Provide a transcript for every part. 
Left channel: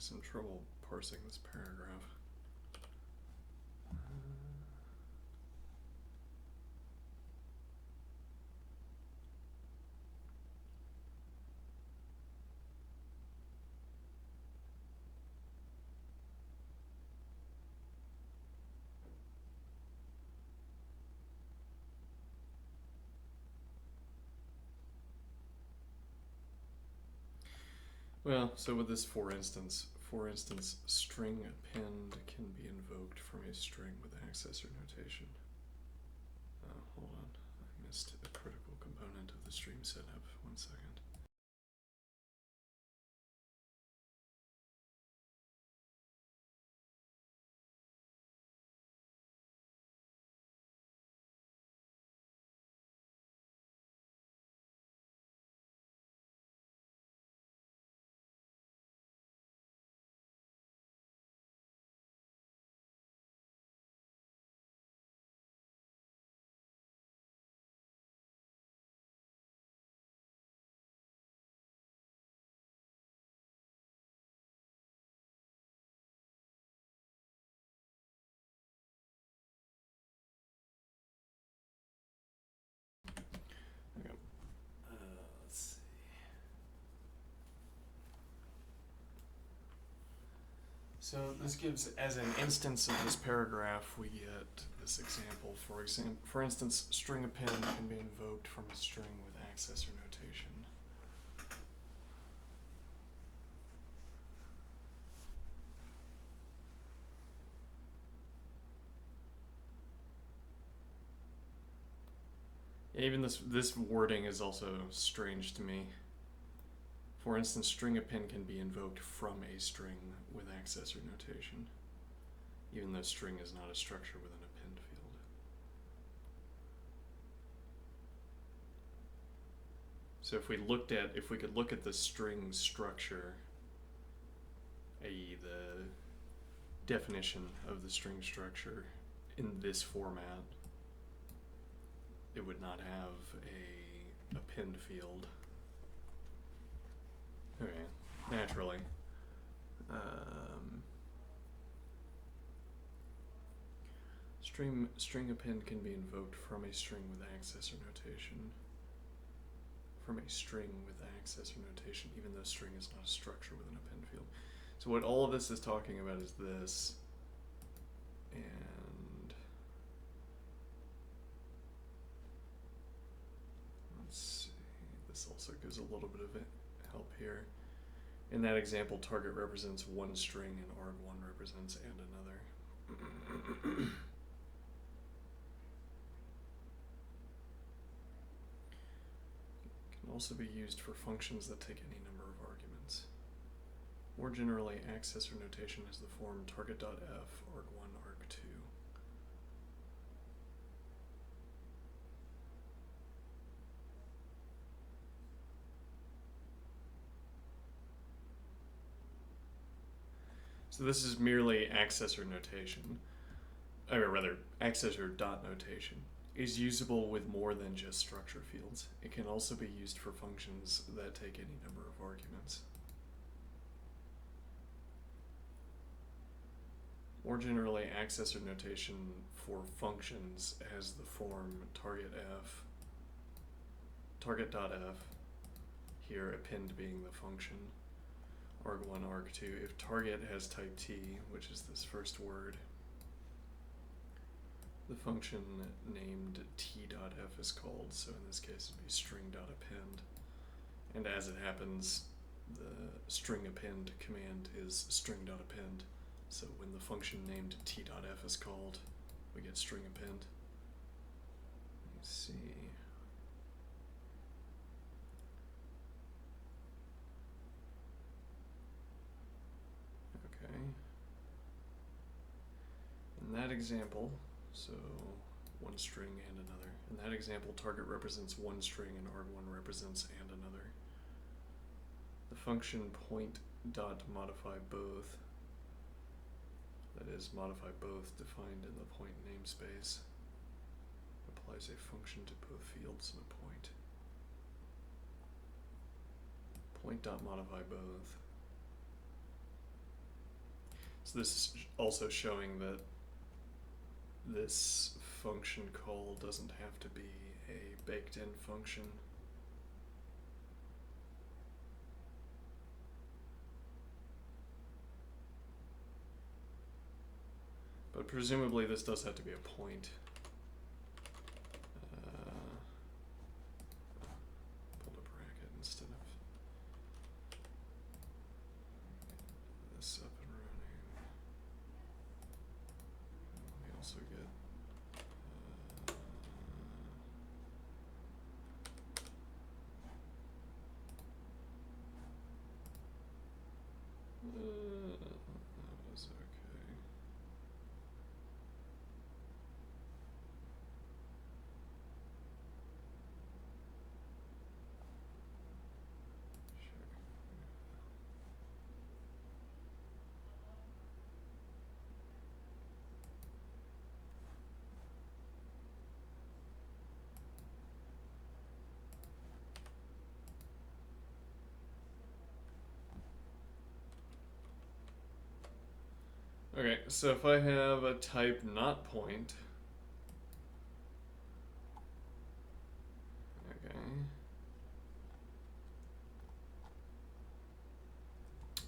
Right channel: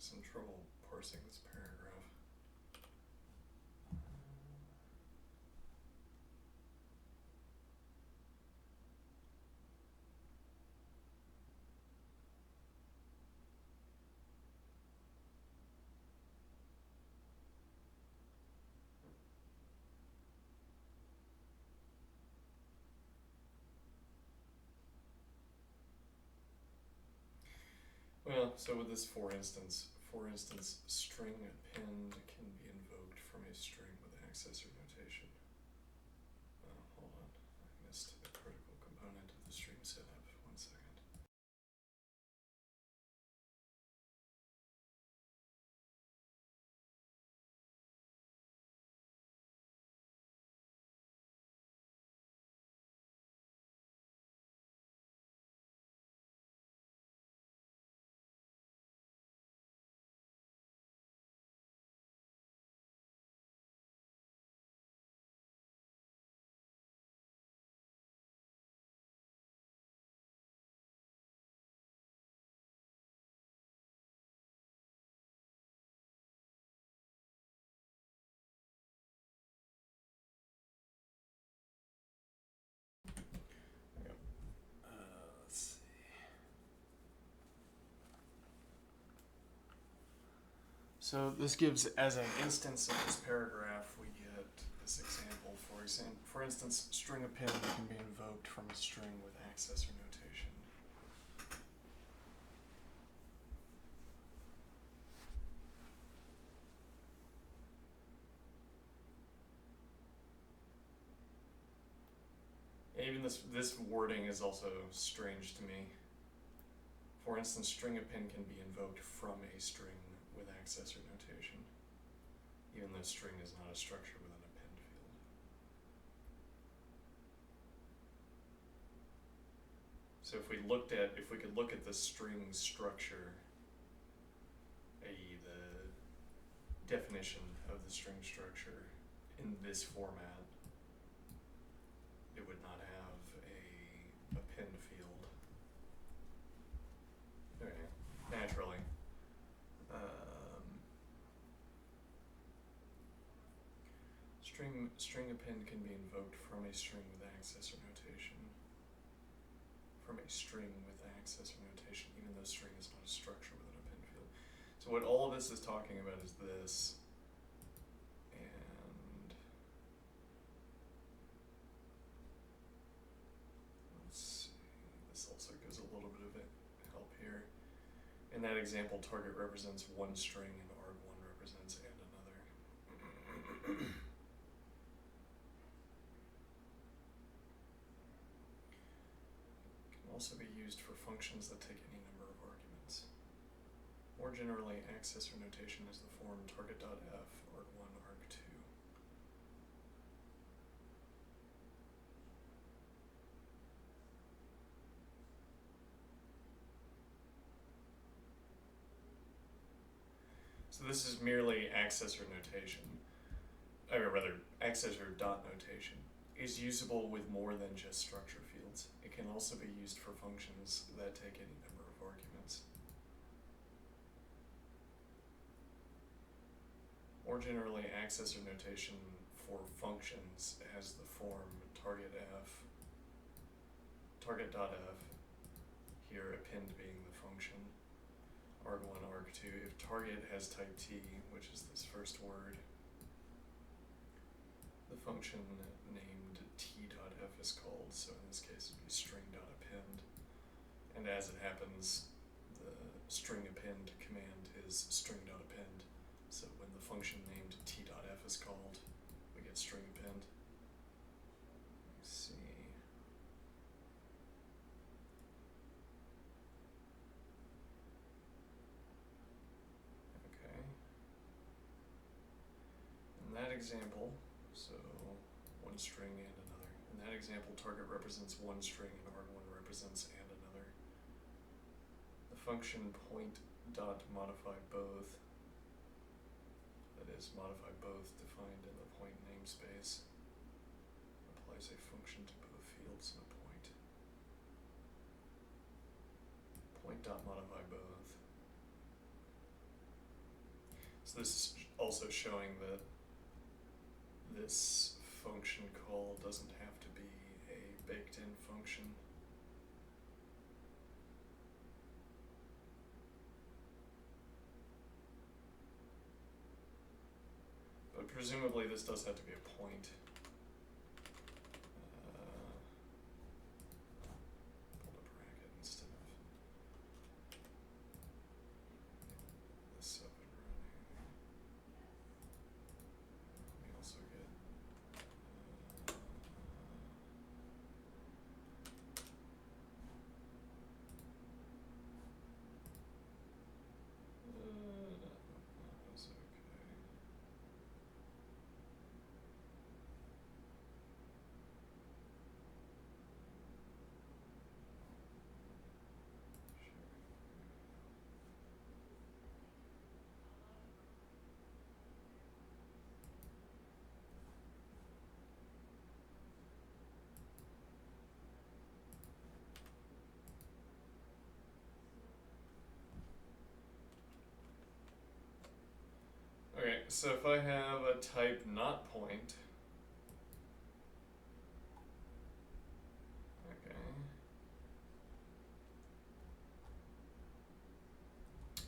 some trouble parsing this paragraph. Well, so with this for instance, string append can be invoked from a string with accessor notation. Hold on, I missed a critical component of the stream setup. 1 second. Okay. Let's see. So this gives, as an instance of this paragraph, we get this example. For instance, string append can be invoked from a string with accessor notation. Even this wording is also strange to me. For instance, string append can be invoked from a string with accessor notation, even though string is not a structure with an append field. So if we could look at the string structure, i.e. the definition of the string structure in this format, it would not have a append field. Okay, naturally. String append can be invoked from a string with accessor notation. From a string with accessor notation, even though string is not a structure with an append field. So what all of this is talking about is this, and let's see, this also gives a little bit of help here. In that example, target represents one string and arg1 represents and another. Can also be used for functions that take any number of arguments. More generally, accessor notation is the form target.f arg1 arg2. So this is merely accessor notation, or rather, accessor dot notation is usable with more than just structure fields. It can also be used for functions that take any number of arguments. More generally, accessor notation for functions has the form target.f, here append being the function, arg1, arg2. If target has type t, which is this first word, the function named t.f is called, so in this case it'd be string.append. And as it happens, the string append command is string.append. So when the function named t.f is called, we get string append. Let me see. Okay. In that example, so one string and another. In that example, target represents one string and arg1 represents and another. The function point.modify both, that is, modify both defined in the point namespace, applies a function to both fields in a point. Point.modify both So this is also showing that this function call doesn't have to be a baked-in function. But presumably this does have to be a point. Pulled a bracket instead of this up and running. We also get that was okay. Sure. Okay, so if I have a type not point, okay,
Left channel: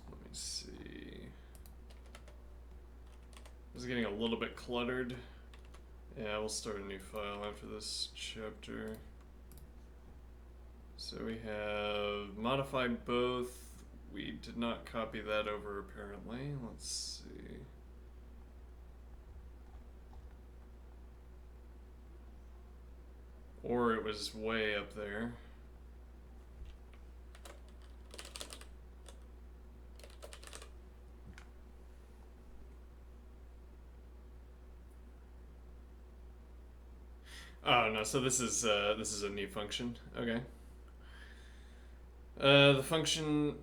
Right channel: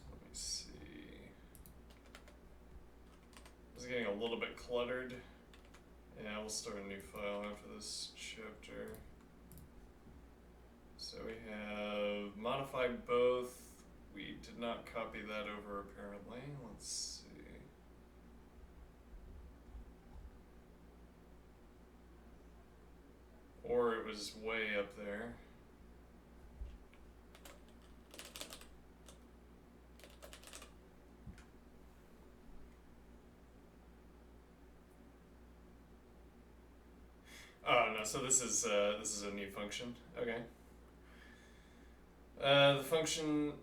let me see. This is getting a little bit cluttered. Yeah, we'll start a new file after this chapter. So we have modify both. We did not copy that over apparently. Let's see. Or it was way up there. Oh no, so this is a new function. Okay. The function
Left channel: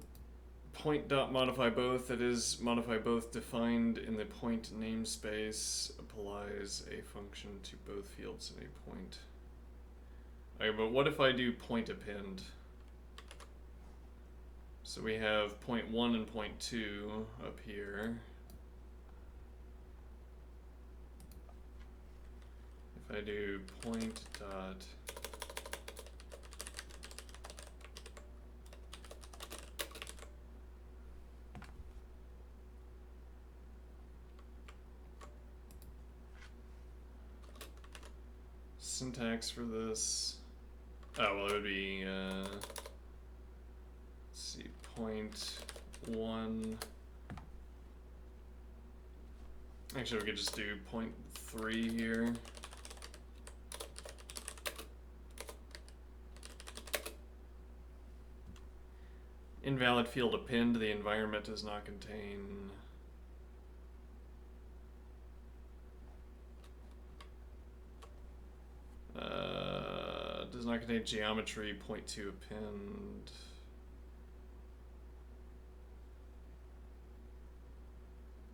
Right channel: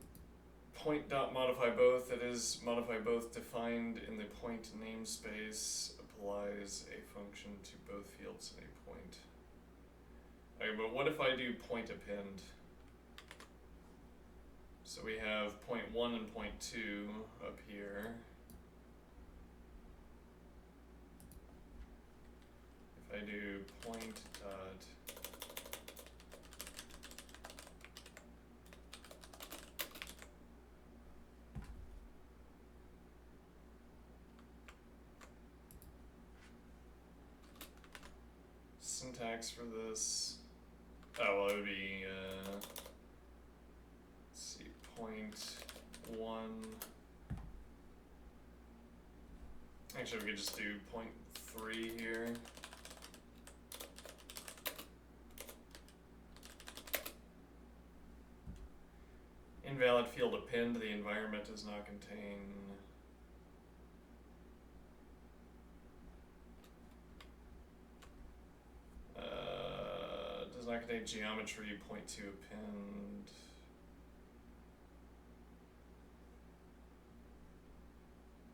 point.modify both, that is modify both defined in the point namespace, applies a function to both fields at a point. Okay, but what if I do point append? So we have point 1 and point 2 up here. If I do point dot syntax for this, oh well, it would be let's see, point 1. Actually, we could just do point 3 here. Invalid field append, the environment does not contain does not contain geometry, point 2 append.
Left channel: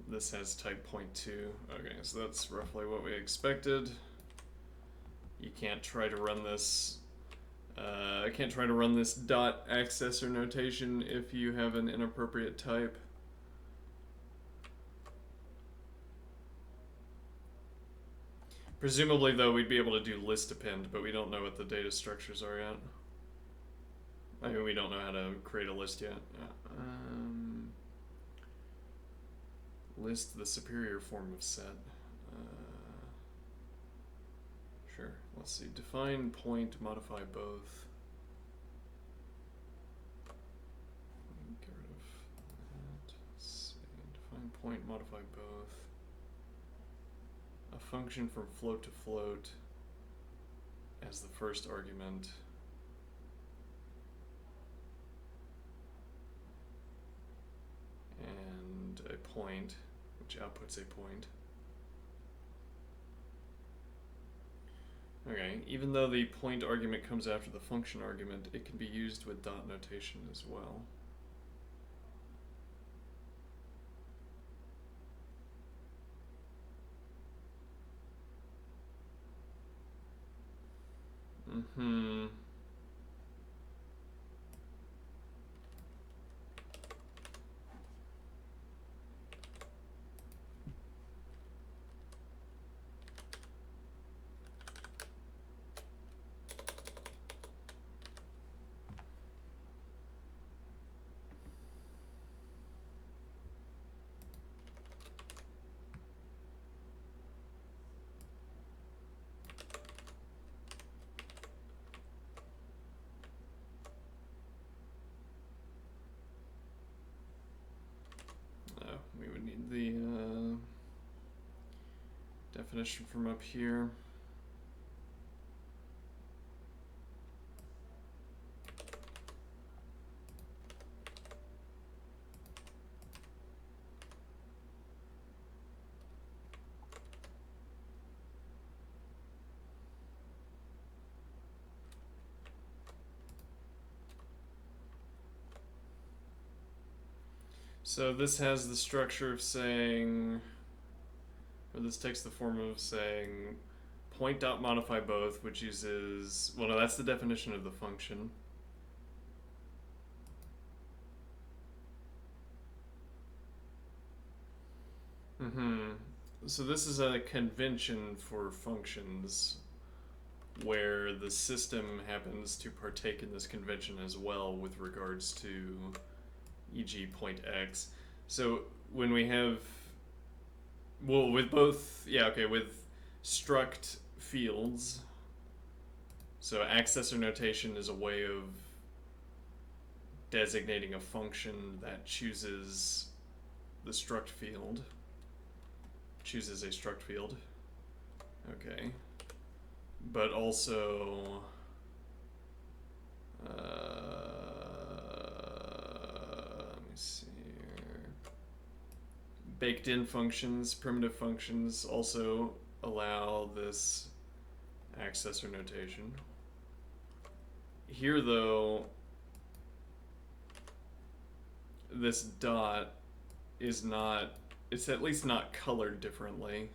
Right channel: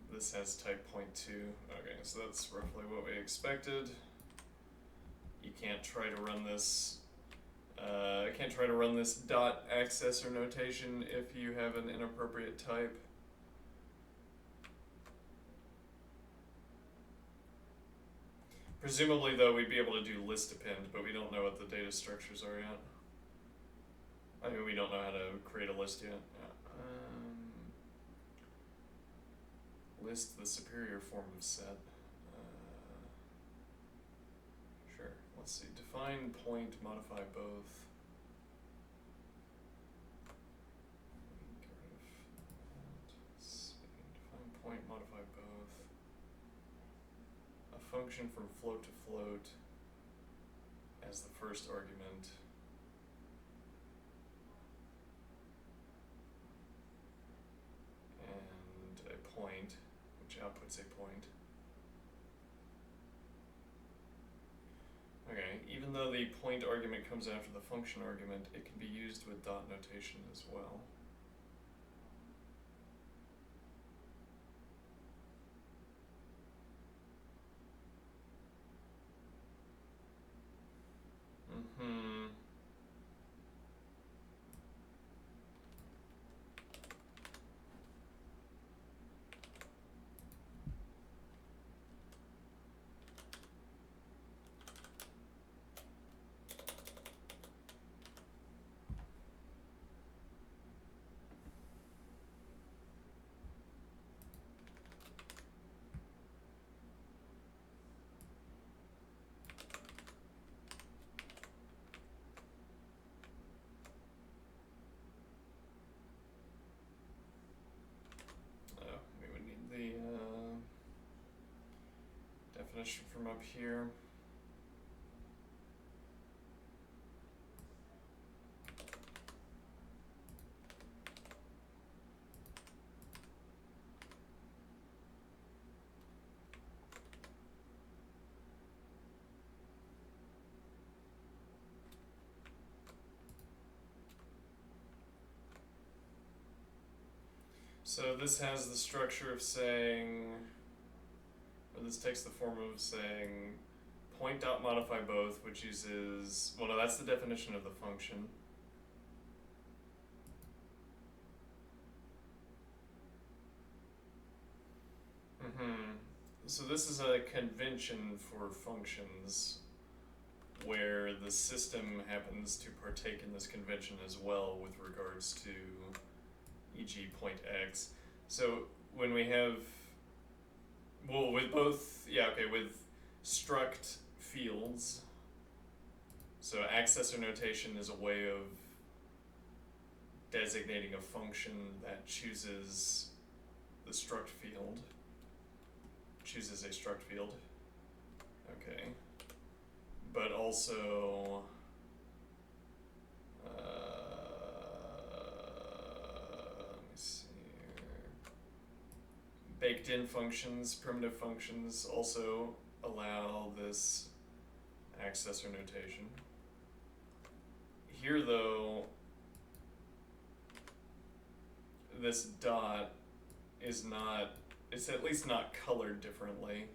This has type point 2. Okay, so that's roughly what we expected. You can't try to run this dot accessor notation if you have an inappropriate type. Presumably, though, we'd be able to do list append, but we don't know what the data structures are yet. I mean, we don't know how to create a list yet. List the superior form of set. Sure. Let's see. Define point, modify both. Get rid of that. Let's see. Define point, modify both. A function from float to float as the first argument. And a point, which outputs a point. Okay, even though the point argument comes after the function argument, it can be used with dot notation as well. definition from up here. So this has the structure of saying, or this takes the form of saying point dot modify both, which uses, well, no, that's the definition of the function. So this is a convention for functions where the system happens to partake in this convention as well with regards to e.g. point x. So when we have, well, with both, yeah, okay, with struct fields, so accessor notation is a way of designating a function that chooses the struct field, chooses a struct field, okay, but also let me see here. Baked in functions, primitive functions also allow this accessor notation. Here though, this dot is not, it's at least not colored differently.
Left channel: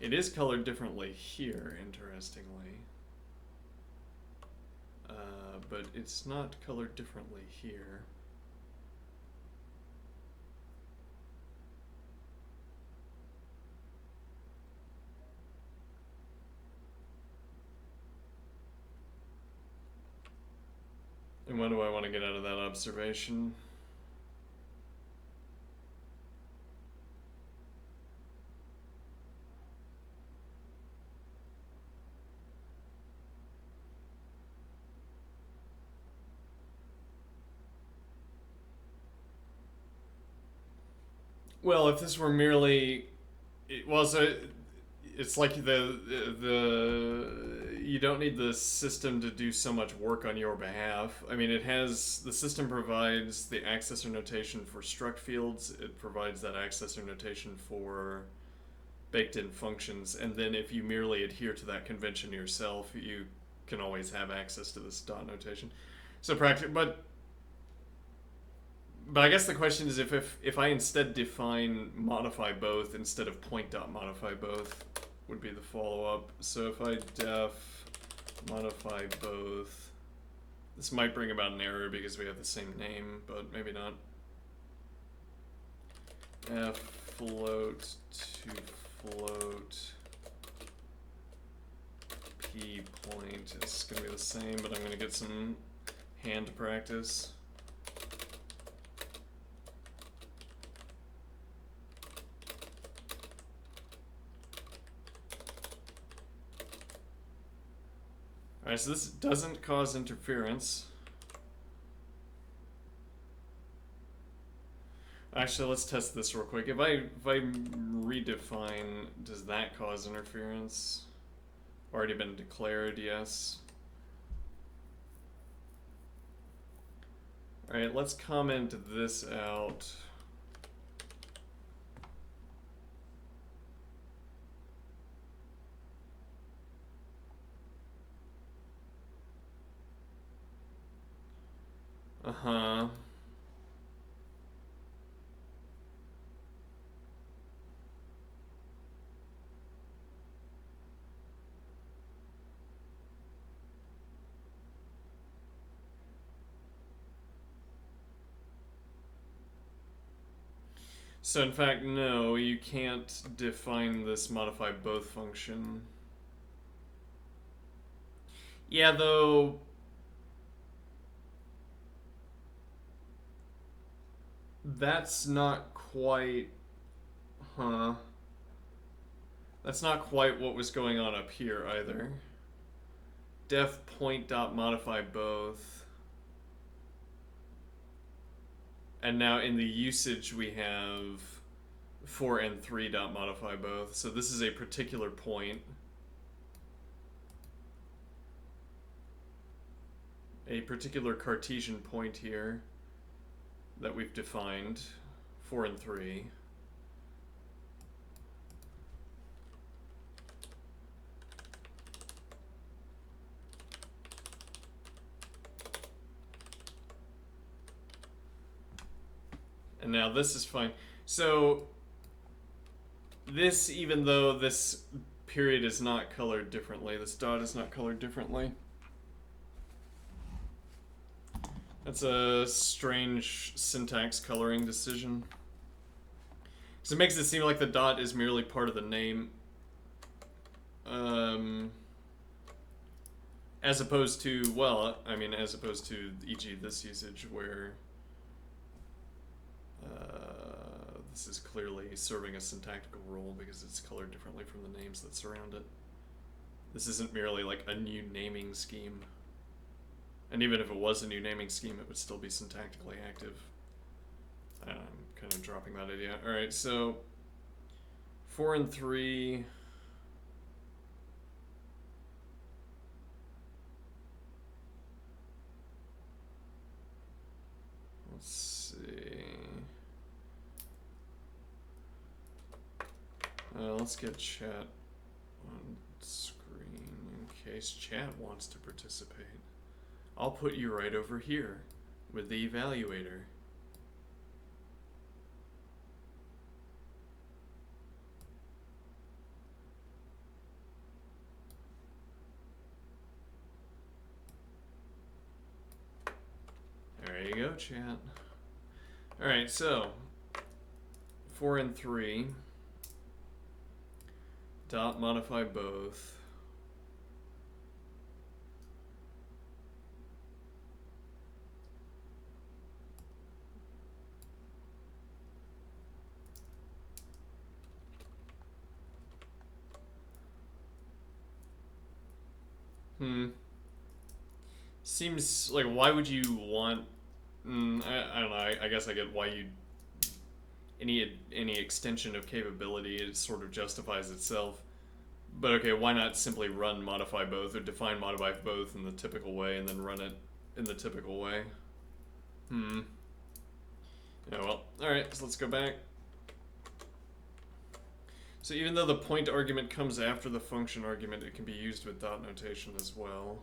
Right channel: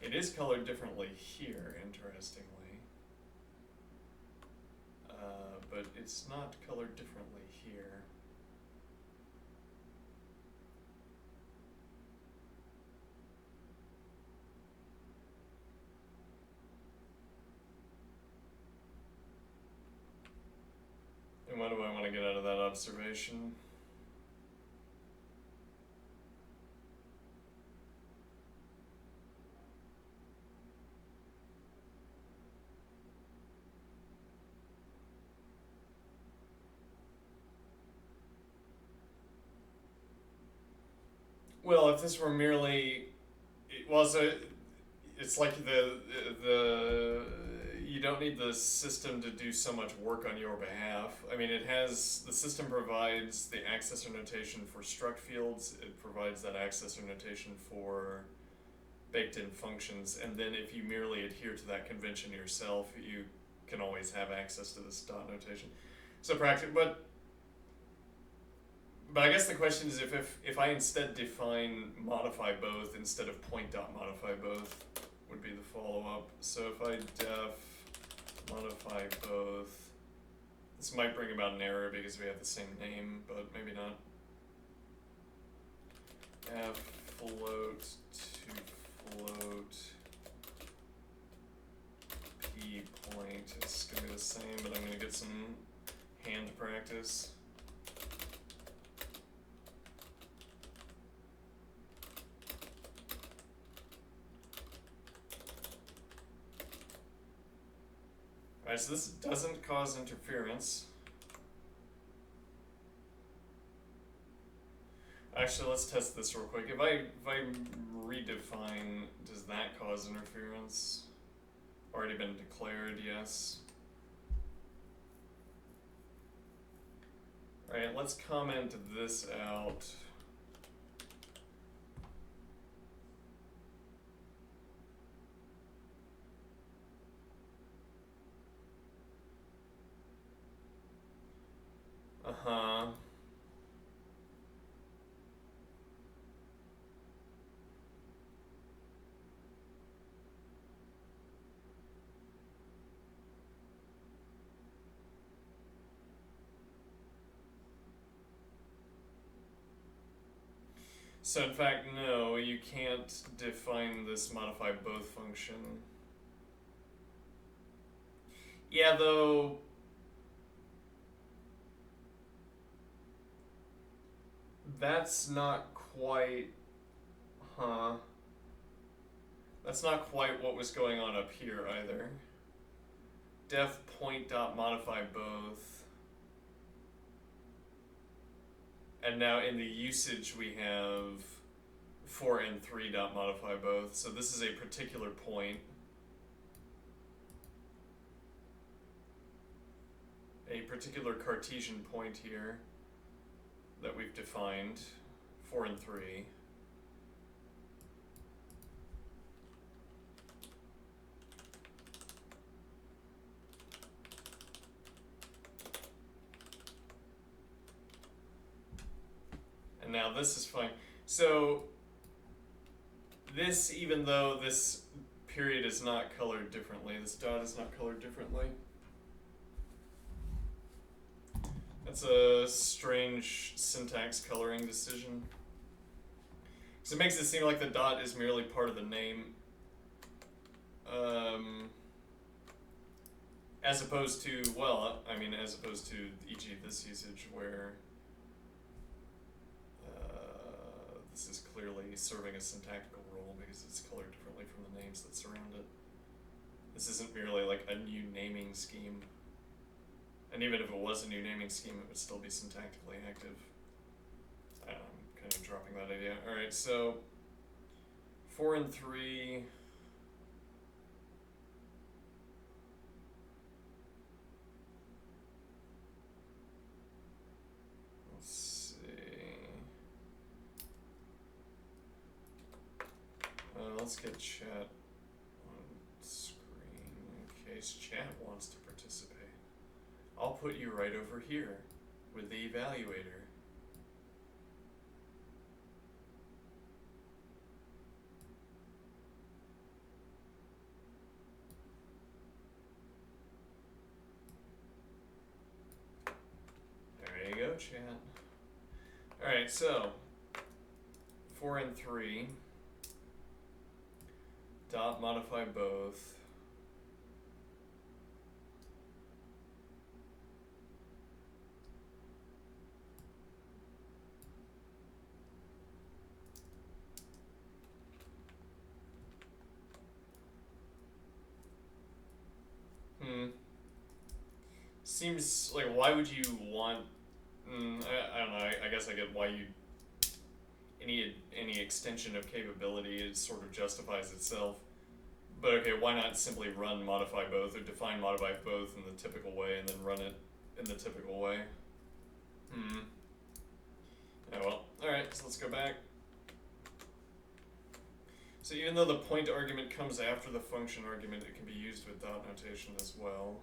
It is colored differently here, interestingly. But it's not colored differently here. And what do I want to get out of that observation? Well, if this were merely, well, so it's like the you don't need the system to do so much work on your behalf. I mean, it has, the system provides the accessor notation for struct fields. It provides that accessor notation for baked in functions, and then if you merely adhere to that convention yourself, you can always have access to this dot notation. So but I guess the question is if I instead define modify both instead of point dot modify both would be the follow-up. So if I def modify both, this might bring about an error because we have the same name, but maybe not. F float to float p point is going to be the same, but I'm going to get some hand practice. Alright, so this doesn't cause interference. Actually, let's test this real quick. If I redefine, does that cause interference? Already been declared, yes. Alright, let's comment this out. Uh-huh. So in fact, no, you can't define this modify both function. Yeah, though, that's not quite, that's not quite what was going on up here either. Def point dot modify both. And now in the usage we have 4 and 3 dot modify both. So this is a particular point. A particular Cartesian point here that we've defined, 4 and 3. And now this is fine. So this, even though this period is not colored differently, this dot is not colored differently. That's a strange syntax coloring decision. Because it makes it seem like the dot is merely part of the name. As opposed to, well, I mean, as opposed to, e.g. this usage where this is clearly serving a syntactical role because it's colored differently from the names that surround it. This isn't merely like a new naming scheme. And even if it was a new naming scheme, it would still be syntactically active. I'm kind of dropping that idea. Alright, so 4 and 3. Let's see. Let's get chat on screen in case chat wants to participate. I'll put you right over here with the evaluator. There you go, chat. Alright, so 4 and 3 dot modify both. Seems like, why would you want... I don't know, I guess I get why you... Any extension of capability, it sort of justifies itself. But okay, why not simply run modify both, or define modify both in the typical way, and then run it in the typical way? Yeah, well, alright, so let's go back. So even though the point argument comes after the function argument, it can be used with dot notation as well.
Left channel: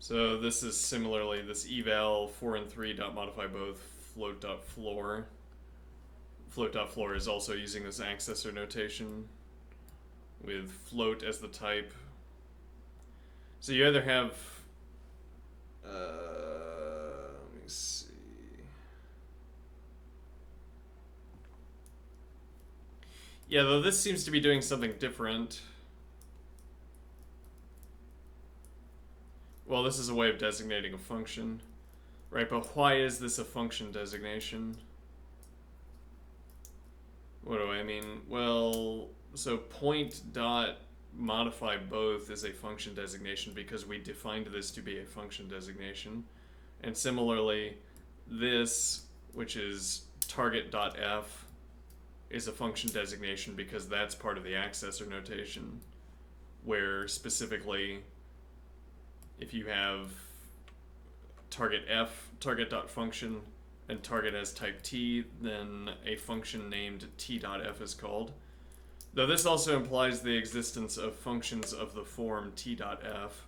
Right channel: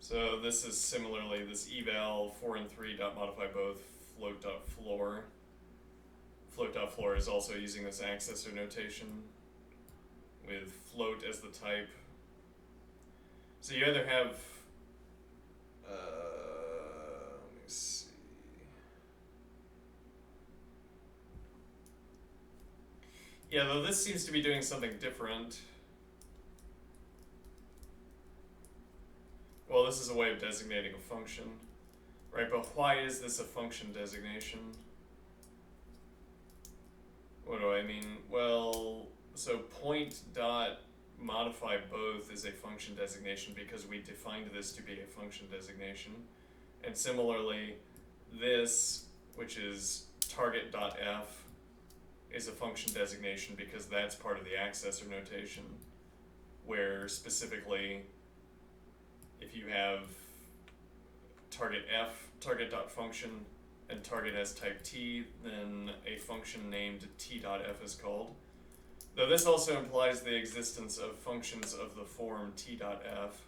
So this is similarly this eval 4 and 3 dot modify both float dot floor. Float dot floor is also using this accessor notation with float as the type. So you either have let me see. Yeah, though this seems to be doing something different. Well, this is a way of designating a function, right? But why is this a function designation? What do I mean? Well, so point dot modify both is a function designation because we defined this to be a function designation. And similarly, this, which is target.f, is a function designation because that's part of the accessor notation, where specifically, if you have target f, target.function, and target as type t, then a function named t.f is called. Though this also implies the existence of functions of the form t.f,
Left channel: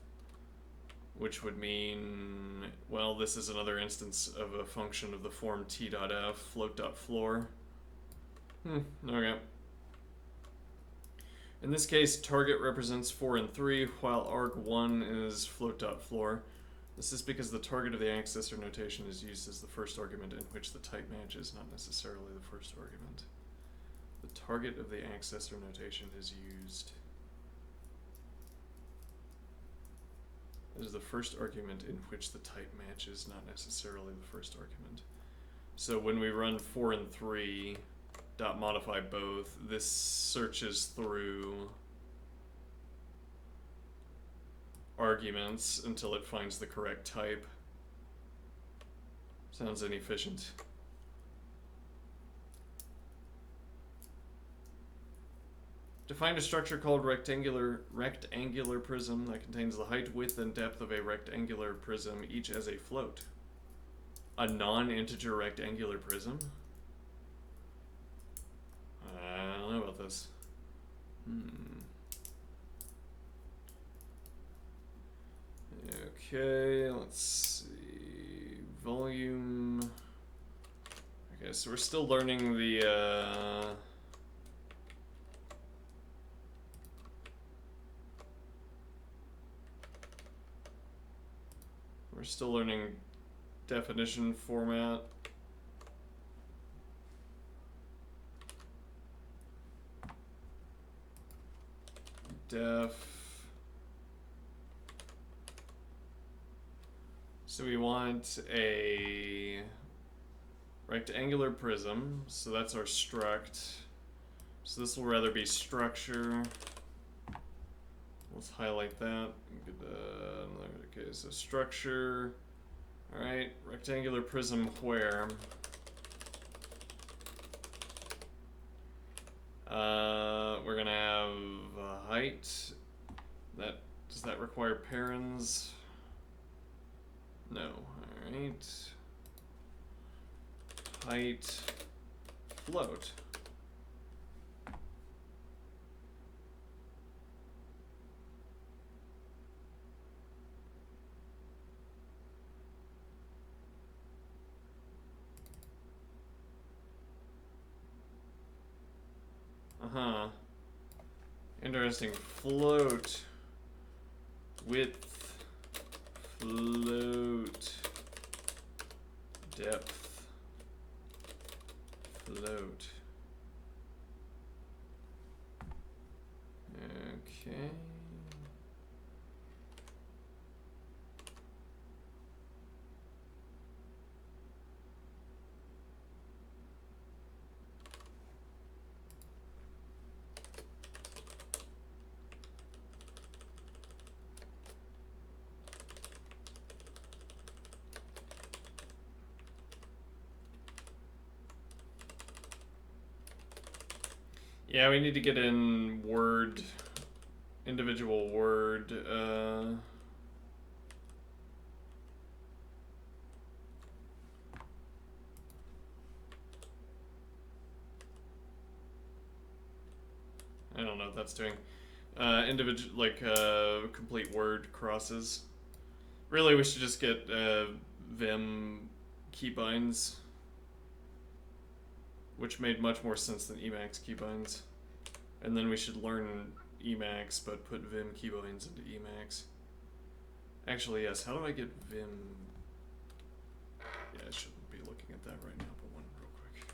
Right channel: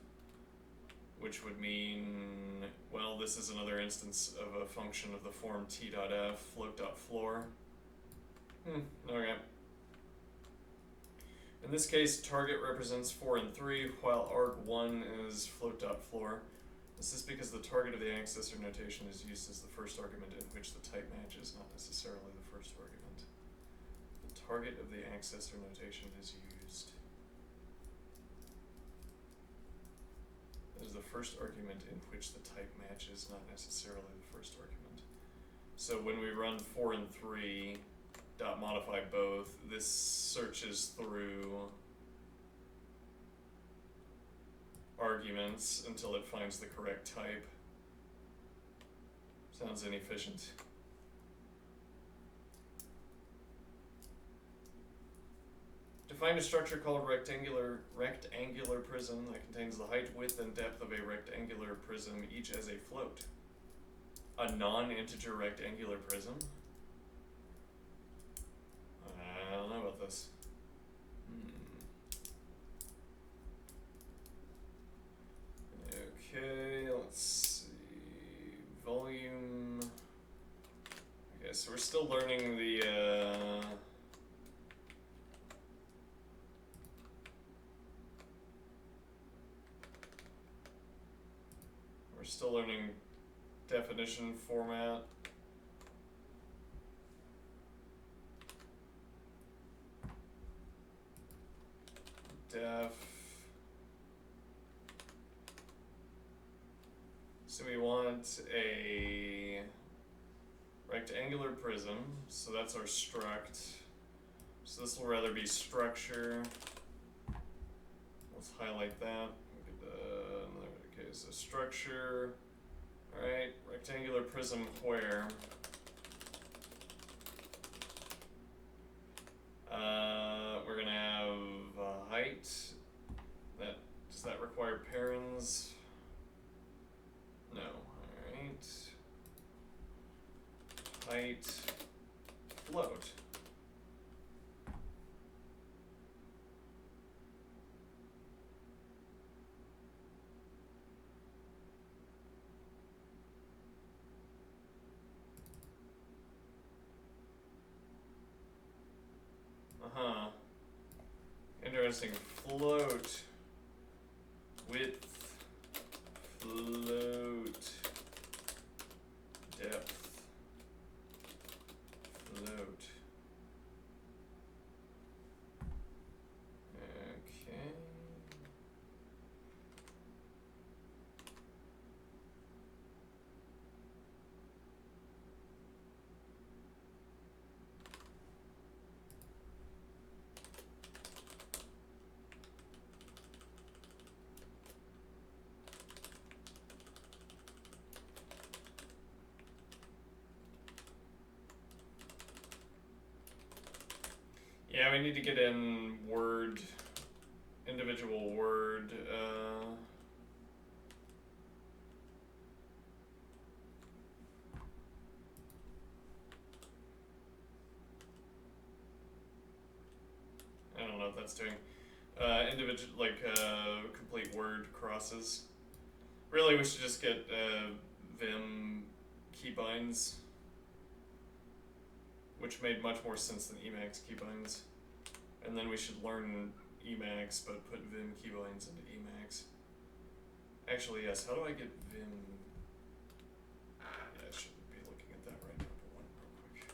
which would mean, well, this is another instance of a function of the form t.f, float.floor. Okay. In this case, target represents 4 and 3, while arg1 is float.floor. This is because the target of the accessor notation is used as the first argument in which the type matches, not necessarily the first argument. The target of the accessor notation is used as the first argument in which the type matches, not necessarily the first argument. So when we run 4 and 3 dot modify both, this searches through arguments until it finds the correct type. Sounds inefficient. Define a structure called rectangular prism that contains the height, width, and depth of a rectangular prism, each as a float. A non-integer rectangular prism? I don't know about this. Okay, let's see. Volume. Okay, so we're still learning the we're still learning definition format. Def. So we want a rectangular prism, so that's our struct. So this will rather be structure. Let's highlight that. Okay, so structure. All right, rectangular prism where? We're gonna have height. Does that require parens? No. All right. Height. Float. Uh-huh. Interesting. Float. Width. Float. Depth. Float. Okay. Yeah, we need to get in word, individual word, I don't know what that's doing. Individual, like, complete word crosses. Really, we should just get, Vim keybinds, which made much more sense than Emacs keybinds. And then we should learn Emacs, but put Vim keybinds into Emacs. Actually, yes, how do I get Vim? Yeah, I shouldn't be looking at that right now, but one real quick.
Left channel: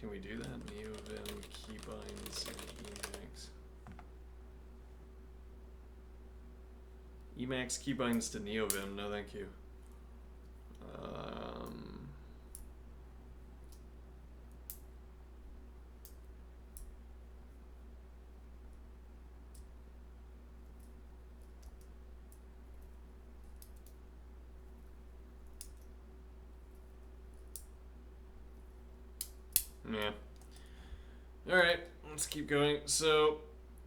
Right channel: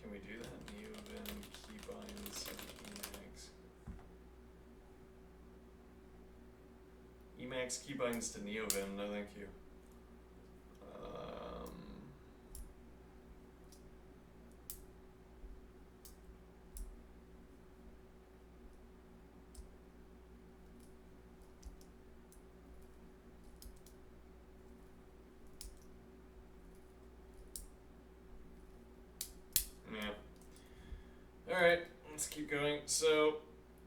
Can we do that? NeoVim keybinds in Emacs. Emacs keybinds to NeoVim, no thank you. Yeah. Alright, let's keep going. So,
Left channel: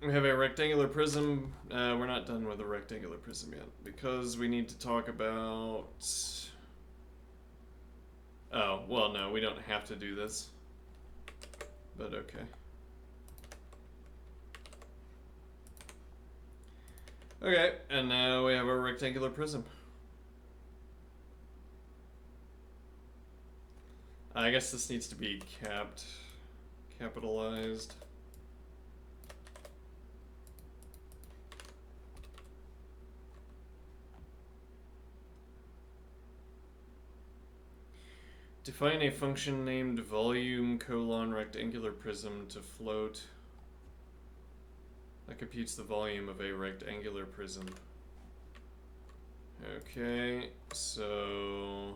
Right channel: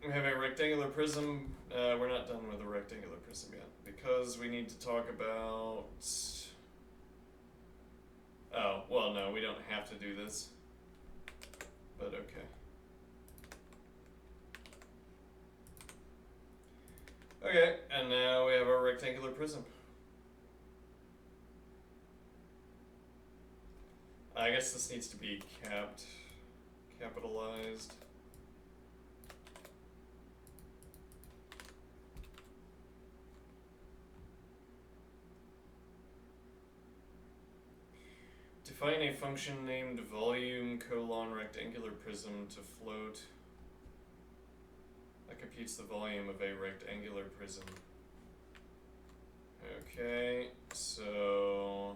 we have a rectangular prism. We're not done with the rectangular prism yet, because we need to talk about... Oh, well, no, we don't have to do this. But okay. Okay, and now we have our rectangular prism. I guess this needs to be capitalized. Define a function named volume : rectangular prism to float that computes the volume of a rectangular prism. Okay, so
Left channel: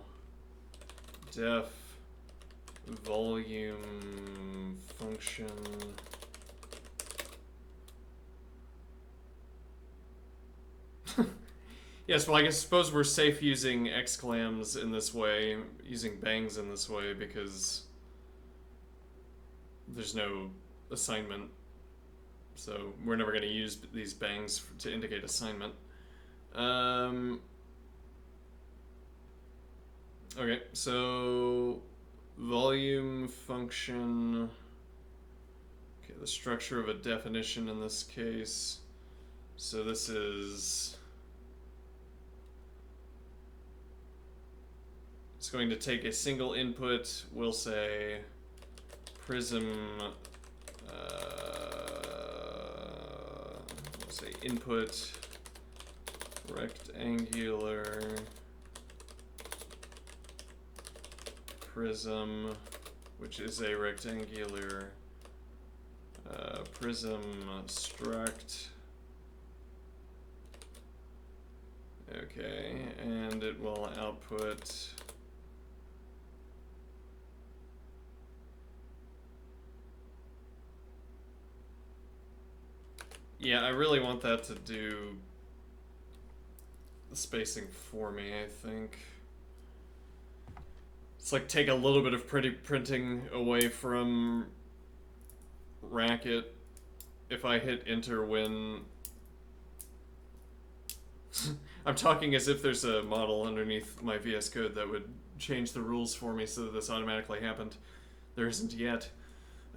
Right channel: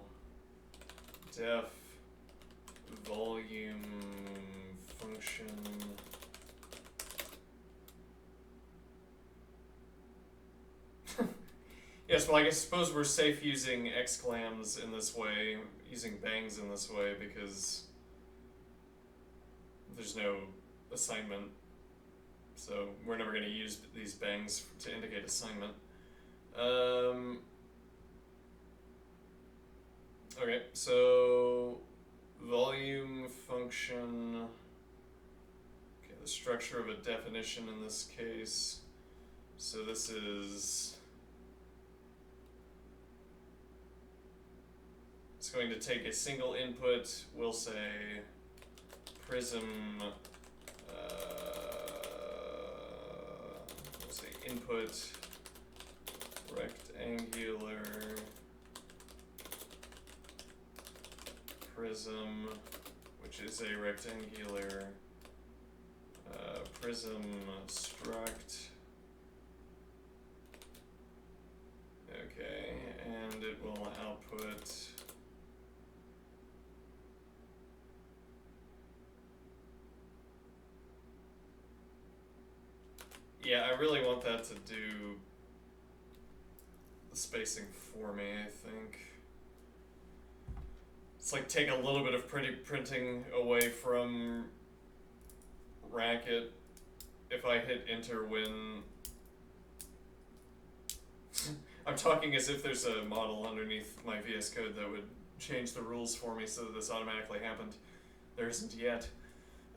def volume function Yes, well, I guess suppose we're safe using exclams in this way, using bangs in this way, because there's no assignment. So we're never going to use these bangs to indicate assignment. Okay, so volume function. Okay, the structure of a definition in this case. So this is. It's going to take a single input. We'll say prism. We'll say input rectangular prism, which is a rectangular prism struct. Okay, and it will output yeah, I really want that to do the spacing for me, I think. It's like take a little bit of pretty printing away from Racket if I hit enter when I'm talking as if there's a model underneath my VS Code that would change the rules for me so that this automatically happened. There isn't yet.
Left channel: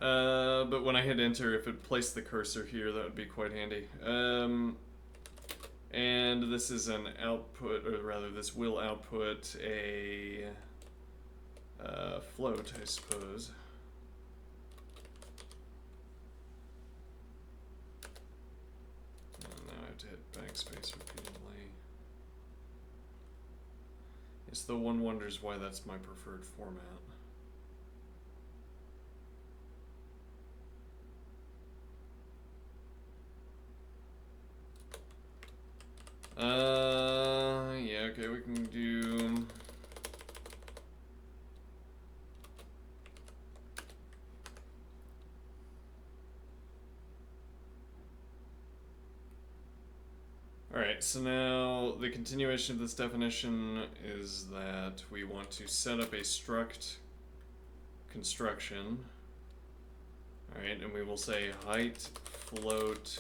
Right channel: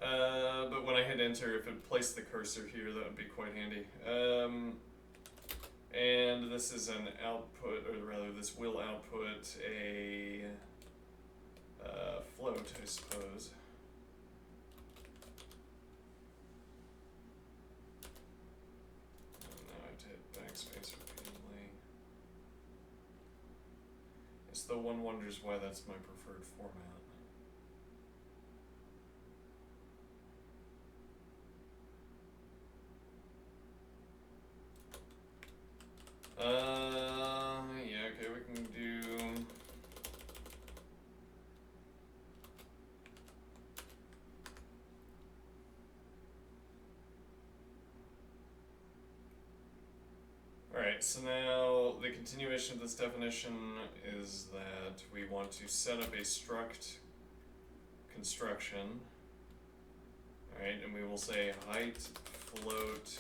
But when I hit enter, if it placed the cursor here, that would be quite handy. And this is an output, or rather this will output a float, I suppose. And now I have to hit backspace repeatedly. Yes, though one wonders why that's my preferred format. Yeah, okay, we can do. Alright, so now the continuation of this definition is that we want to set up a struct construction. Alright, and we will say height float.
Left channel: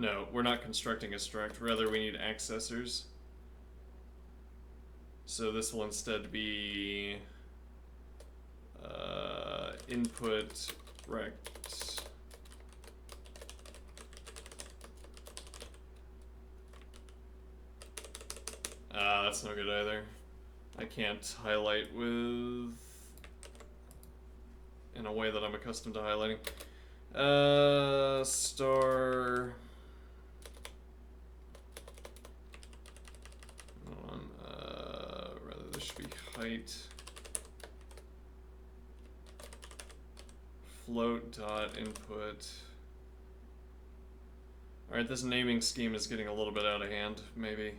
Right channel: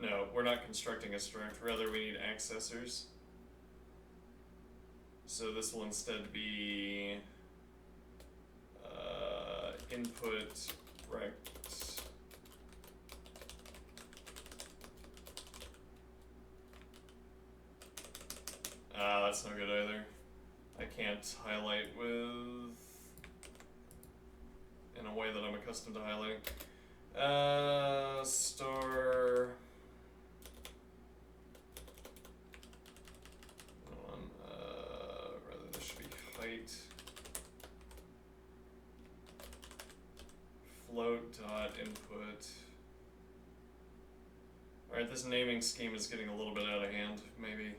No, we're not constructing a struct, rather we need accessors. So this will instead be input rect. That's no good either. I can't highlight with in a way that I'm accustomed to highlighting. Star. Hold on. Rather, this should be height. Float dot input. Alright, this naming scheme is getting a little bit out of hand, maybe.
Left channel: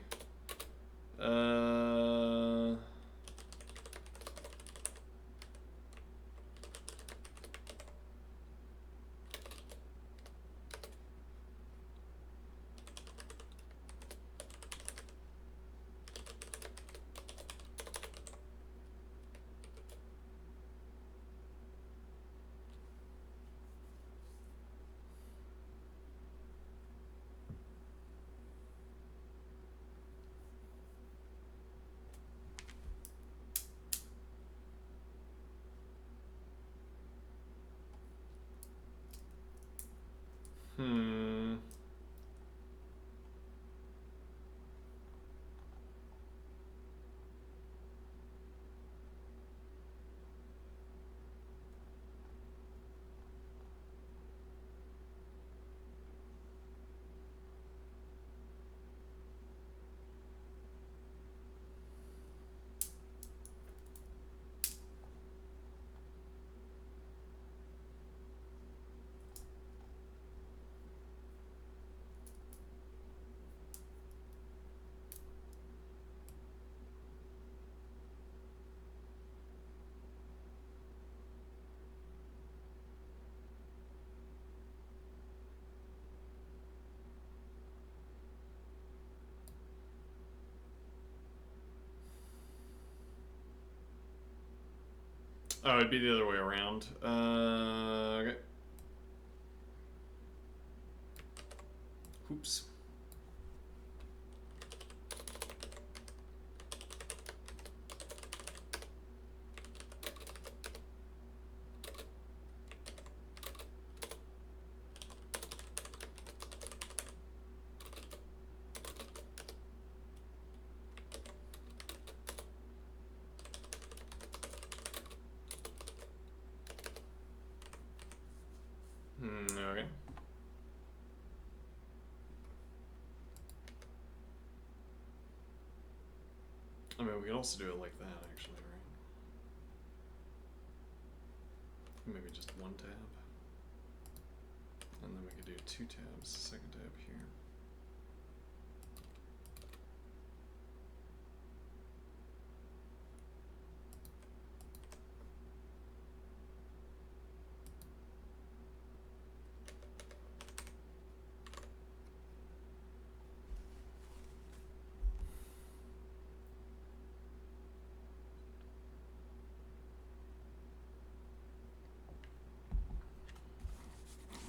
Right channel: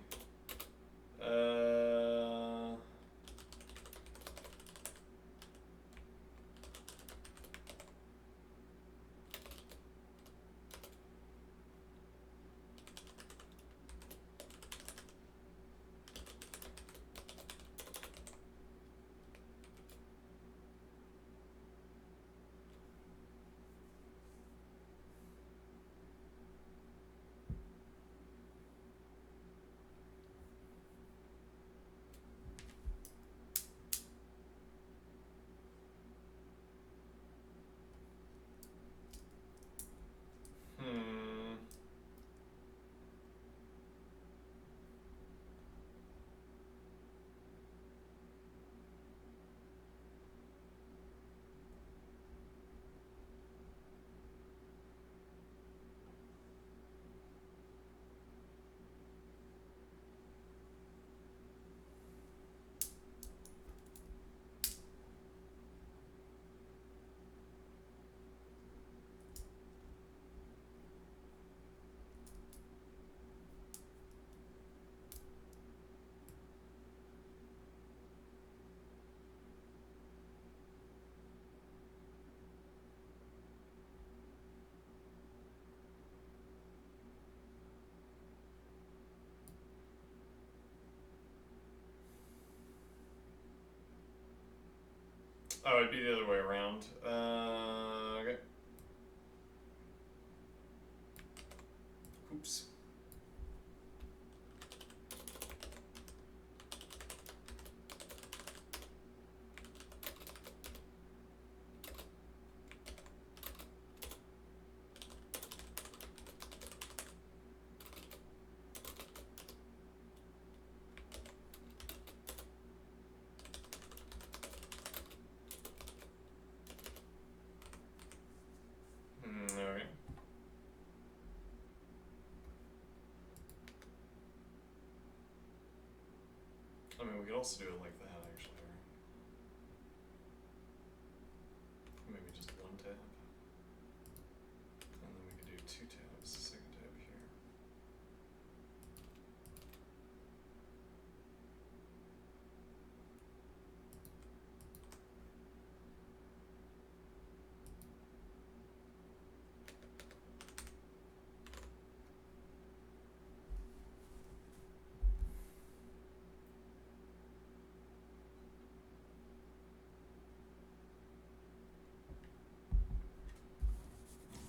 Oh, it'd be the other way around. Okay. Oops. Okay. I mean, we could also do it like that, actually, right? Maybe just one tab. And then we could do two tabs, second tab here.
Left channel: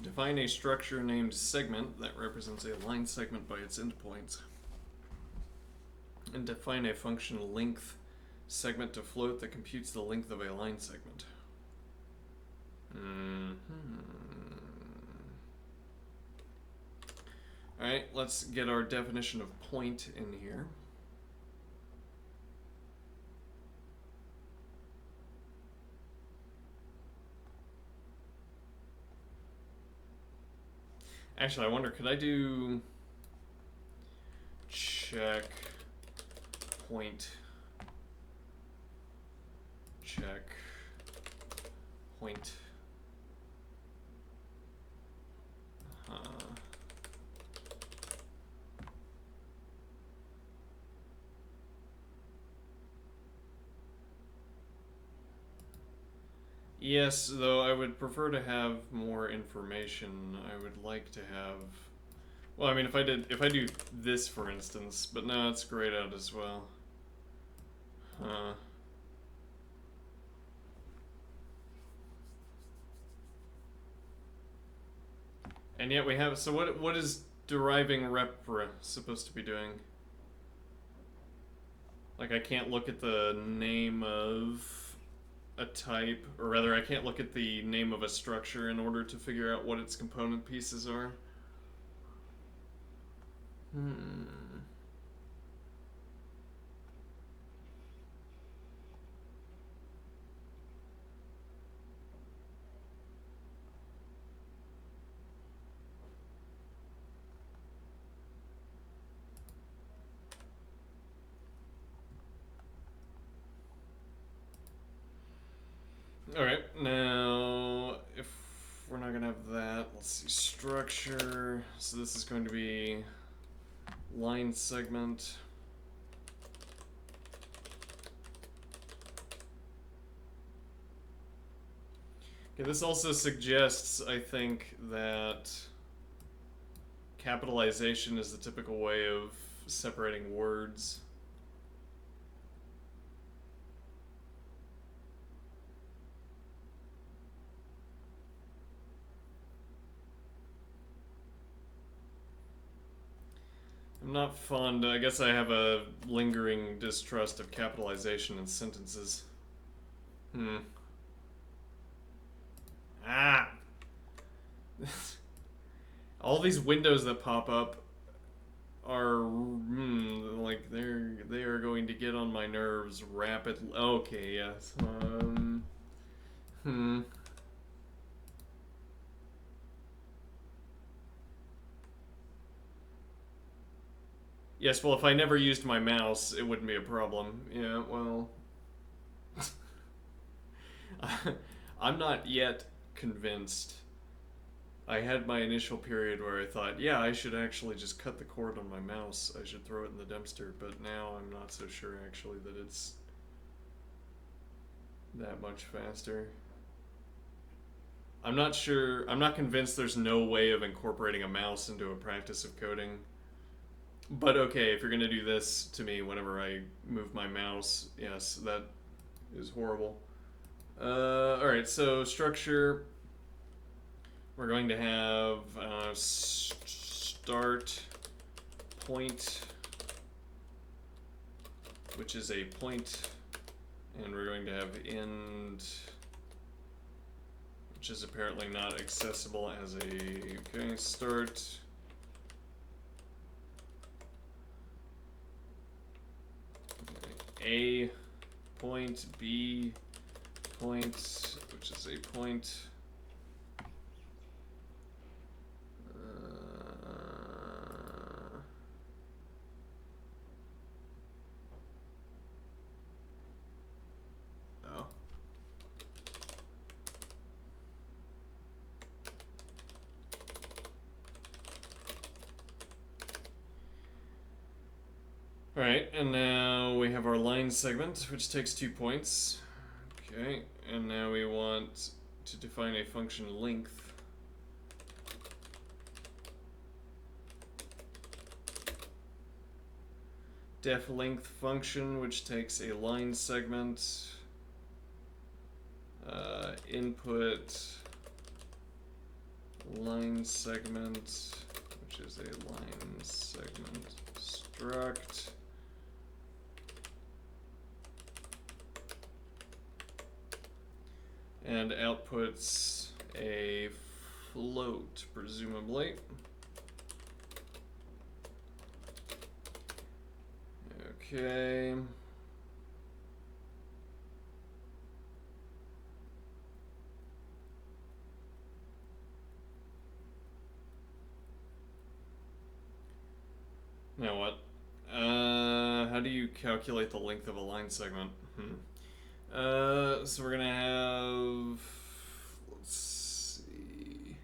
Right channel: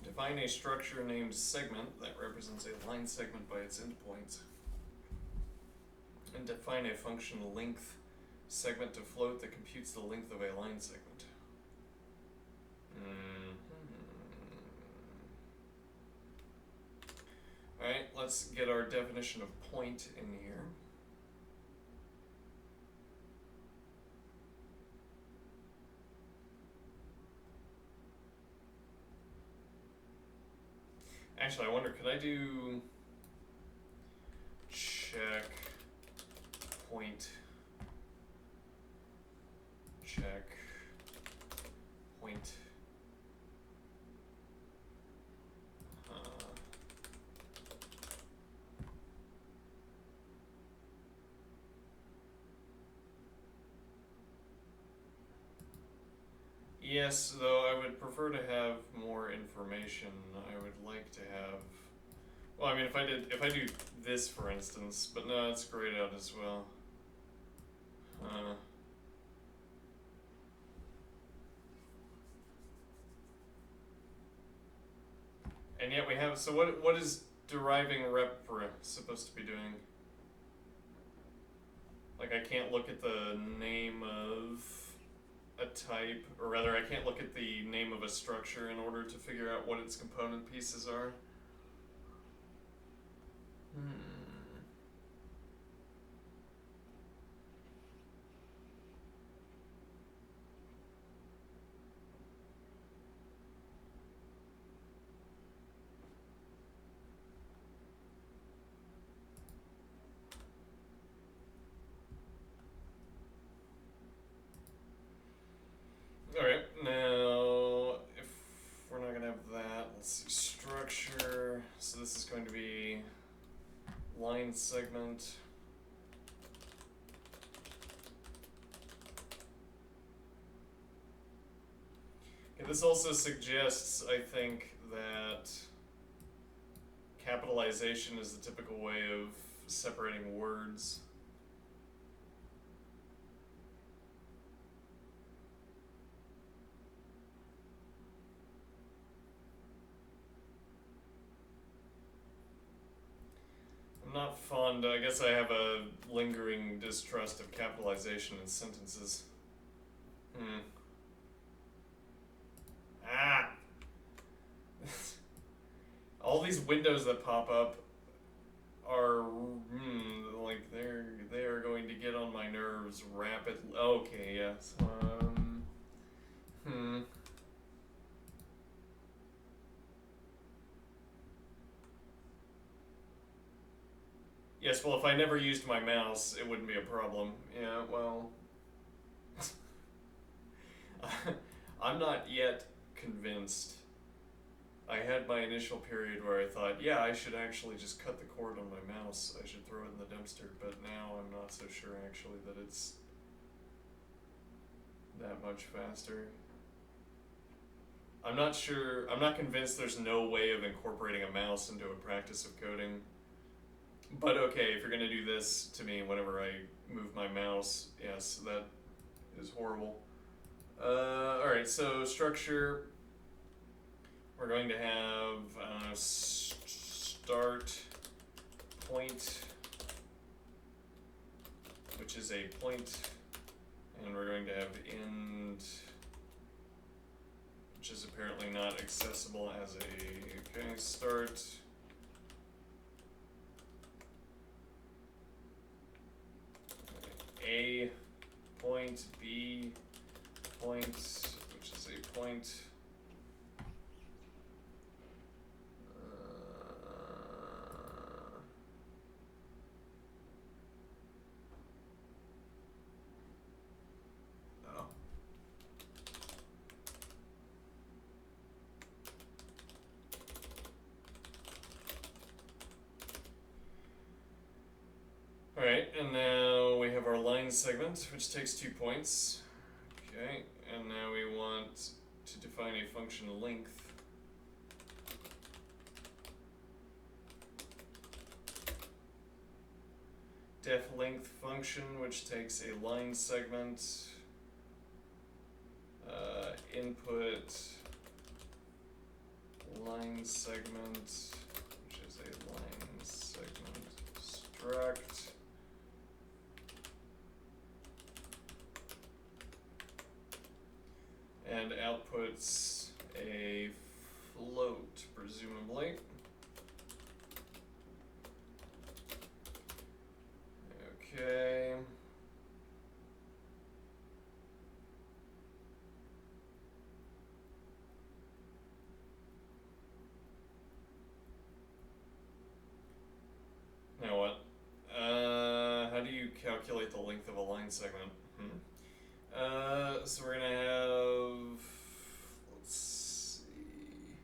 Define a structure named segment that represents a line segment by its endpoints. And define a function length segment to float that computes the length of a line segment. Alright, let's get our definition of point in here. Actually, I wonder, could I do check point check point Yes, though I would prefer to have more information. I would like to have. Well, I mean, if I do this, for instance, but no, it's grayed out as well. And yet we have. So what is deriving repr supposed to be doing? Like, I can't look at the name of a type, or rather, I can't look at the name of a structure in order to figure out what its component pieces are. Alright, now, if we're not going to have that, let's see, structure. So this is going to be line segment. Okay, this also suggests, I think, that capitalization is the typical way of separating words. I'm not fond. I guess I have a lingering distrust of capitalization in sentences. All these windows that pop up are like they are going to get on my nerves rapidly. Okay, yes. Yes, well, if I never used my mouse, it wouldn't be a problem. Yeah, well. I'm not yet convinced. I had my initial period where I thought, yeah, I should actually just cut the cord on my mouse. I should throw it in the dumpster, but now I'm not so sure actually that it's that much faster. I'm not sure. I'm not convinced there's no way of incorporating a mouse into a practice of coding. But okay, if you're going to do this to me whenever I move my mouse, yes, that is horrible. Alright, so structure. We're going to have start point, which is a point, and we're going to have end, which is apparently not accessible as a, okay, start. A point, B point, which is a point. Oh. Alright, and now we have our line segment, which takes 2 points. Okay, and now we want to define a function length. Def length function, which takes a line segment, input line segment, which is a line segment struct. And outputs a float, presumably. Okay. Now what? How do you calculate the length of a line segment? So we're gonna have, let's see.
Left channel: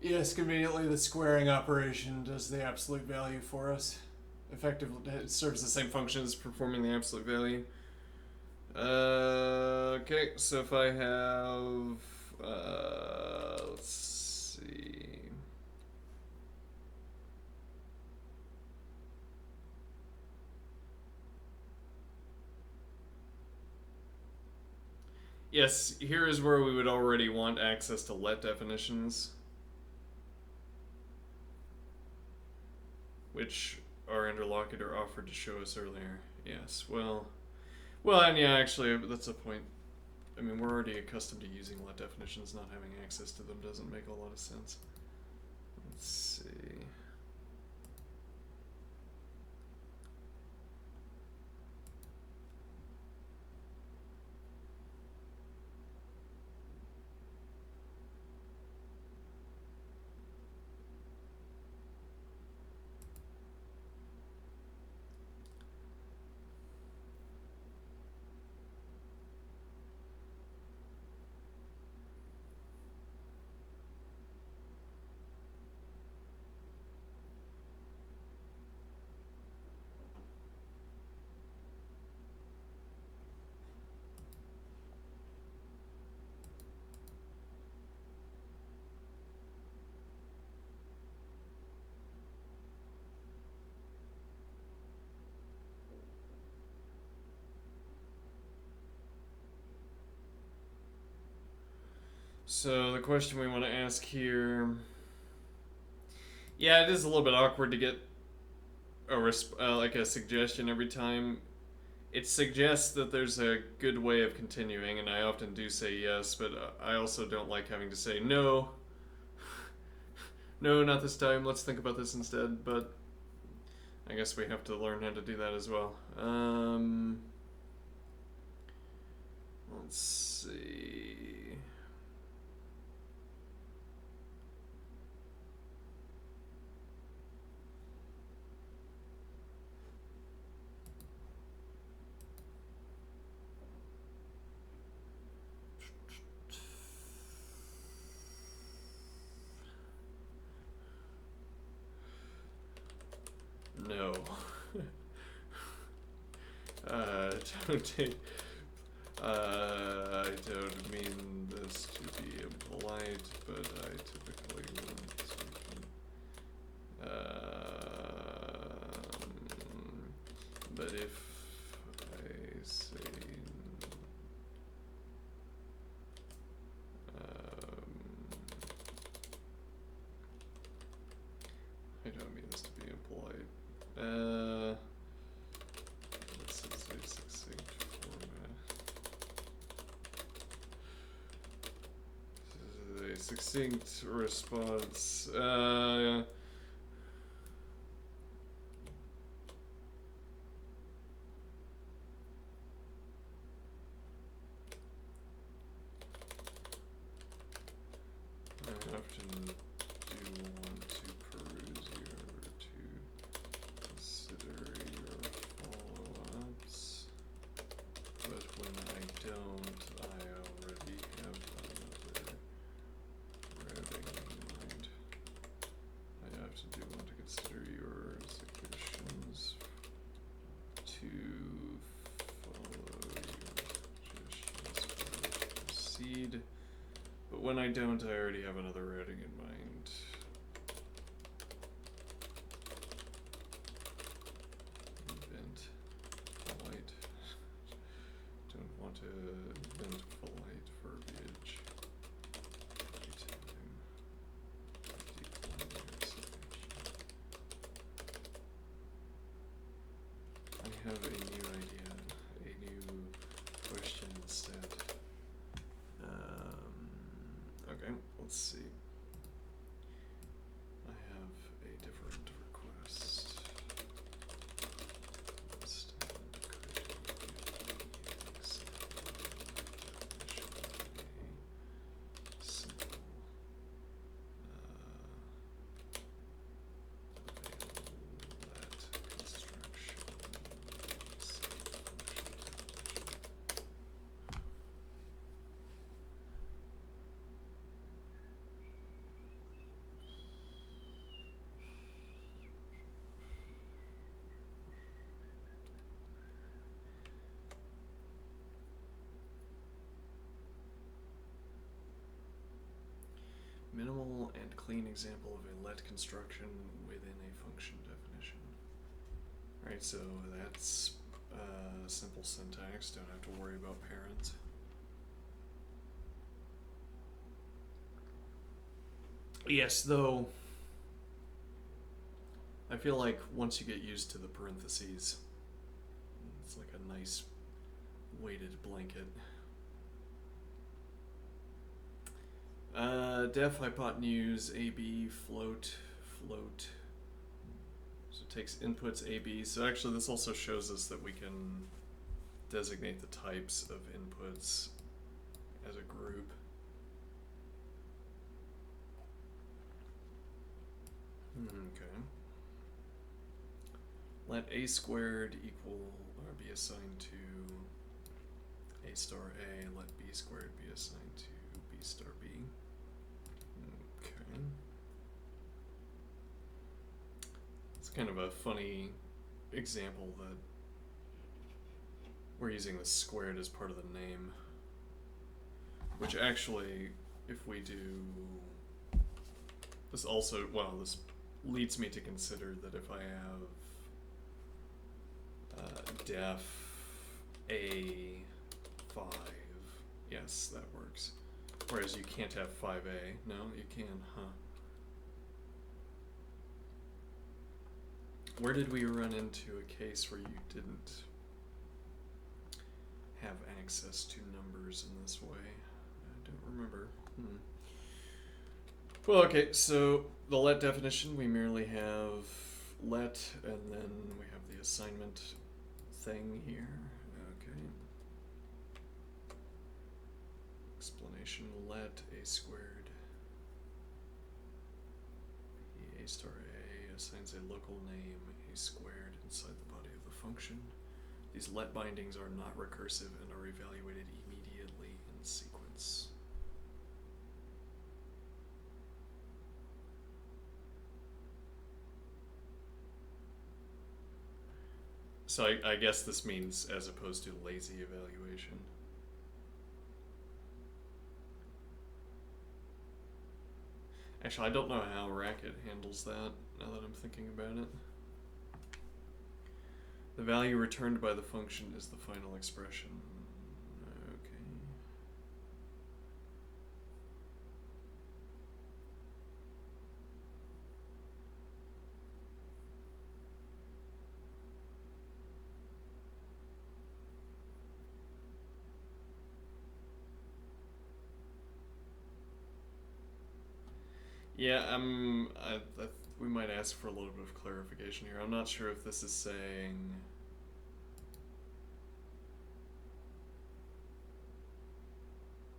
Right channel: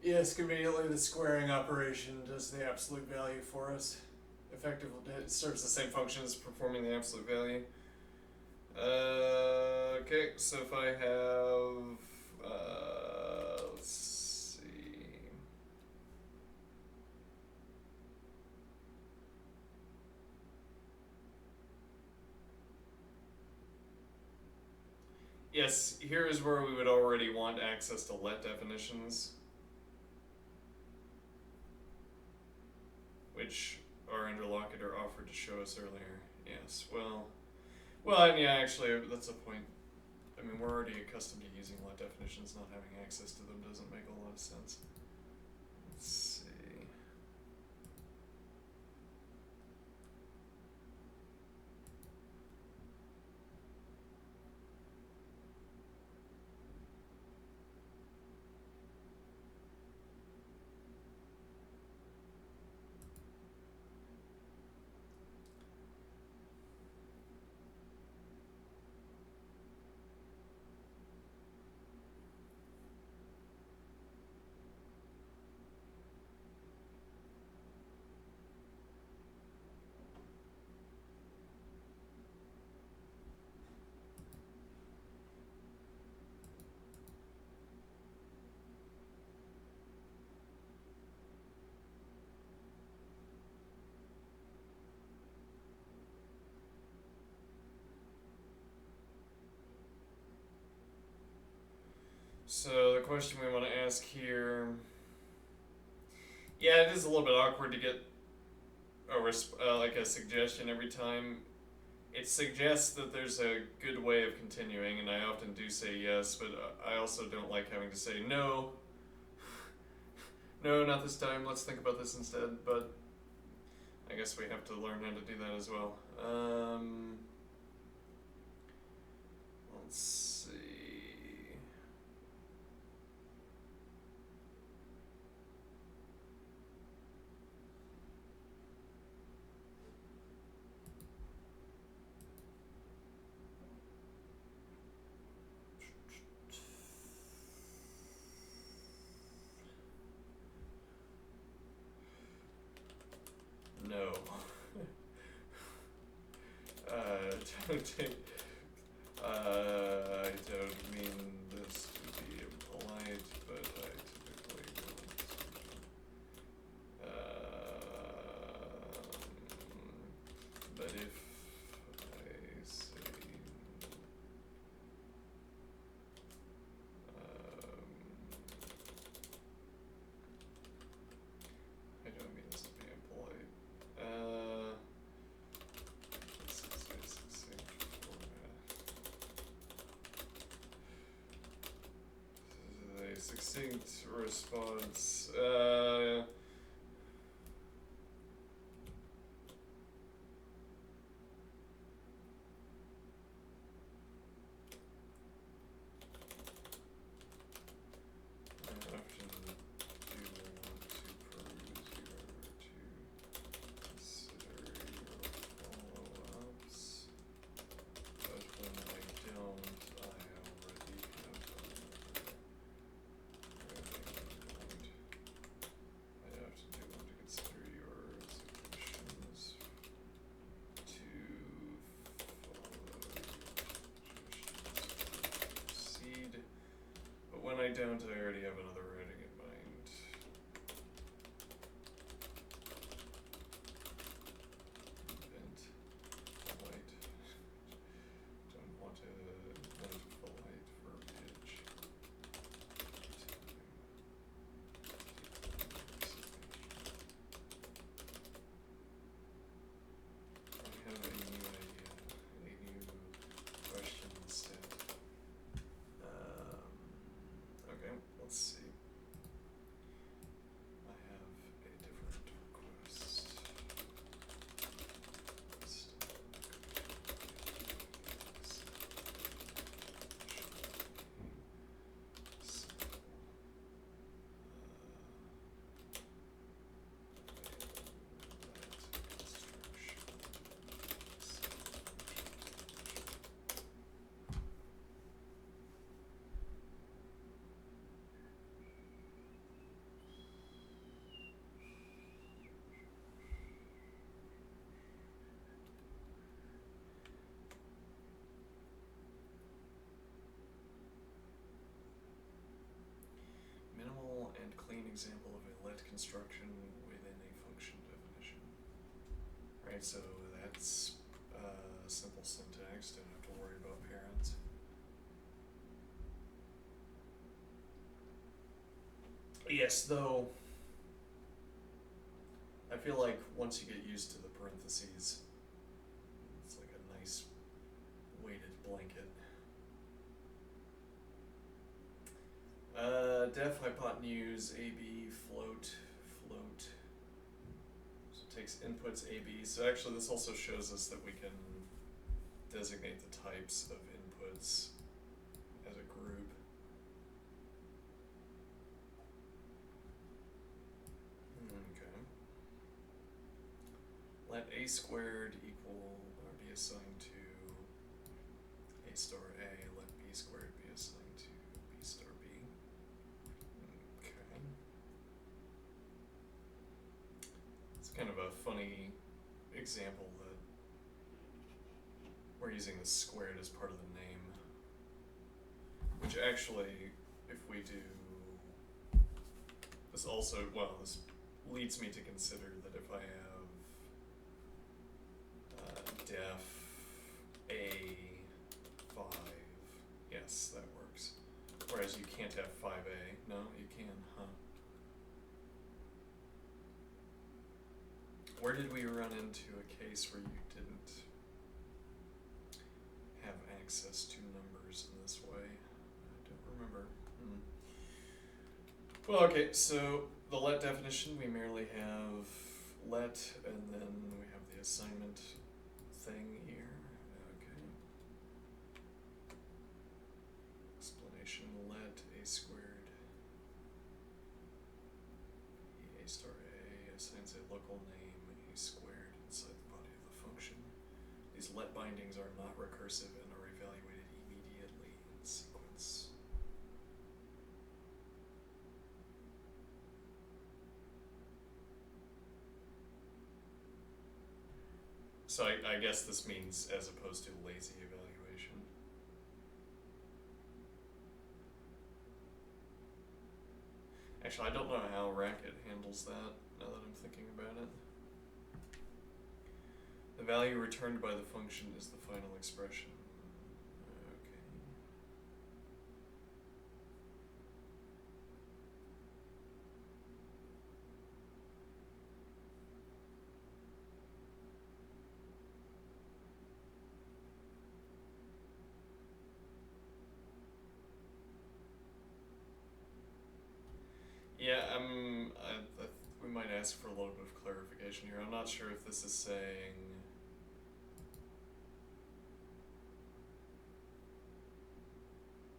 Yes, conveniently the squaring operation does the absolute value for us. Effectively, It serves the same function as performing the absolute value. Okay, so if I have, let's see. Yes, here is where we would already want access to let definitions, which our interlocutor offered to show us earlier. Yes, well, and yeah, actually, that's a point. I mean, we're already accustomed to using let definitions. Not having access to them doesn't make a lot of sense. Let's see. So the question we want to ask here, yeah, it is a little bit awkward to get a like a suggestion every time. It suggests that there's a good way of continuing, and I often do say yes, but I also don't like having to say no. No, not this time. Let's think about this instead. But I guess we have to learn how to do that as well. Let's see. No. Don't take. I don't mean this to be impolite, but I typically want to but if I say I don't mean this to be impolite. This is a succinct format. This is a succinct response. I often do want to peruse your to consider your follow-ups, but when I don't, I already have another routing in mind. I often do want to consider your suggestions to follow your suggestions to proceed. But when I don't, I already have another routing in mind. Invent polite. Don't want to invent polite verbiage. Anytime. Decline your suggestion. I have a new idea, a new question instead. Okay, let's see. I have a different request. Instead, could you give me an example of a simple let construction minimal and clean example of a let construction within a function definition. Right, so that's simple syntax, don't have to worry about parents. Yes, though, I feel like once you get used to the parentheses, it's like a nice weighted blanket. Def hypotenuse AB float. So it takes inputs AB. So actually this also shows us that we can designate the types of inputs as a group. Okay. Let A squared equal or be assigned to A star A. Let B squared be assigned to B star B. Okay. It's kind of a funny example that we're using the squared as part of the name. Which actually, if we do this also, well, this leads me to consider that if I have def A5, yes, that works. Whereas you can't have 5A. No, you can, huh? Where did we run into a case where you didn't have access to numbers in this way? I don't remember. Well, okay, so the let definition, we merely have let, and then we have the assignment thing here. Okay. Explanation, let A squared be A star A assigns a local name A squared inside the body of the function. These let bindings are not recursive and are evaluated immediately in sequence. So I guess this means as opposed to lazy evaluation. Actually, I don't know how Racket handles that, now that I'm thinking about it. The value returned by the function is the final expression. Okay. Yeah, we might ask for a little bit of clarification here. I'm not sure if this is saying.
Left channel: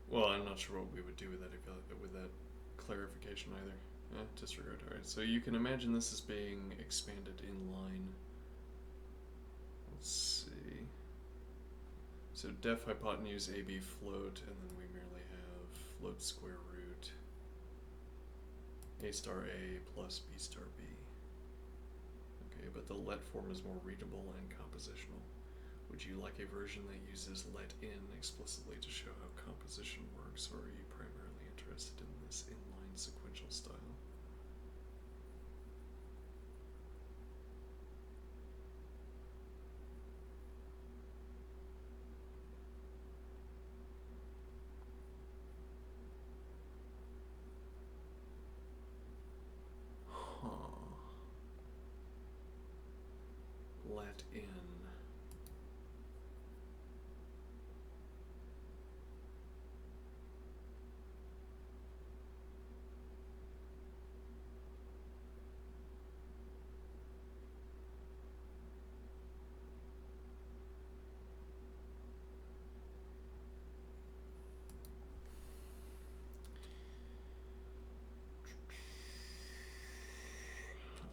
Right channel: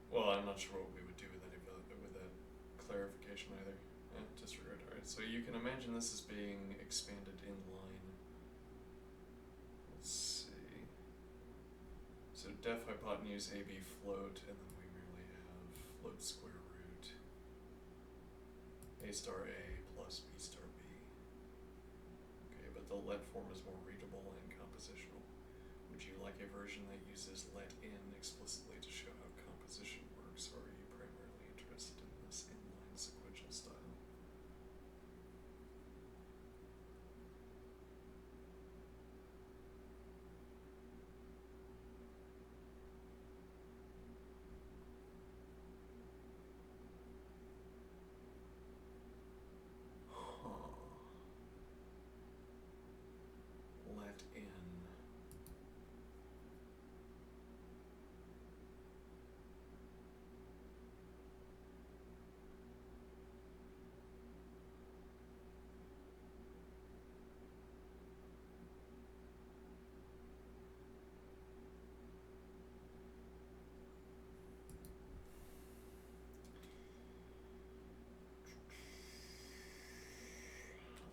Well, I'm not sure what we would do with that clarification either. Disregard. All right. So you can imagine this as being expanded in line. Let's see. So def hypotenuse AB float, and then we merely have float square root A star A plus B star B. Okay, but the let form is more readable and compositional. Would you like a version that uses let in explicitly to show how composition works, or are you primarily interested in this inline sequential style? Let in.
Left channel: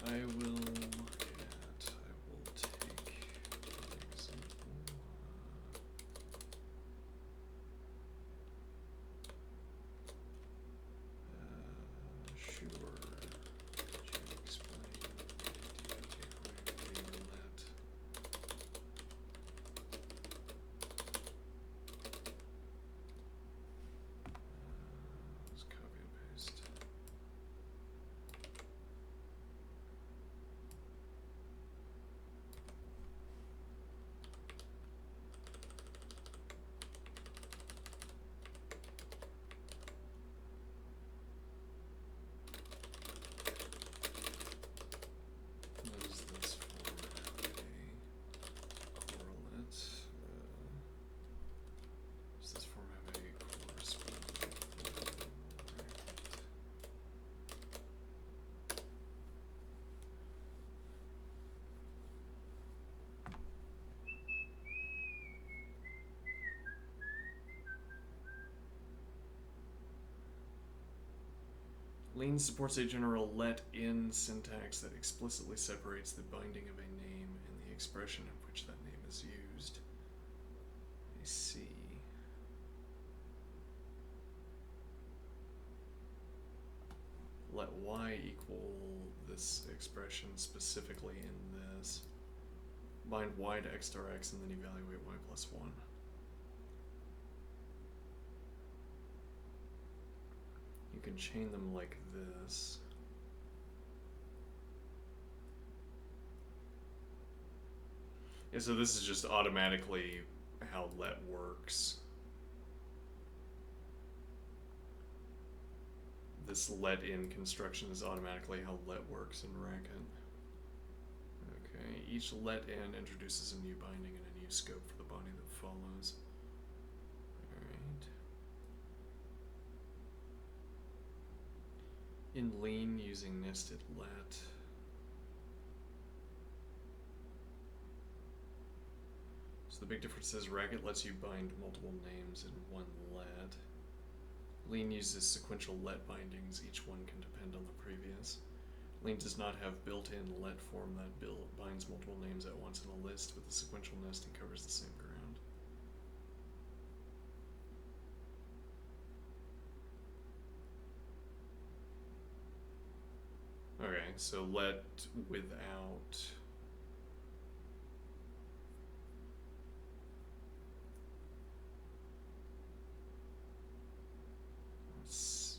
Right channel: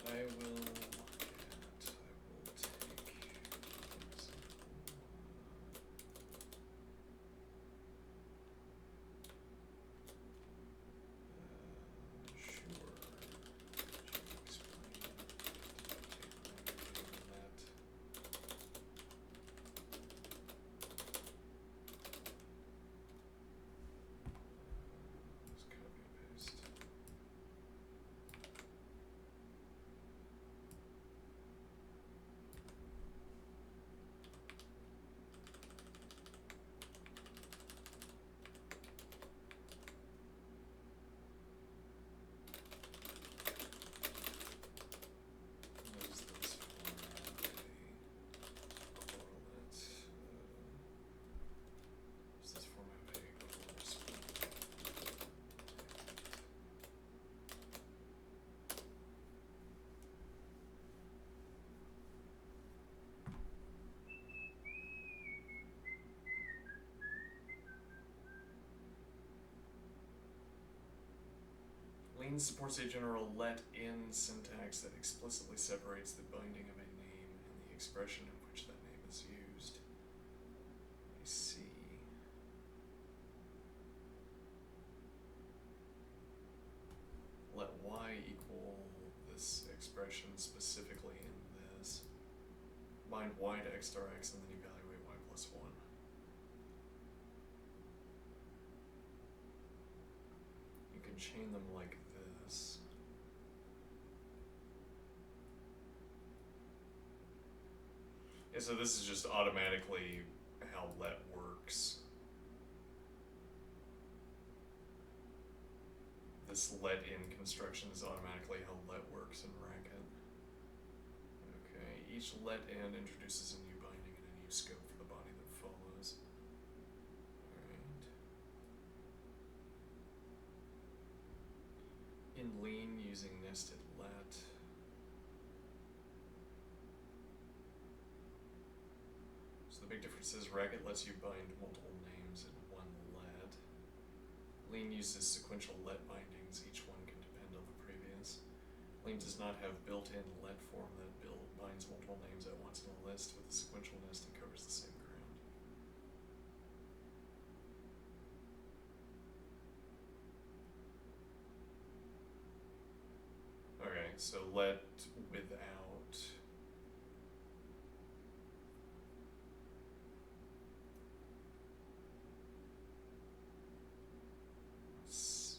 I will take an example. Sure. Could you explain the idea behind the let? Let's copy and paste. Does this form have a correlate? Does this form have a corresponding bracket? Lean supports a general let-in syntax that explicitly separates the binding of a name and the expression in which that name is used. I see. Let y equal this expression specifically in this. Bind y to x star x and then evaluate y plus 1. You can chain them like this. Yeah, so this is just automatically how let works. This let in construction is automatically how let works in Racket. Okay, each let in introduces a new binding and a new scope for the body that follows. Alright. In Lean, using nested let. So the big difference is Racket lets you bind multiple names in one let. Lean uses sequential let bindings, each one can depend on the previous. Lean does not have built-in let form that binds multiple names at once in a list, but the sequential nesting covers the same ground. Okay, so let without. Let's see.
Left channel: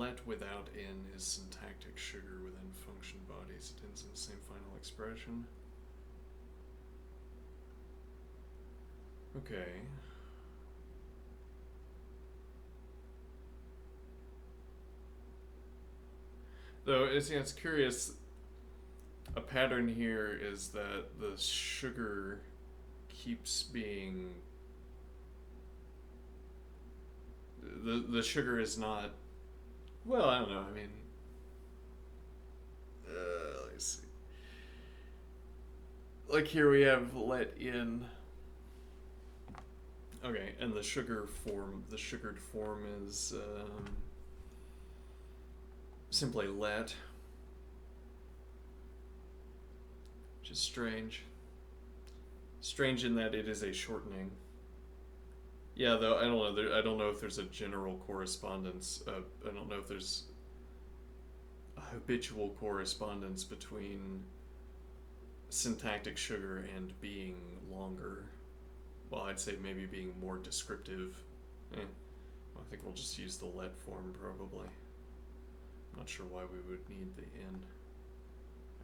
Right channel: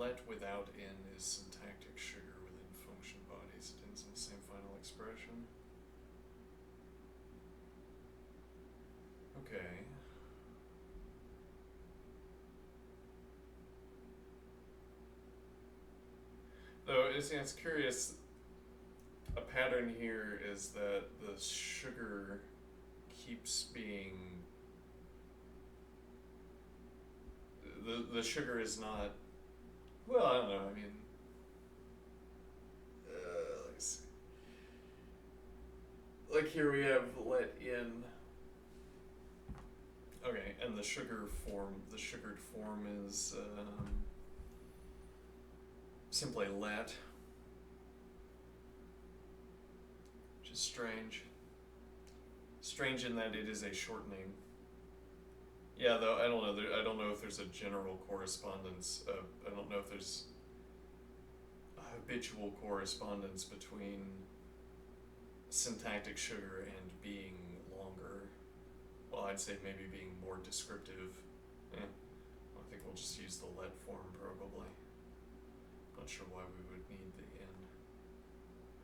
let without in is syntactic sugar within function bodies. It ends in the same final expression. Okay. Though it's curious. A pattern here is that the sugar keeps being the sugar is not, well, I don't know, I mean, let's see, like here we have let in, okay, and the sugared form is simply let, which is strange in that it is a shortening. Yeah, though I don't know. I don't know if there's a general correspondence. I don't know if there's a habitual correspondence between syntactic sugar and being longer. Well, I'd say maybe being more descriptive. Well, I think we'll just use the let form probably. I'm not sure why we would need the in.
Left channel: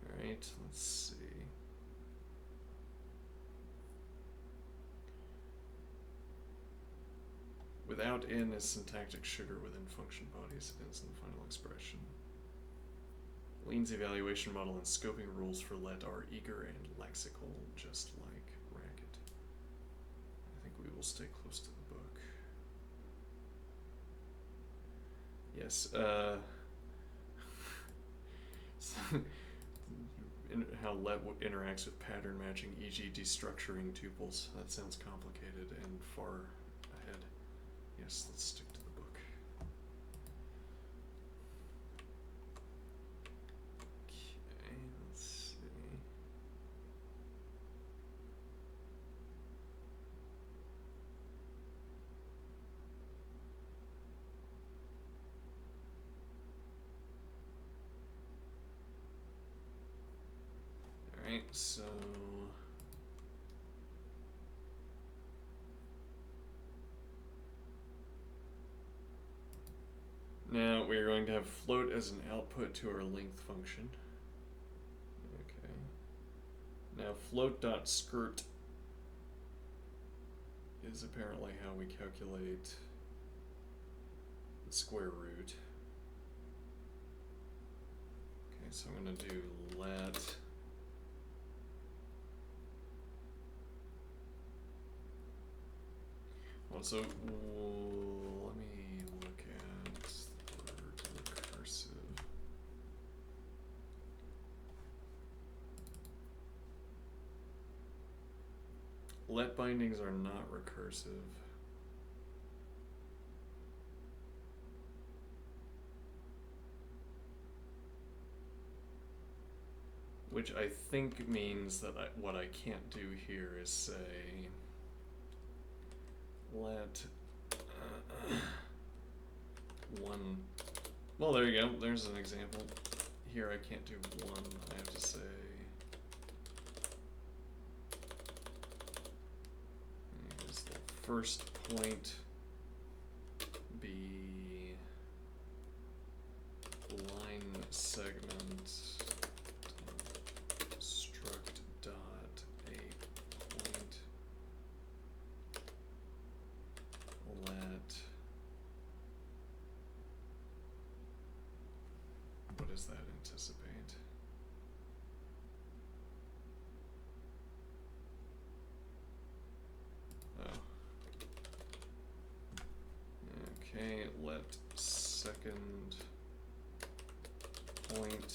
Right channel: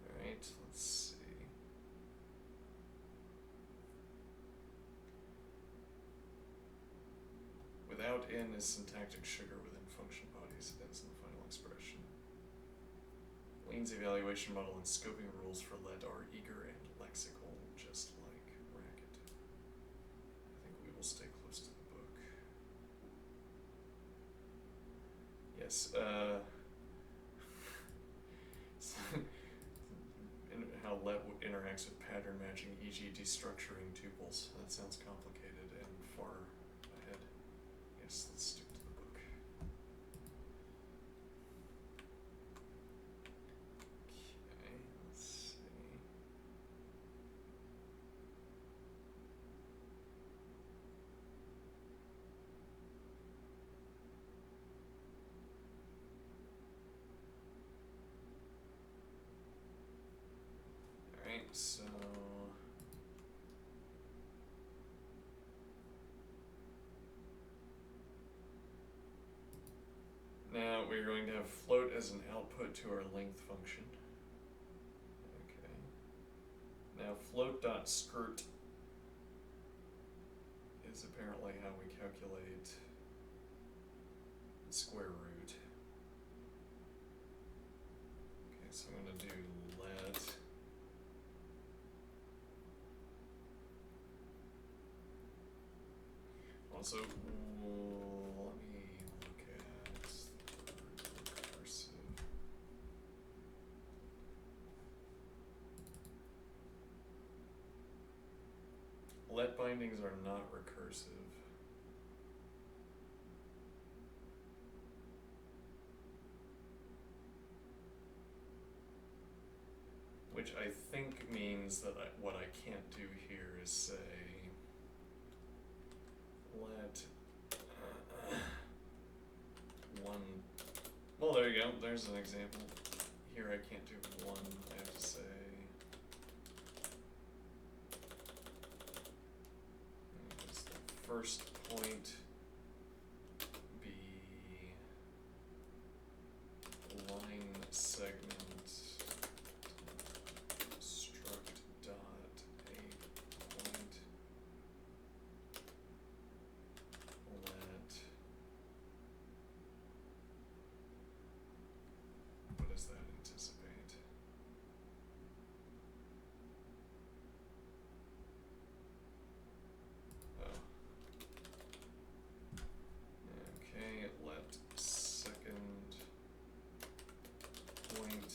All right, let's see. Without in is syntactic sugar within function bodies. It ends in the final expression. Lean's evaluation model and scoping rules for let are eager and lexical, just like Racket. I think we will stay close to the book. Yes, how let interacts with pattern matching, e.g. destructuring tuples. That sounds complicated and far ahead. Yes, let's stick to the book. Okay, let's see. Alright, so now we're going to have float as an output to our length function. Okay. Now float.skirt is apparently how we calculate the square root. Okay, so I'm going to do let also, let me look at the word recursive. Let bindings are not recursive. Which I think means that what I can't do here is say let one, well, there you go, there's an example. Here I can't do one, I have to say is the first point be line segment struct dot a point let, what does that anticipate? Oh. Okay, let second point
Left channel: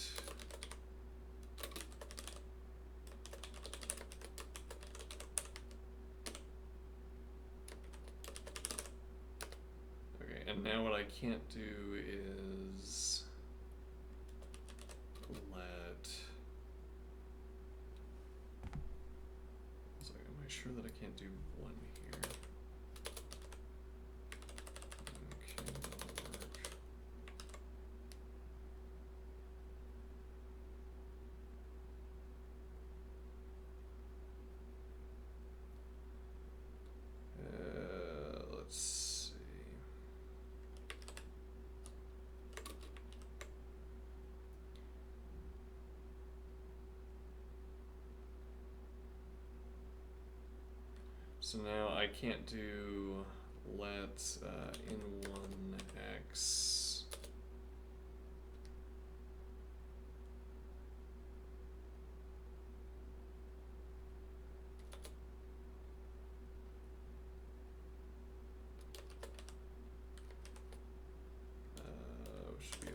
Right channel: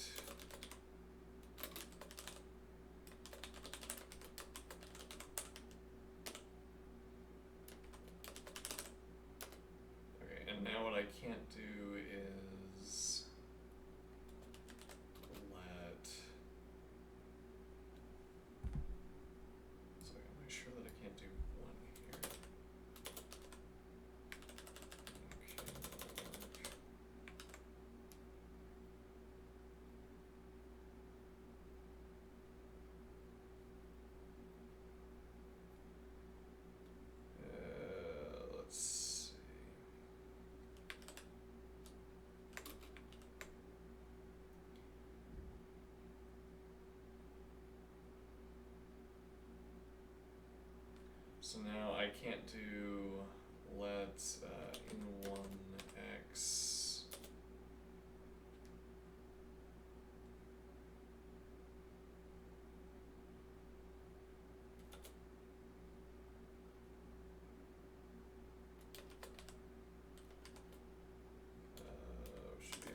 okay, and now what I can't do is let, so am I sure that I can't do one here? Okay, that'll work. Let's see. So now I can't do let in1x should be a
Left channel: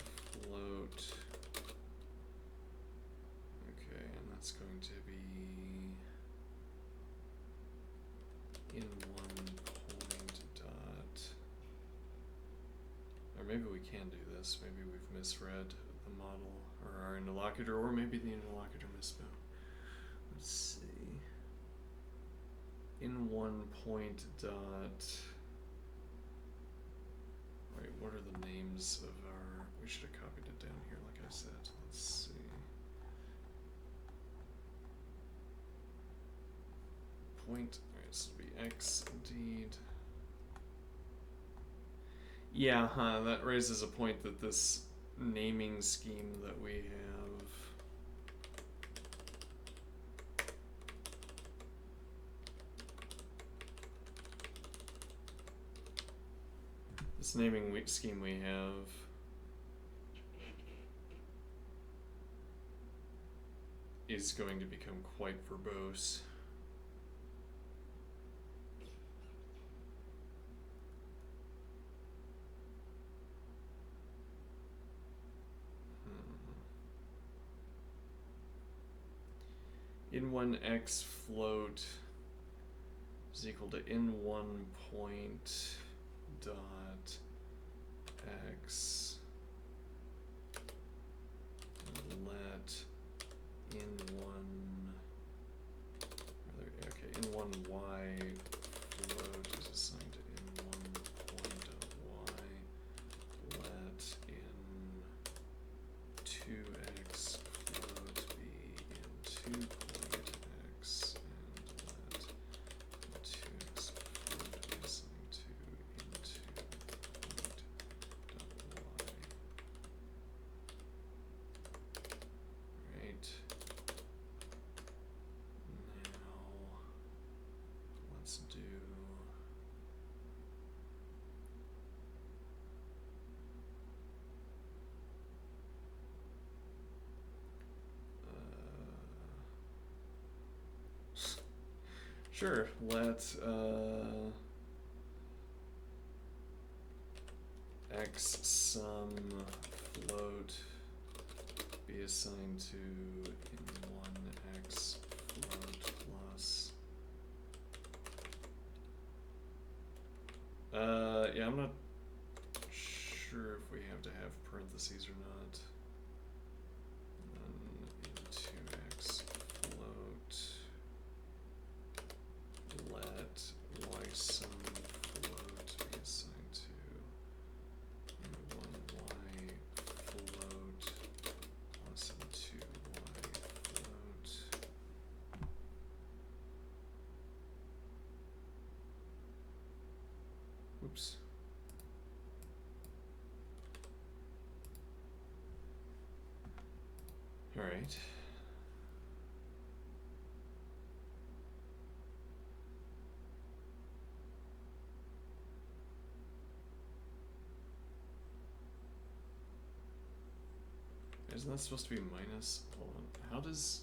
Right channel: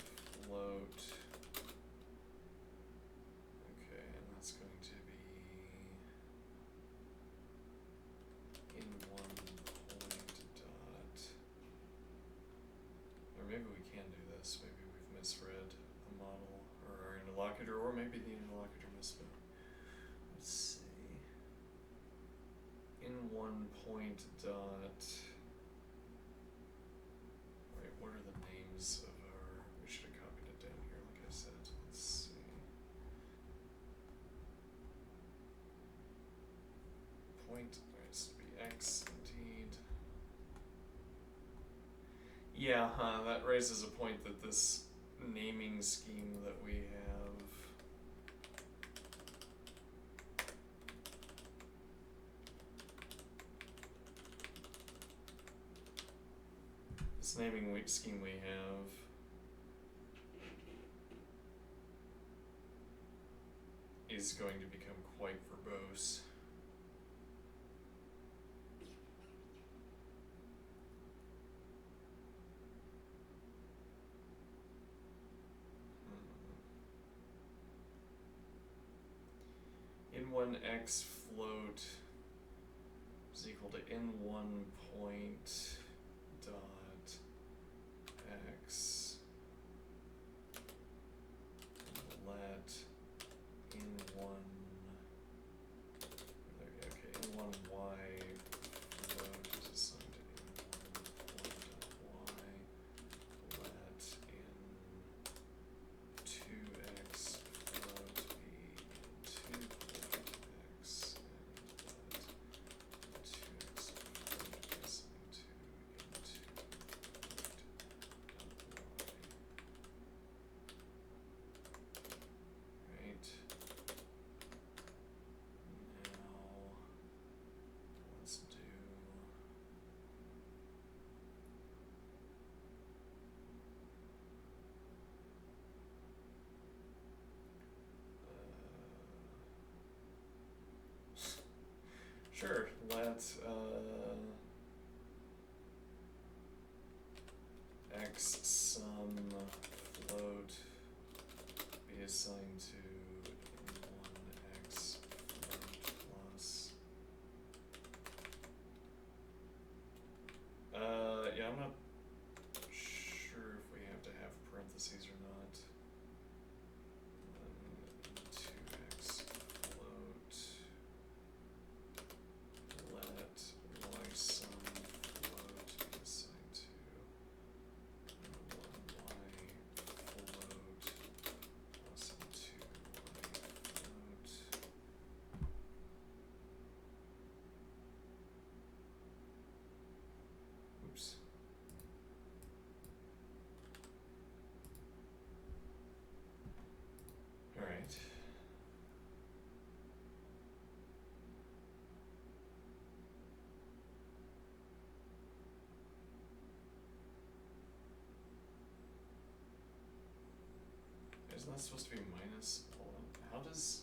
float. Okay, and that's going to be in one point dot, or maybe we can do this. Maybe we've misread the model or our interlocutor, or maybe the interlocutor misspelled. Let's see. In one point dot. Right, what are the names of our? We should have copied it down here, like I said. Let's see. Point. Alright, so it'll be x indeed. Yeah, that raises a point that this naming scheme that we have. This naming scheme we have is going to become quite verbose. In1x float is equal to in1 point dot x and let in1 in1 y float is assigned to in1 point dot y, let in2x float be in2 point x, and let in2x float be assigned to in2 point dot y. Right. Now let's do sure, let x sum float be assigned to in1x float plus yeah, I'm not sure if we have to have parentheses or not. And then in2x float let y sum float be assigned to in1y float plus in2y float. Oops. All right. Isn't that supposed to be minus? Hold on. How does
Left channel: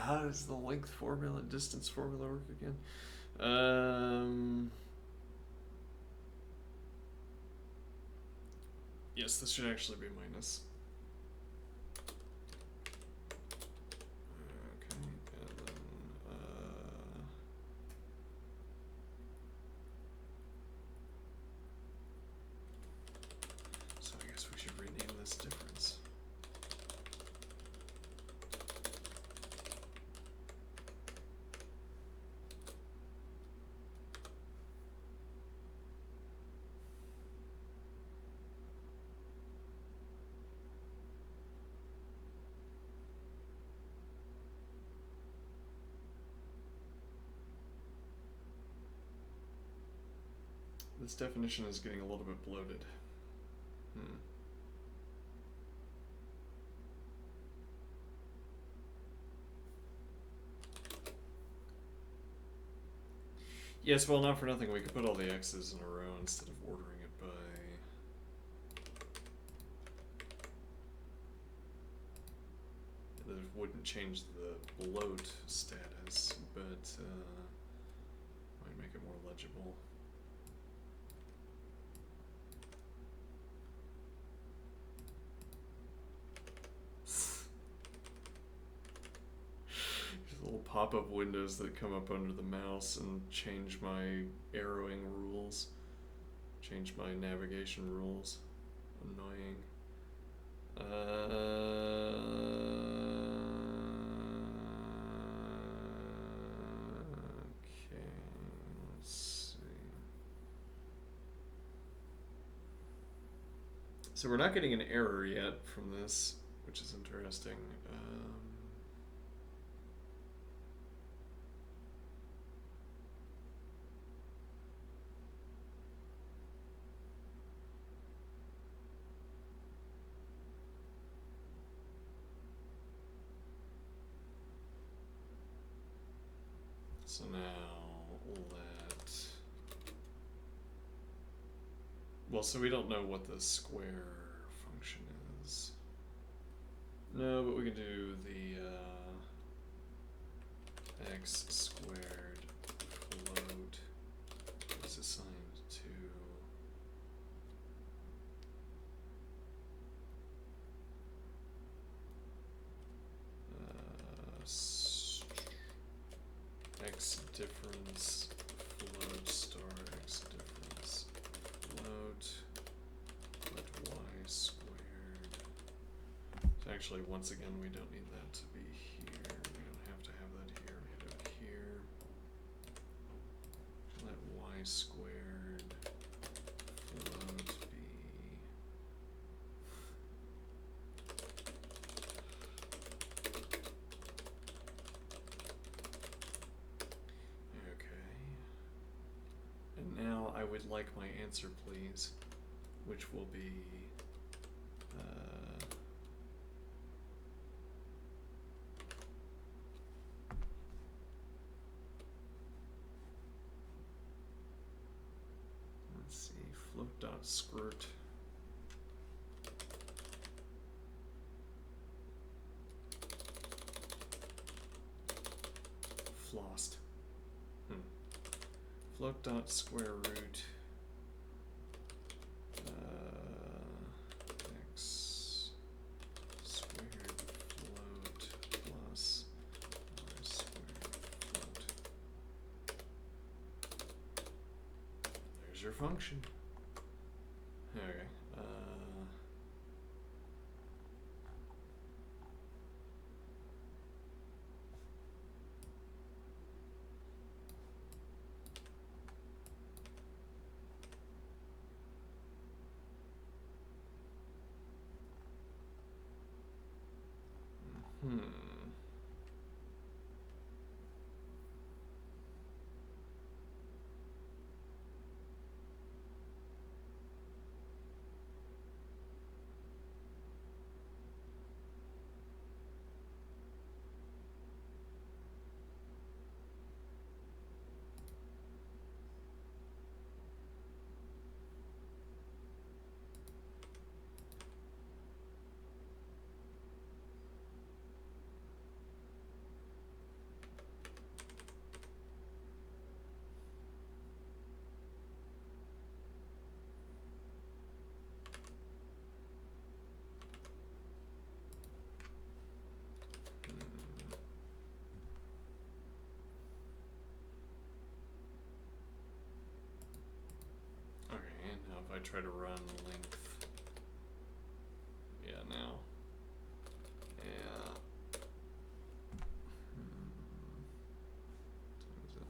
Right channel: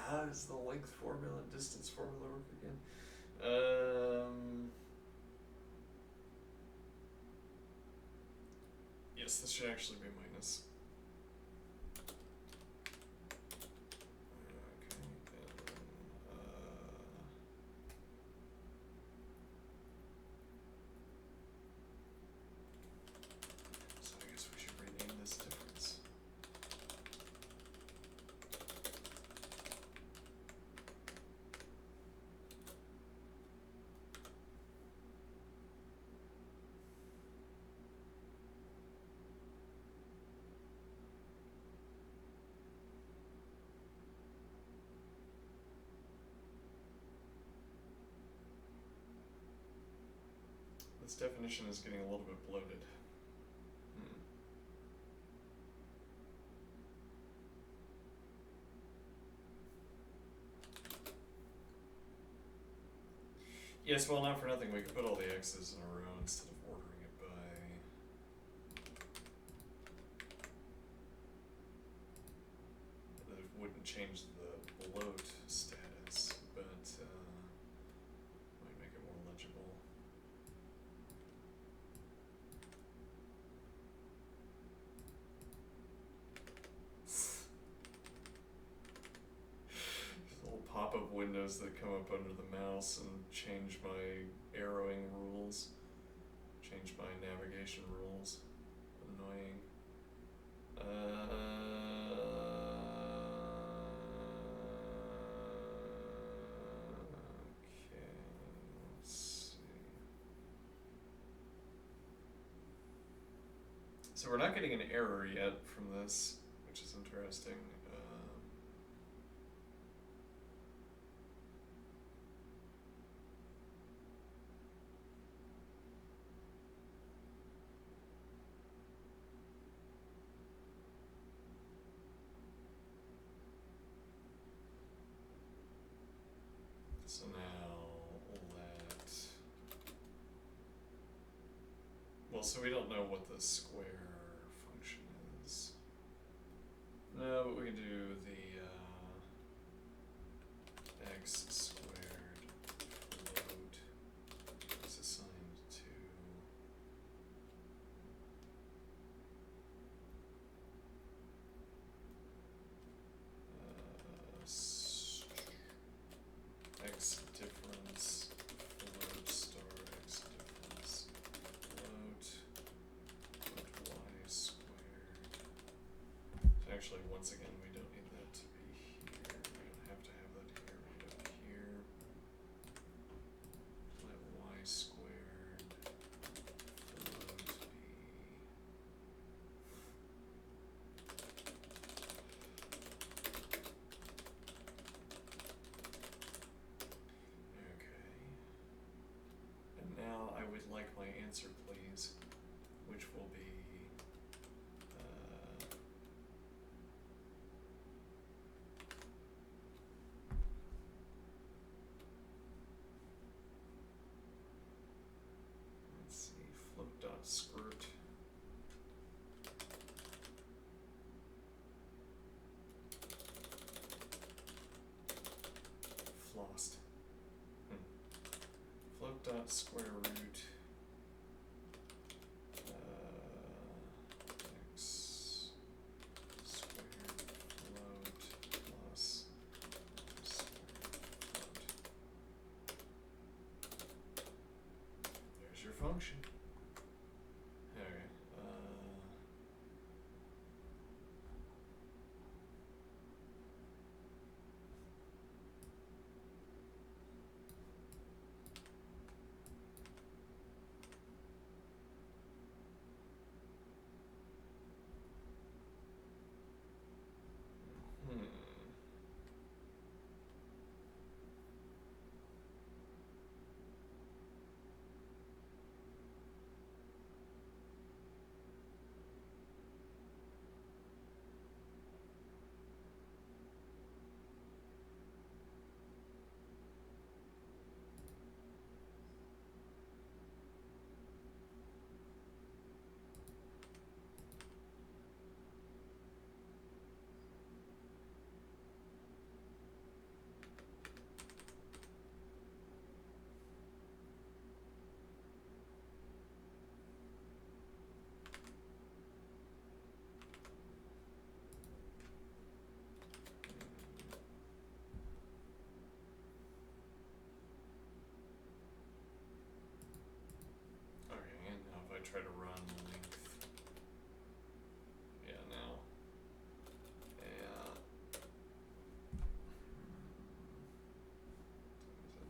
how does the length formula, distance formula work again? Yes, this should actually be minus. Okay, and then so I guess we should rename this difference. This definition is getting a little bit bloated. Yes, well, not for nothing, we could put all the x's in a row instead of ordering it by... That wouldn't change the bloat status, but might make it more legible. Little pop-up windows that come up under the mouse and change my arrowing rules, change my navigation rules. Annoying. Okay, let's see. So we're not getting an error yet from this, which is interesting. So now let... Well, so we don't know what the square function is. No, but we can do the x squared float is assigned to x difference float star x difference float let y squared. So actually, once again, we don't need that to be here. We don't have to have that here. We could have it here. Let y squared float be okay. And now I would like my answer, please, which will be let's see, float.skirt. Flossed. Float dot square root x squared float plus y squared float. There's your function. Okay. Okay, and now if I try to run length, yeah, now, yeah, times it,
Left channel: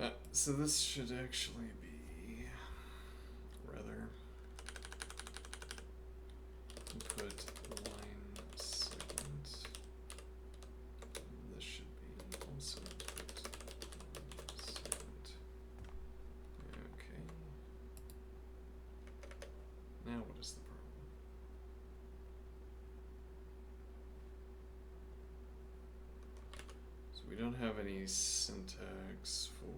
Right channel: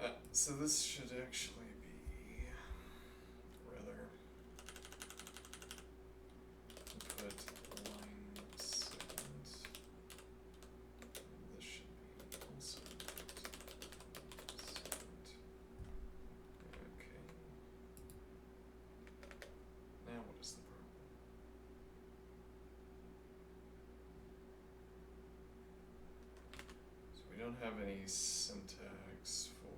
okay. So this should actually be rather don't have any syntax for.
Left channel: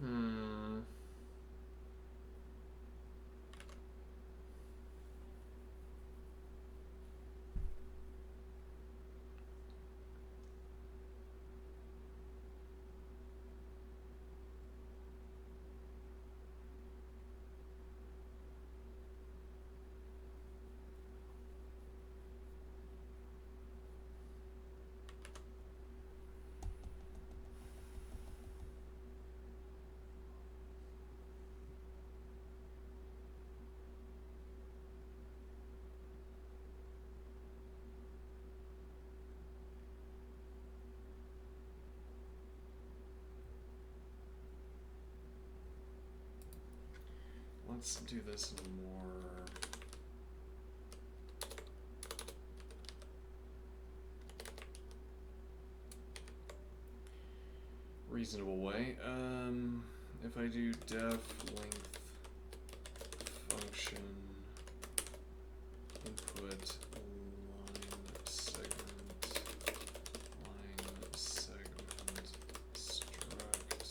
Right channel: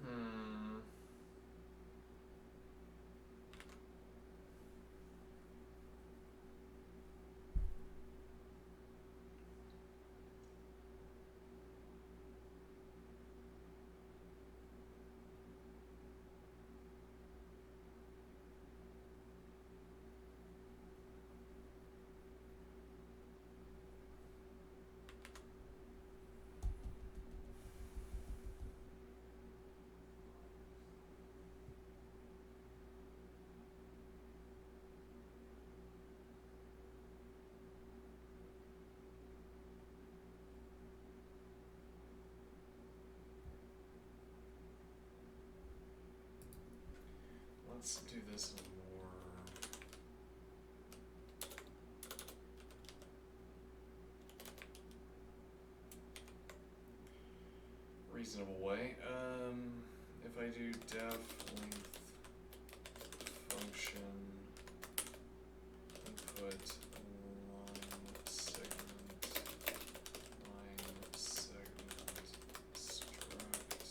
Hmm. Let's do this in a more reasonable way. If I do def length function input line segment struct,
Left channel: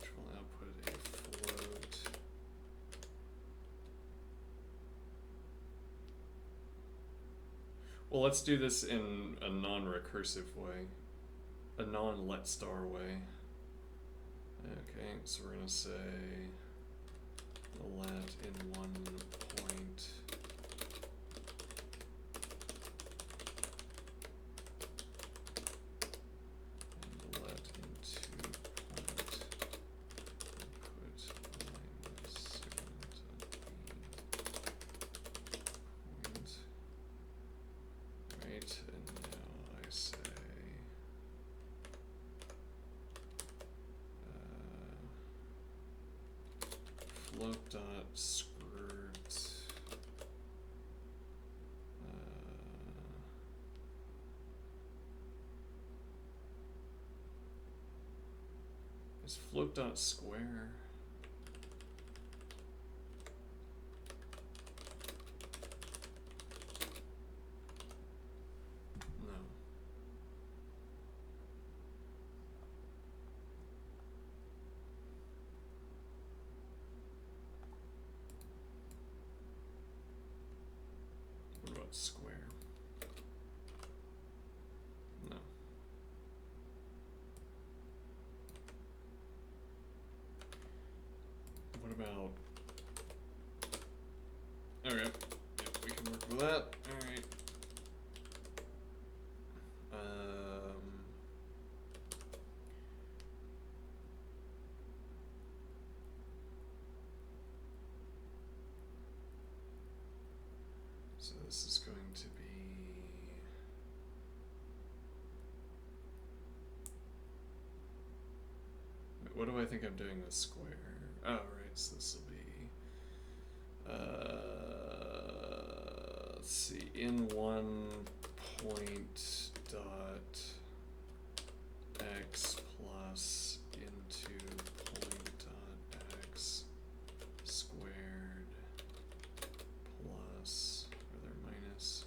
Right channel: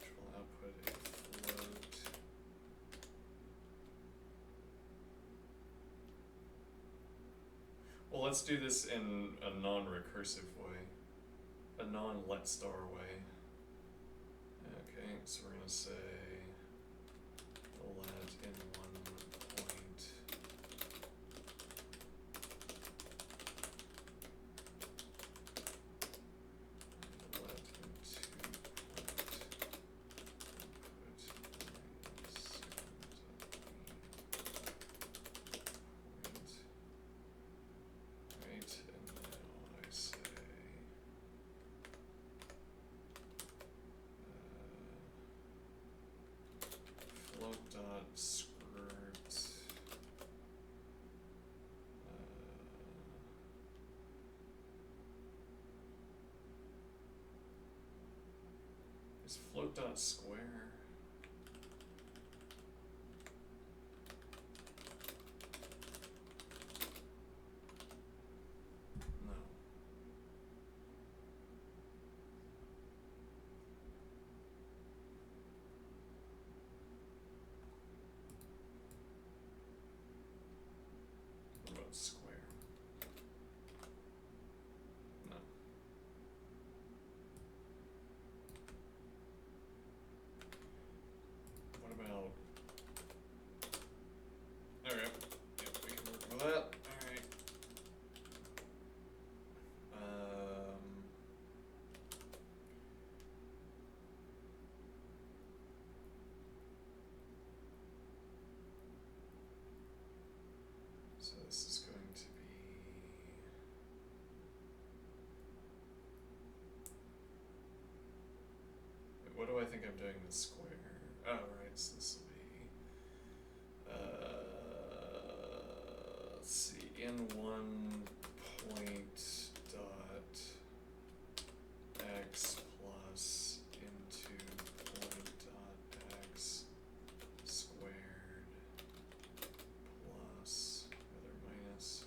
which will output a float. Well, let's do this in a non-recursive way, a non-let star way. Okay, so we're gonna say let in one point and let in 2 point input line segment point. Right, and now I say float dot skirt is float dot square. No. What about square? No. What about? Okay. Yep, we can work with that. All right. So this is going to be what do I think I'm doing with square? Oh, right, so this will be let's see, in one point dot x plus into point dot x squared plus, rather minus,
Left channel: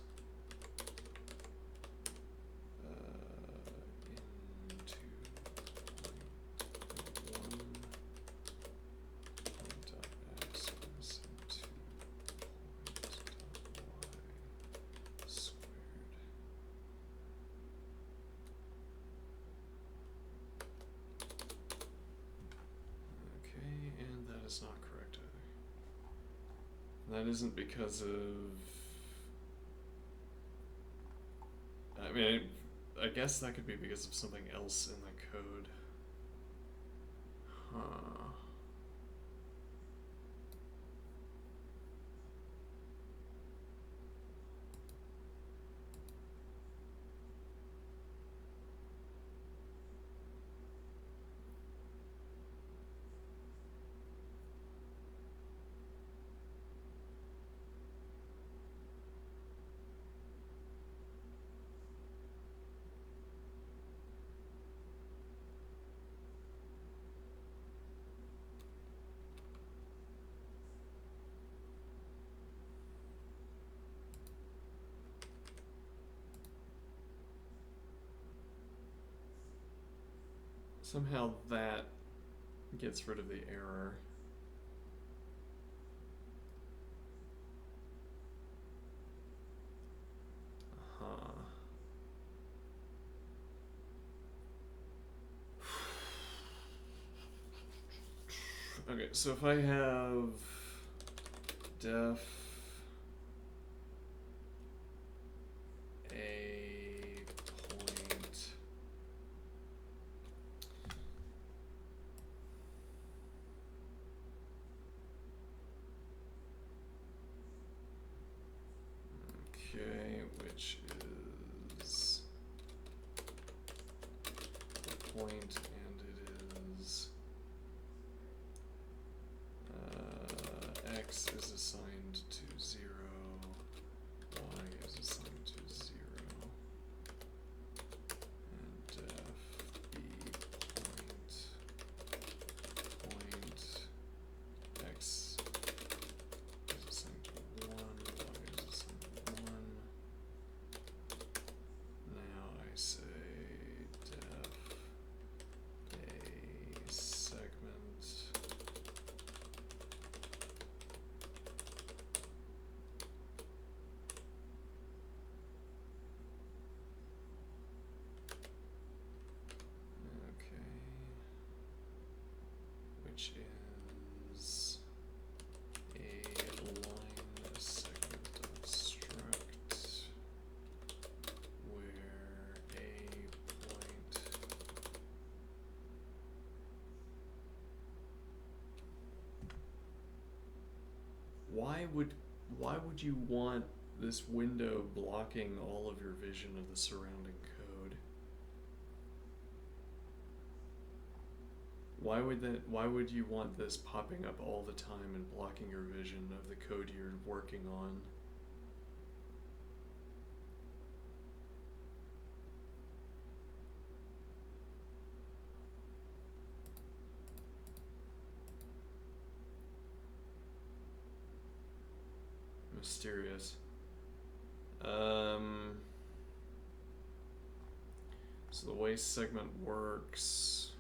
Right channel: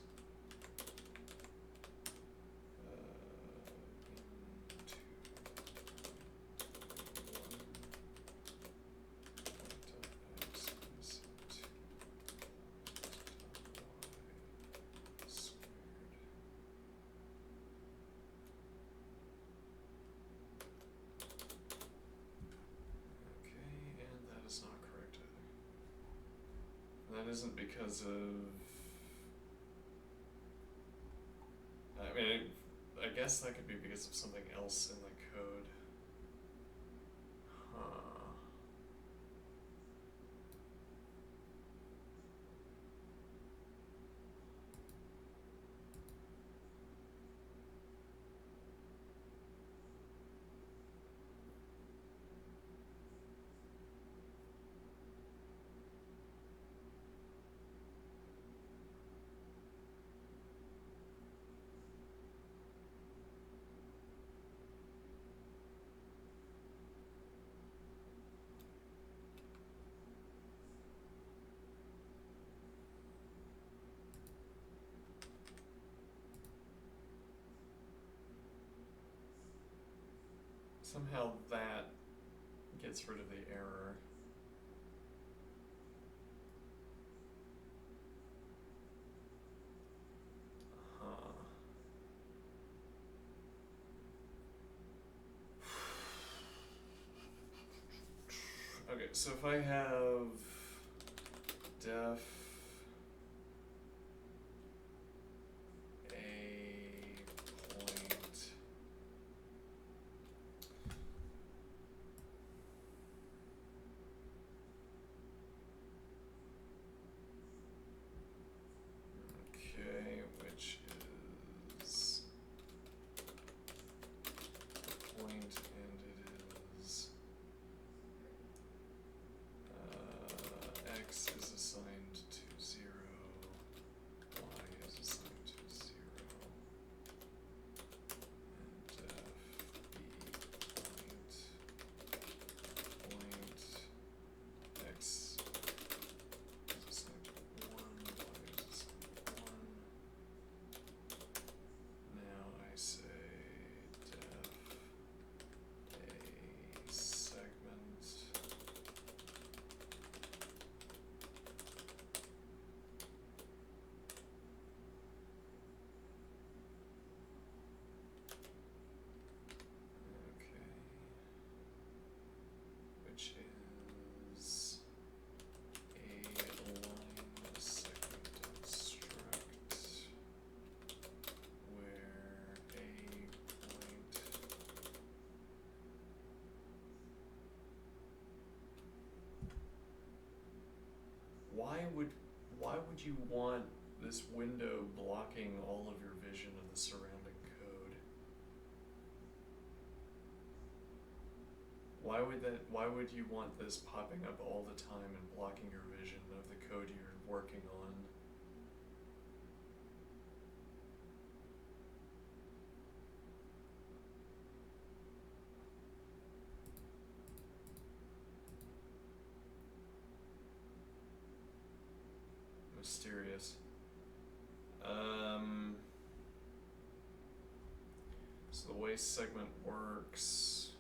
into one point dot x plus into point dot y squared. That isn't because of. I mean, I guess that could be because of something else in the code. Huh. Somehow that gets rid of the error. Huh. Okay, so if I have def a point okay, which is the point and it is x is assigned to 0, y is assigned to 0, and def b point x is assigned to 1, y is assigned to 1. Now I say def a segment okay, which is a line segment dot struct where a point why would you want this window blocking all of your vision of the surrounding code? Why would you want this popping up all the time and blocking your vision of the code you're working on? Mysterious. So the way segment works,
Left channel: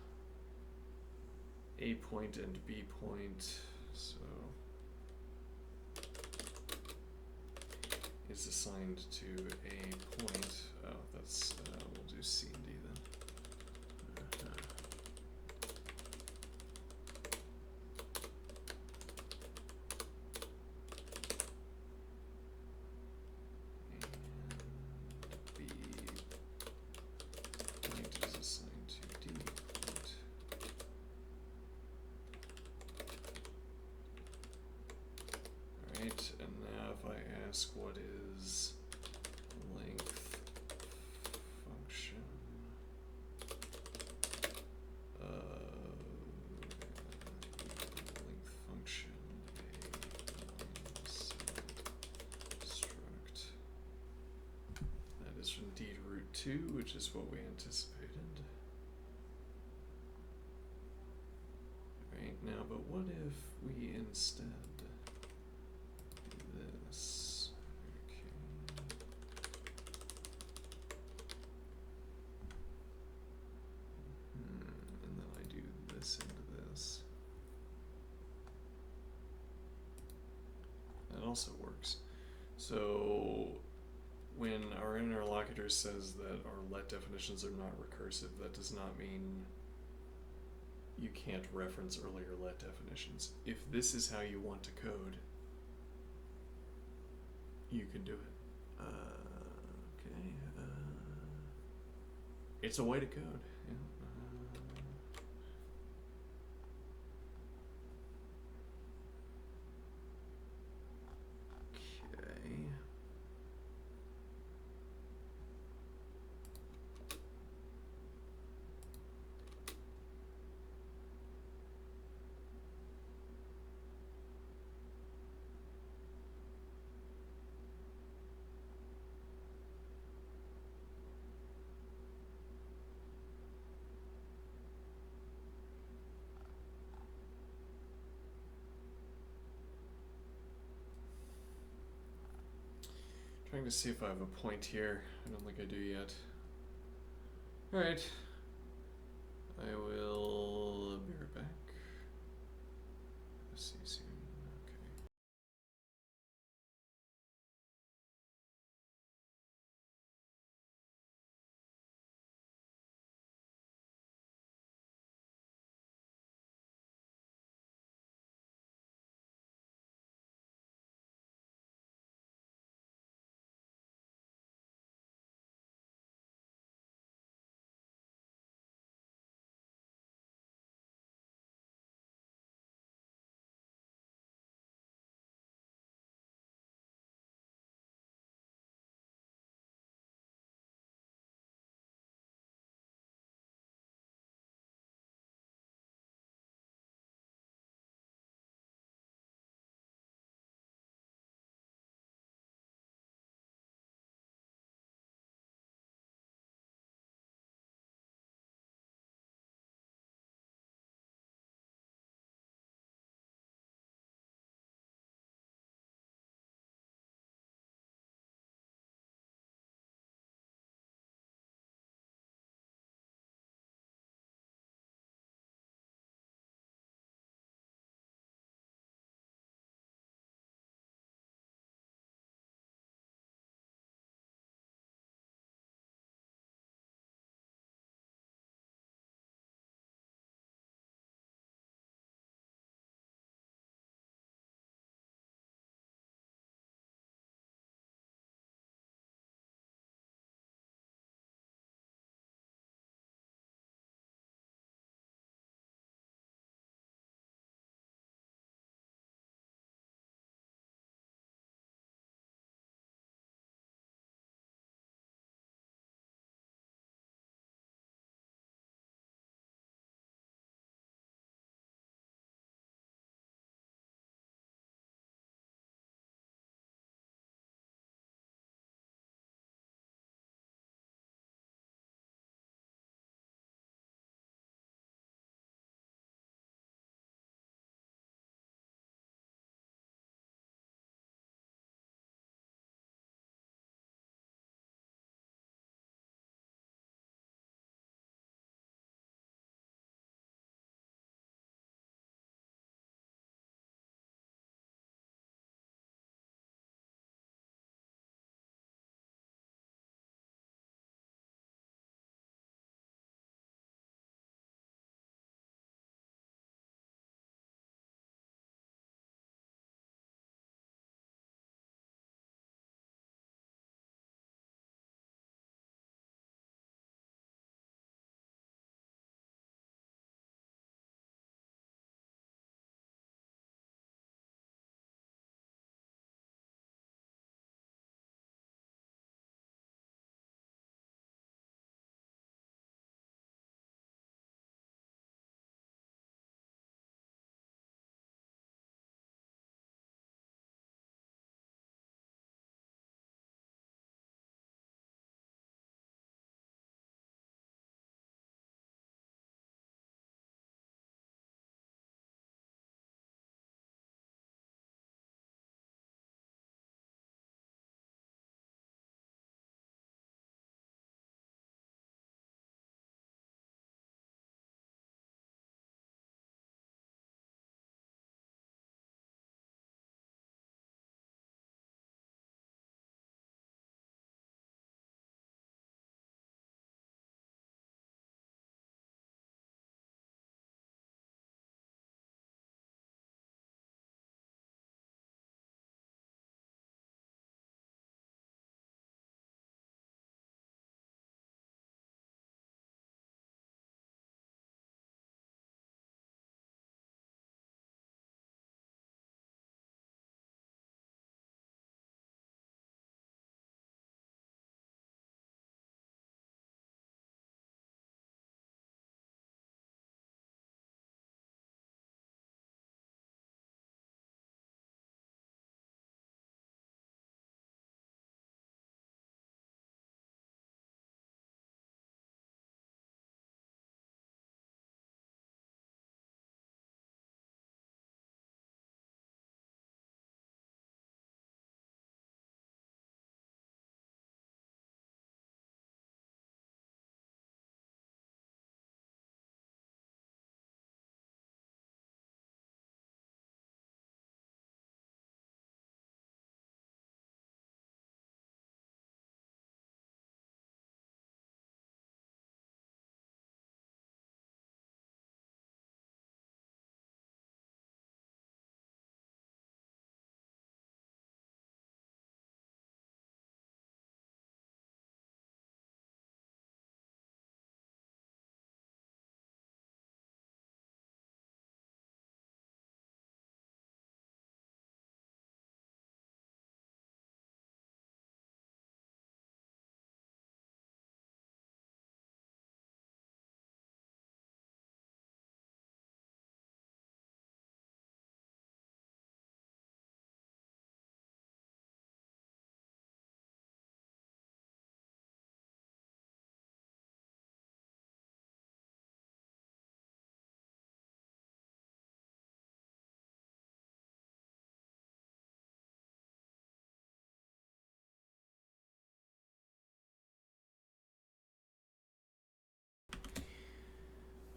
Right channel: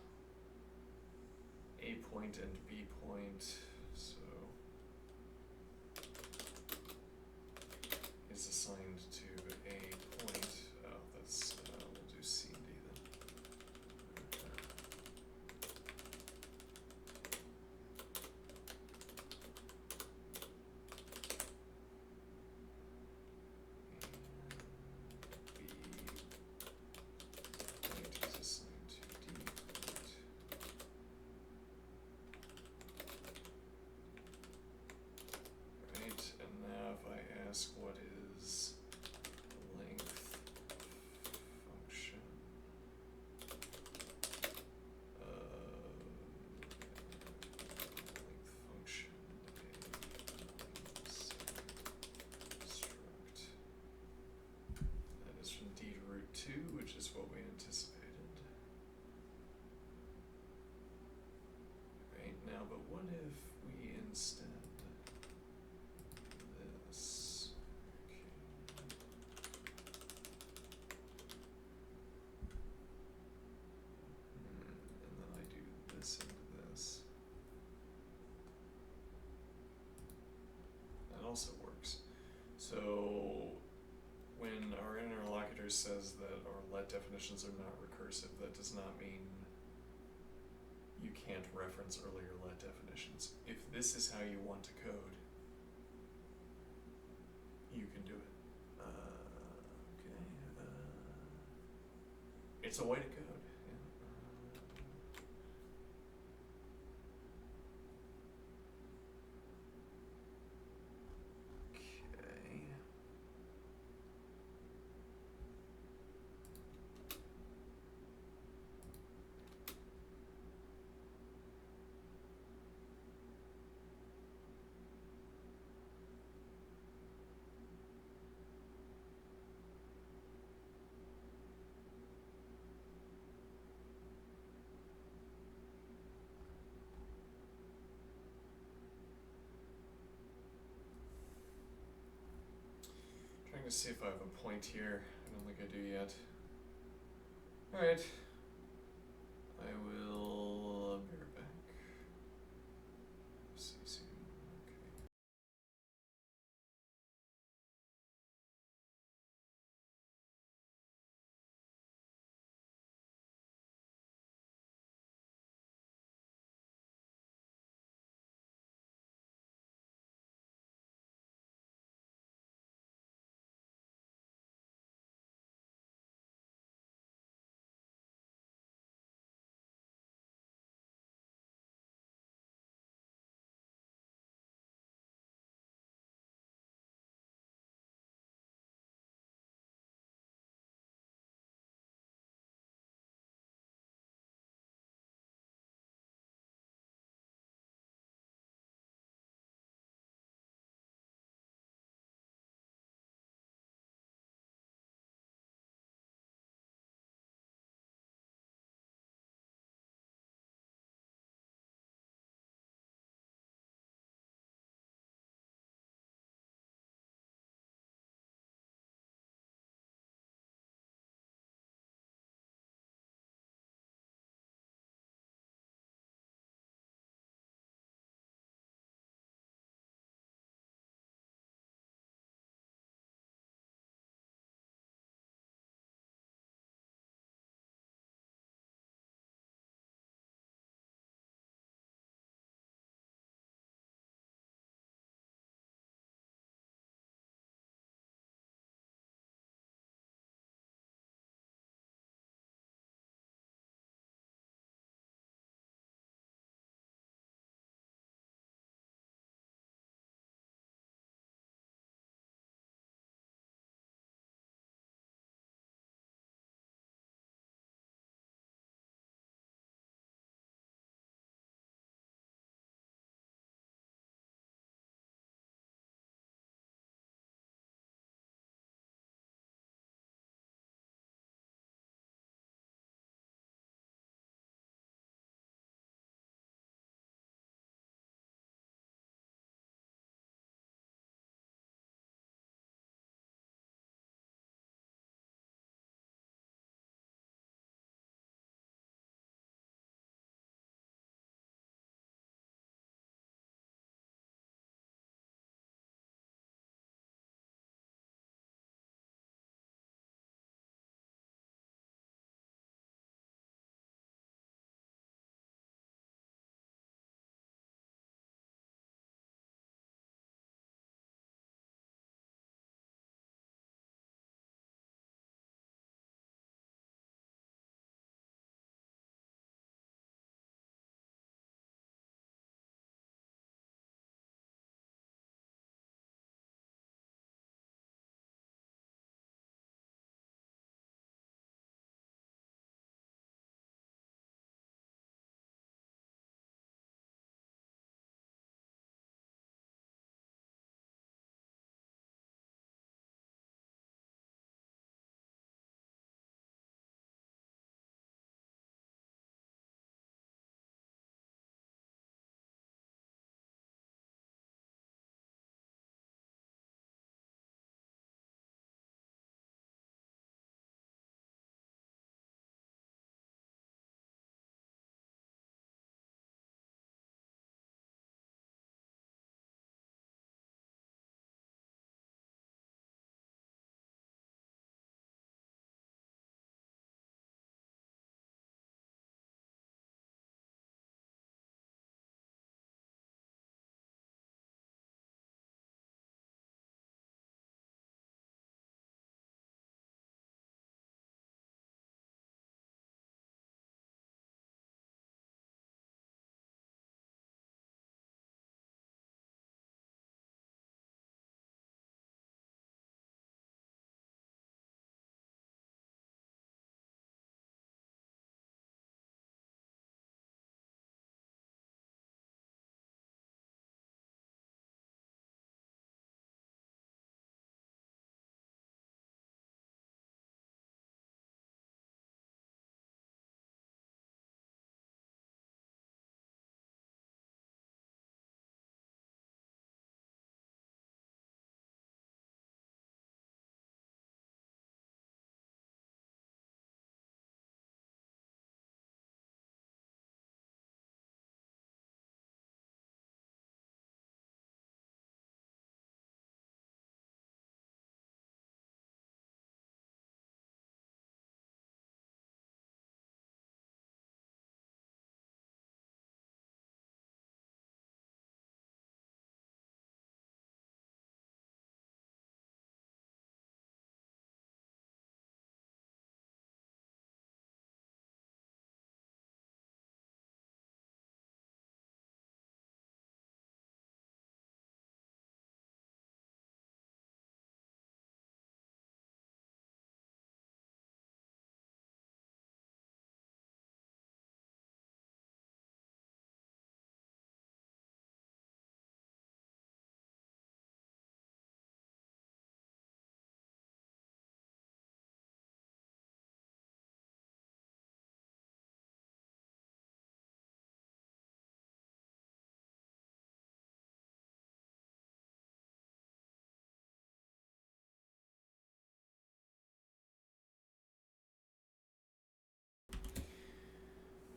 A point and B point, so is assigned to a point. Oh, that's we'll do C and D then. And B point is assigned to D point. Alright, and now if I ask what is length function length function a line segment struct. That is from D to root 2, which is what we anticipated. Alright, now, but what if we instead do this? Okay. And then I do this into this. That also works. So when our interlocutor says that our let definitions are not recursive, that does not mean you can't reference earlier let definitions. If this is how you want to code, you can do it. Okay. It's a way to code. Yeah. Okay. Trying to see if I have a point here. I don't think I do yet. Alright. I will be right back. See you soon.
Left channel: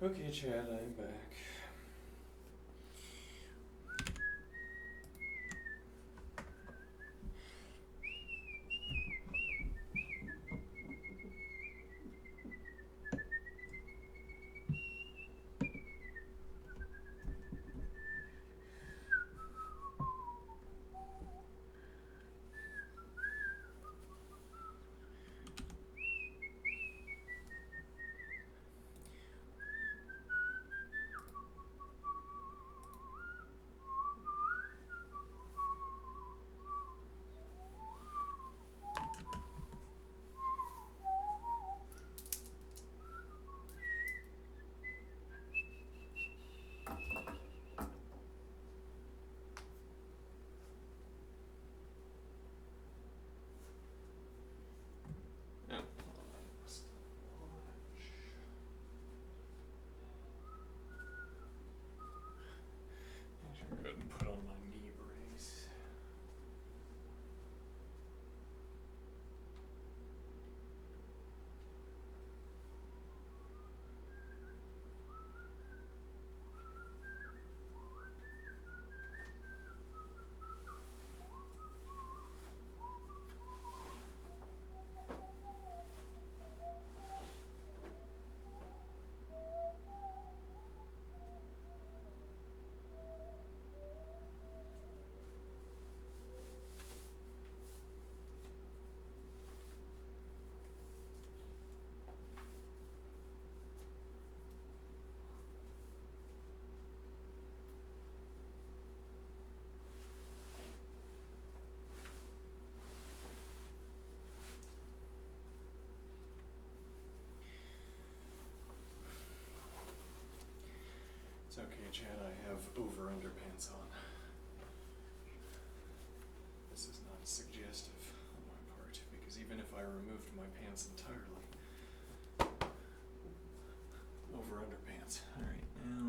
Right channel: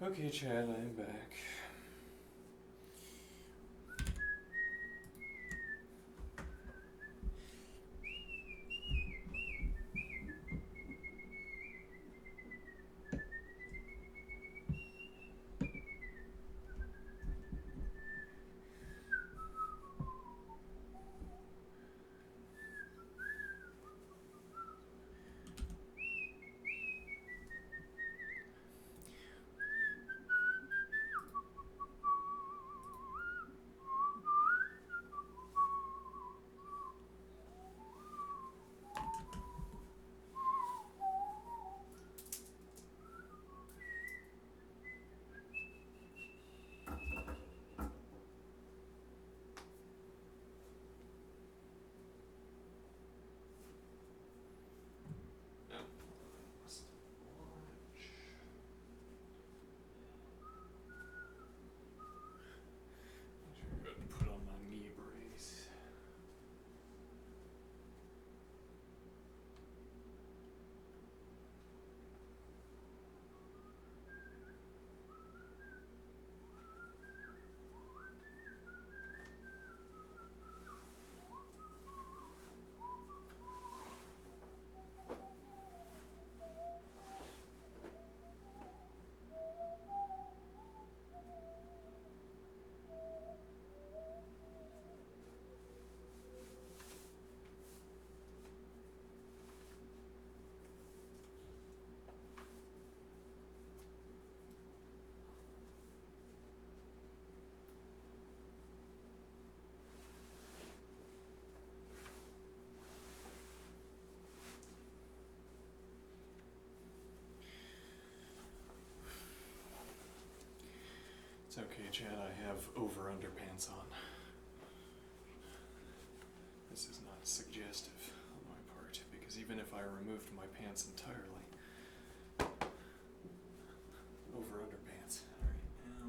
Okay, Chad, I'm back. Yep. Go ahead and put on my knee brace. It's okay, Chad, I have over underpants on. This is not suggestive on my part, because even if I removed my pants entirely, over underpants. Alright, now.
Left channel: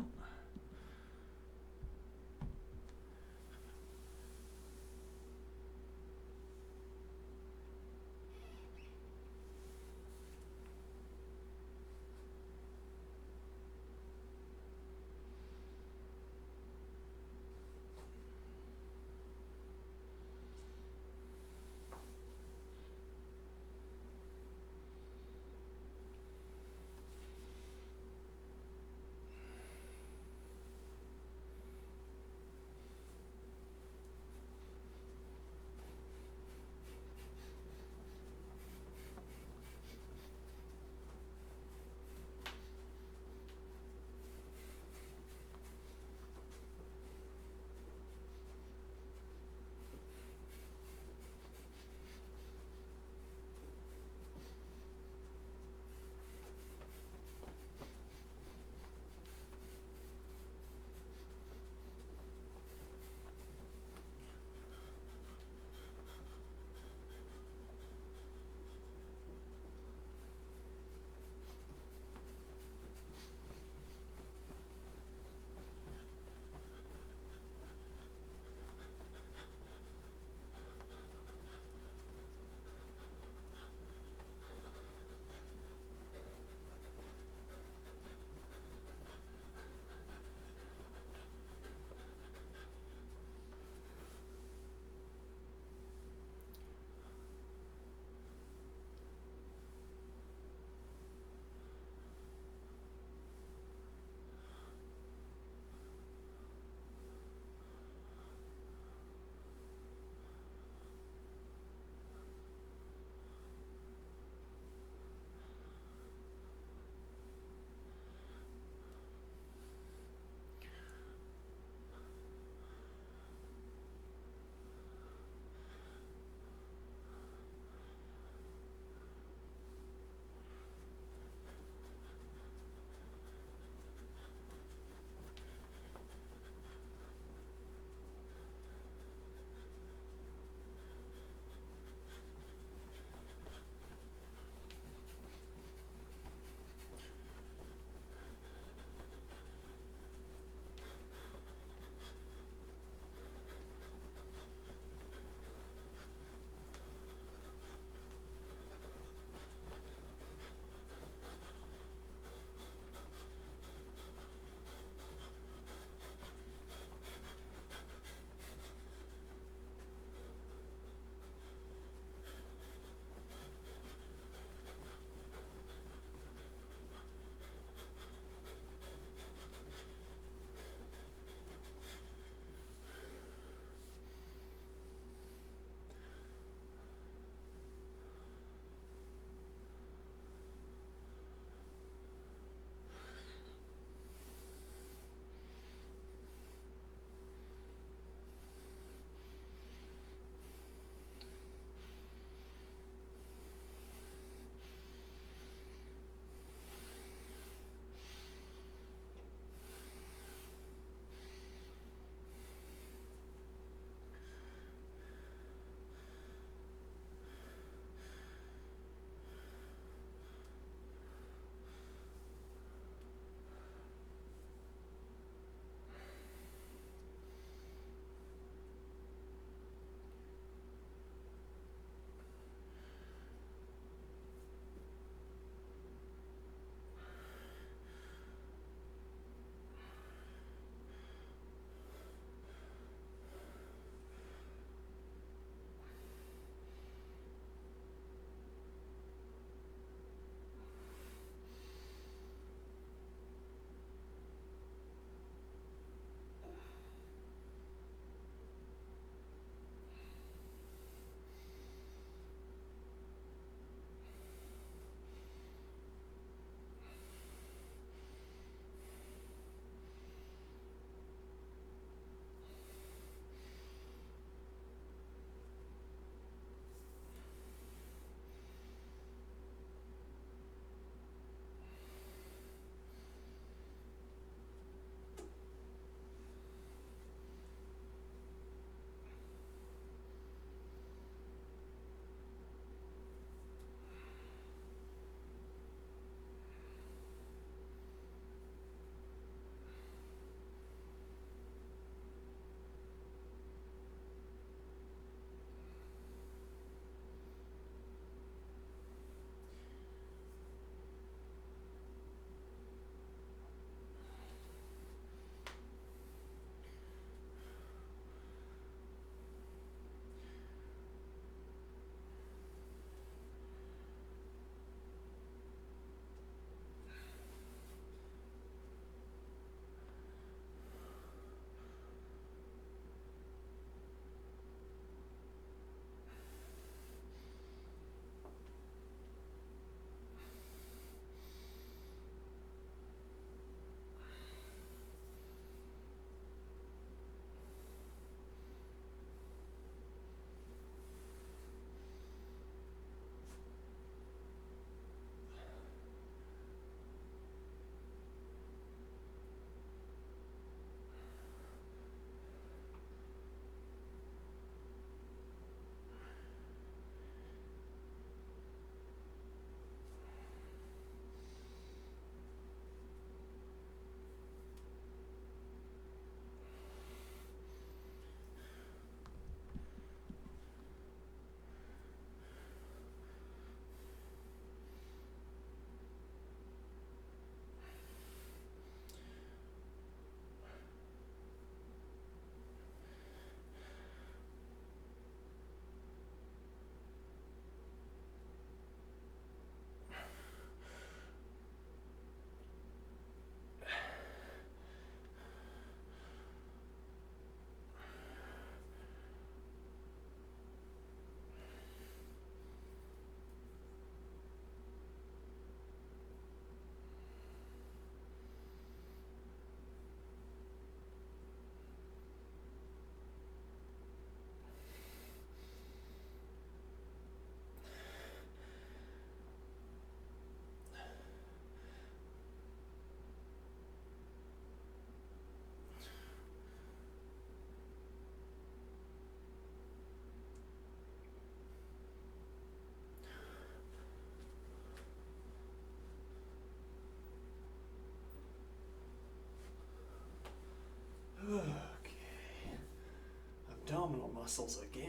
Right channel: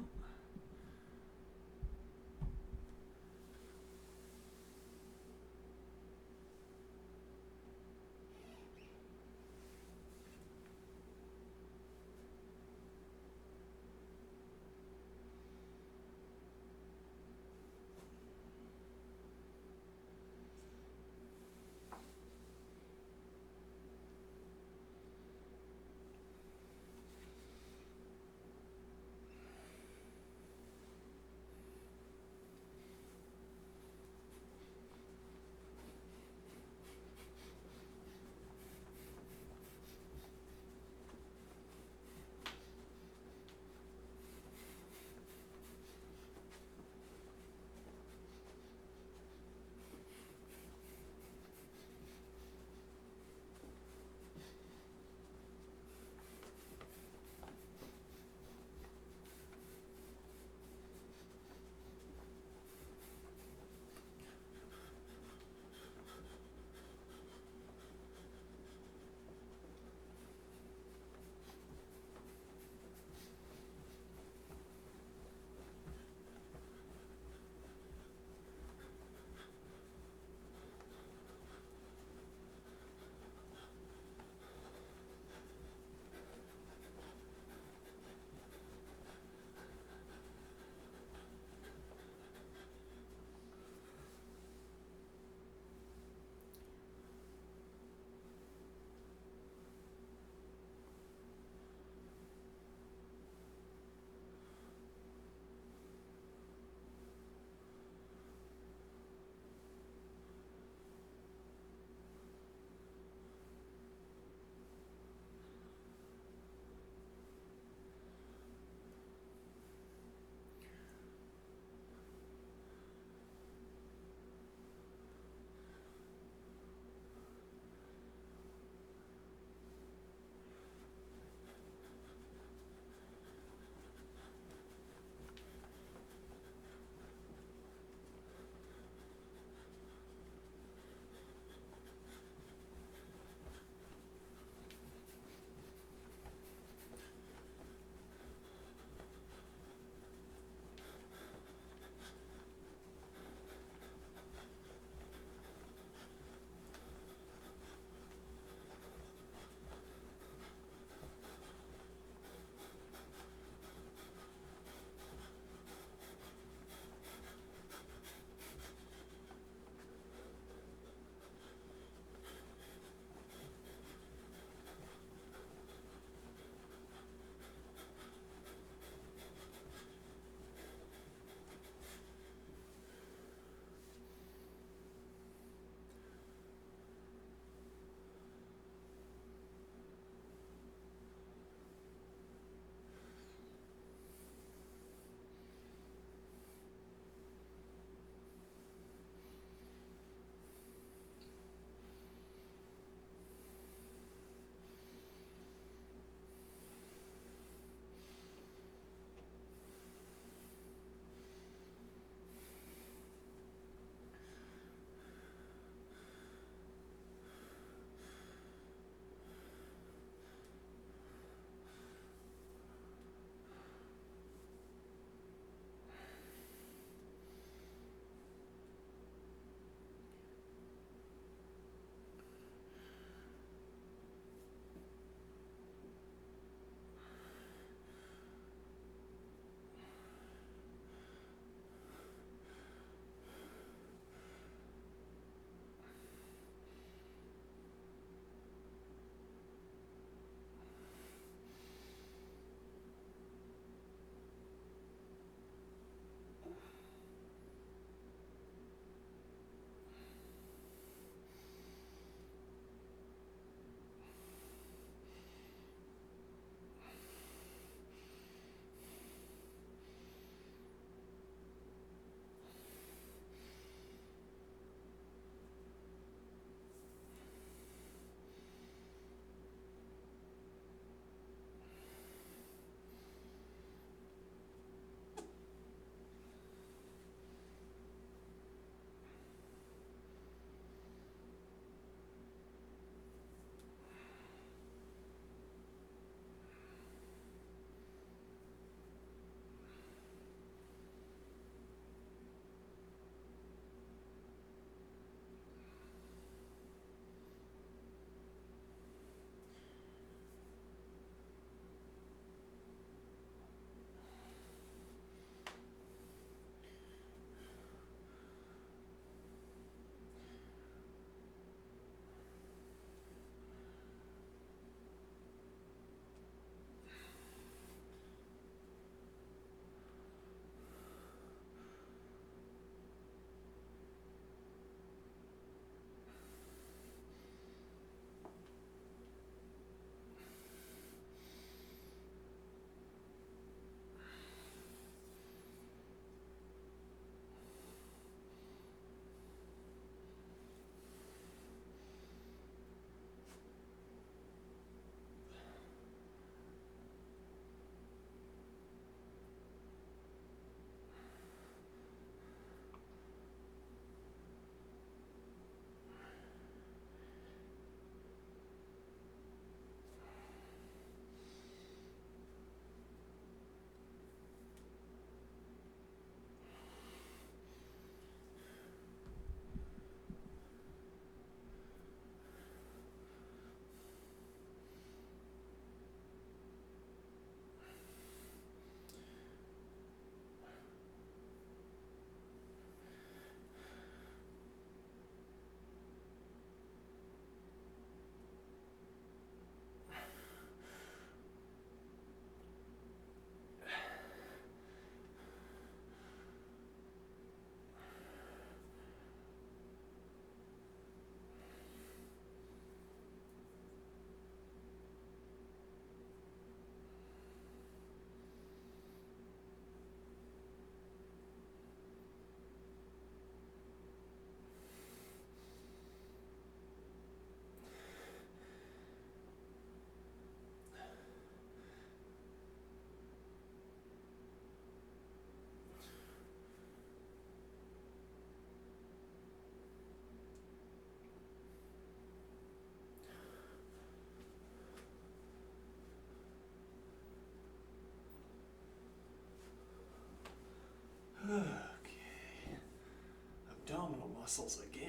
muscles again.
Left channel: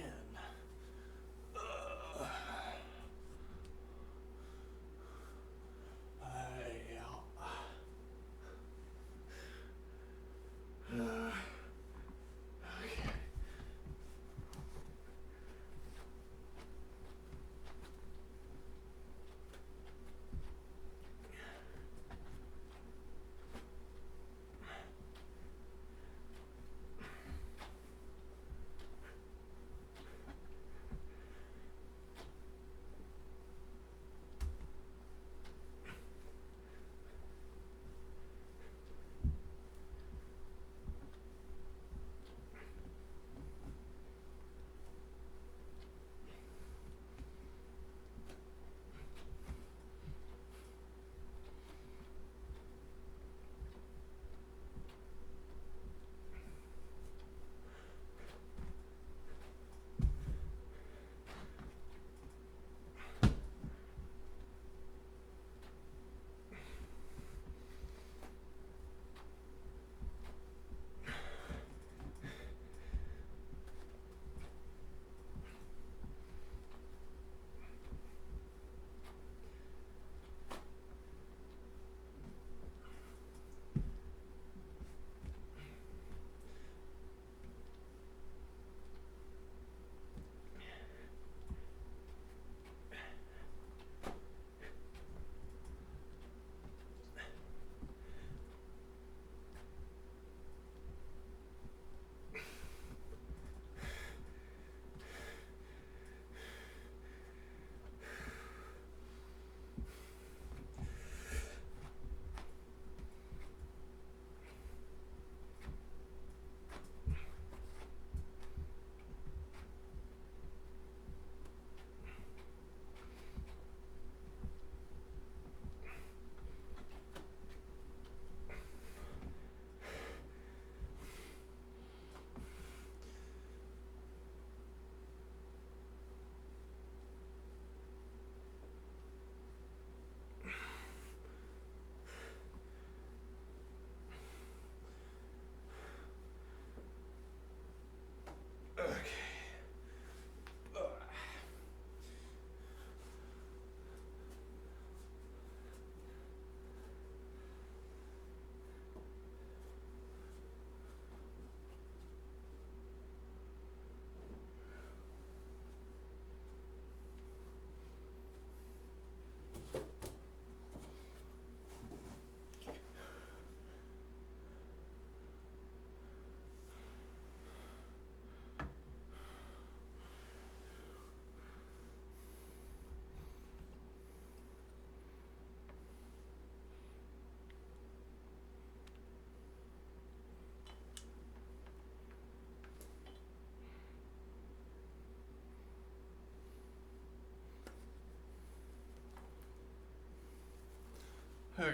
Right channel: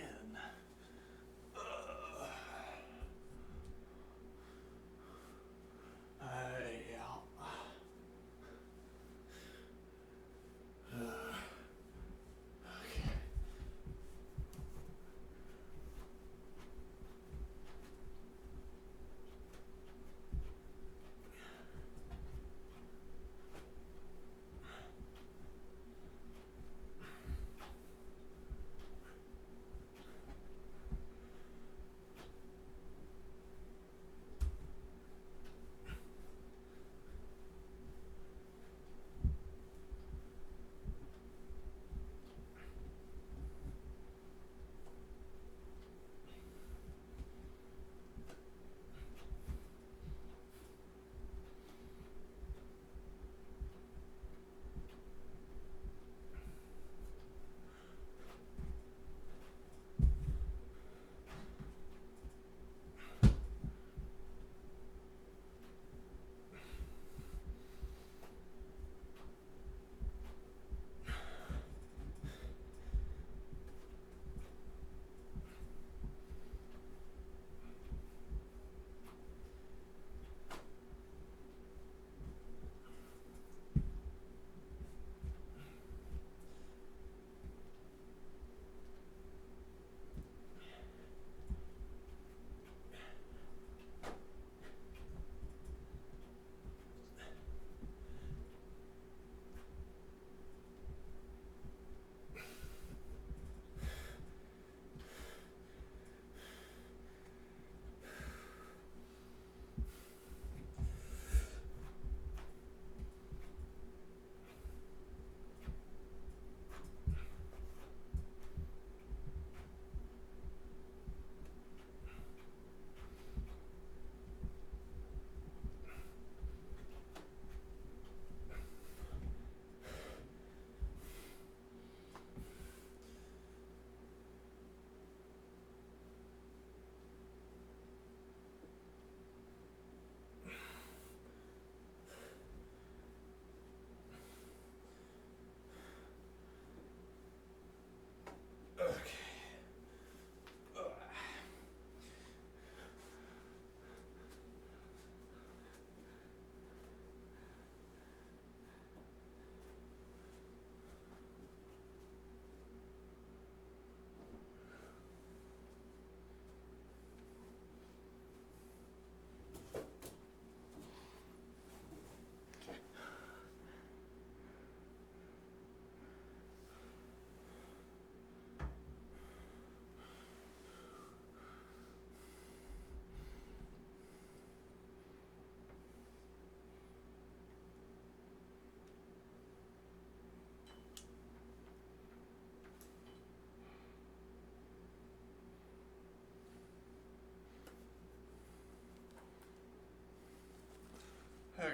Okay,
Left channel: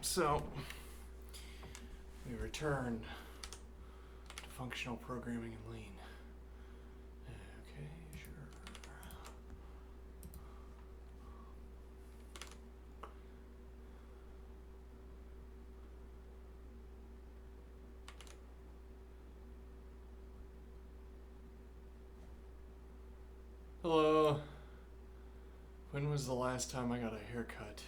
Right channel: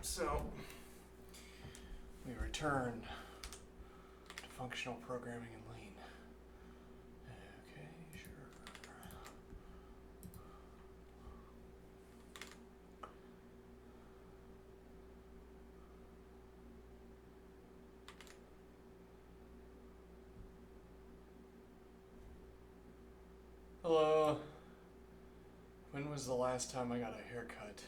so we return to functional programming and lean. Okay, sure. Hello. When was the last time I got a haircut?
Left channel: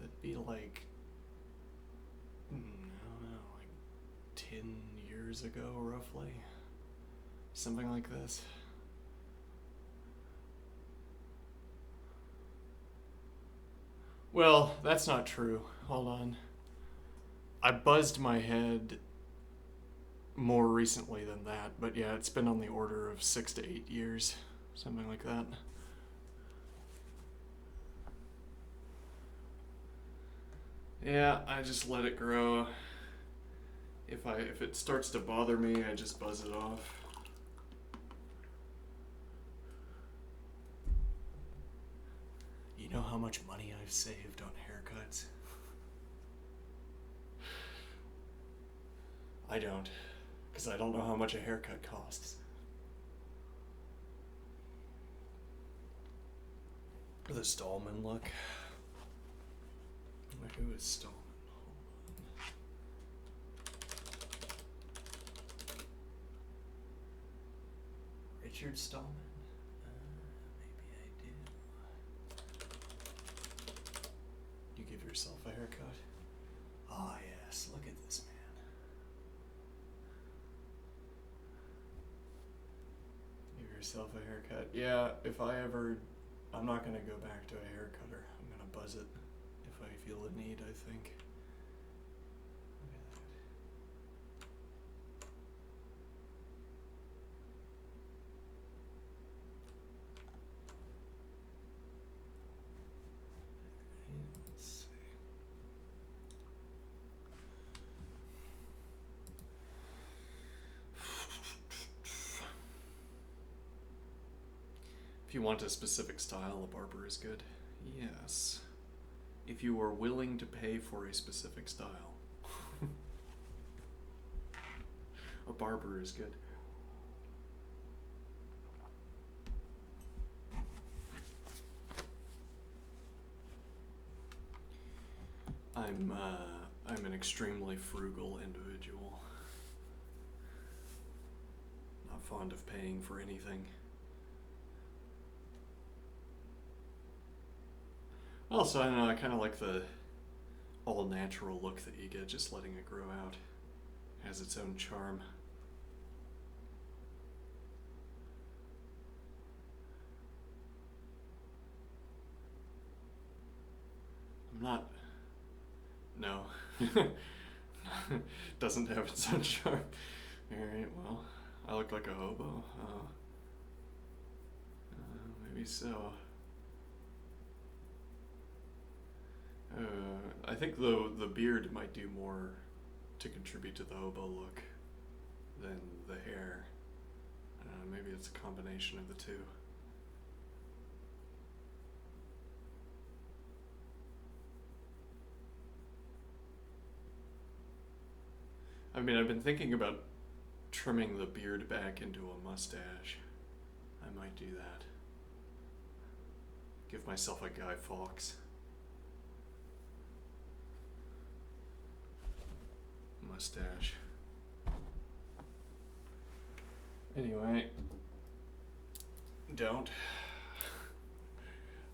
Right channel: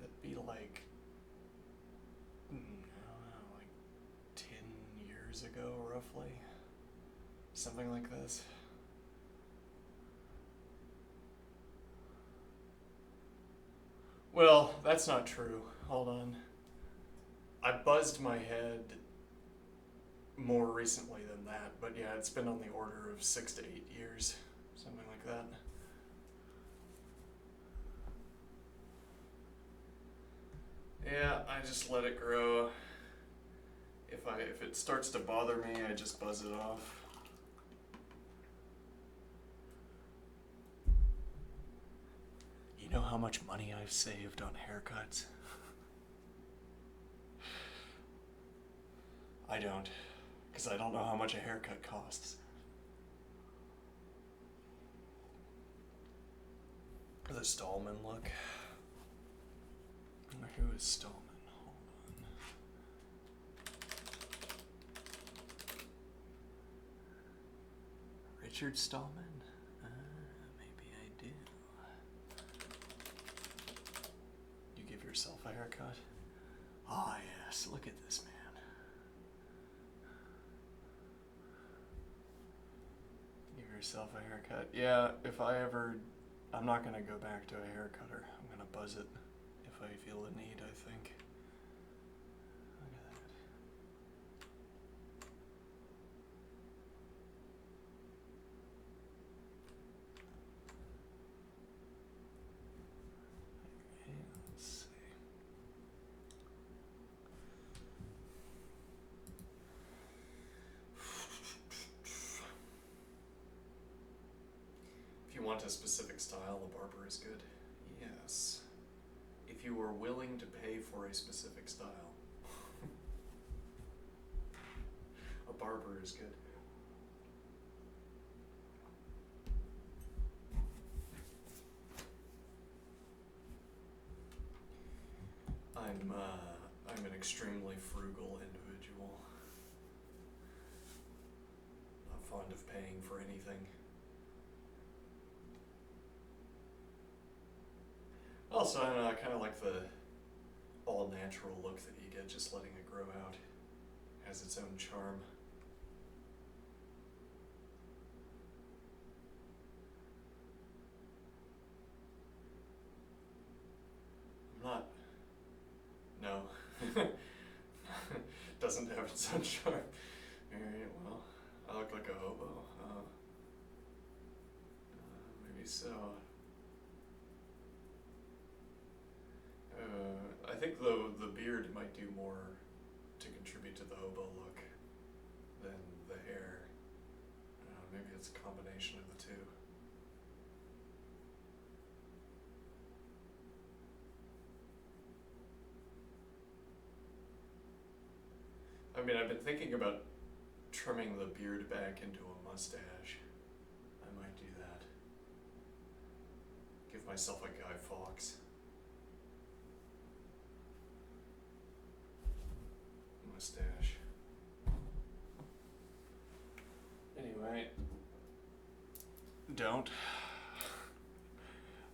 That'd be like, I don't know, like 10 years ago, roughly. Something like this. Well, that's not true. Hold on. I buzzed my head more recently than that, but yeah, it's been on the order of 6 to 8 years. Something like that. Yeah, I just let it grow. If it starts to bother me, I just buzz it off. You know how much money I've saved on haircuts? I don't, because I don't know how much a haircut costs. The Stallman look. Who is Stallman? Hold on. Richard Stallman? Maybe I do. You give yourself a haircut? Ah, yes, look at this man. Give yourself a haircut. Yeah, if I ever... I'm not gonna go back to a hair cutter. I'm gonna buzz it if I feel the need, I think. Look at that. Okay, let's see. If you want a specific style, a barber is good. Yes. If you are willing to pay for a specific style, a barber is good. I'm an extremely frugal individual. Not fond of paying for anything. Also, I don't know, I kind of like the all-natural look that you get just letting it grow out. It has its own charm. I'm not... No. Doesn't have its own charm. Alright, well, I look like a hobo. Maybe so. I think the beard might do more to contribute to the hobo look than the hair. I don't know, maybe it's a combination of the two. I mean, I've been thinking about trimming the beard back into a mustache. I might do that. Give myself a Guy Fawkes mustache. Anyway, don't.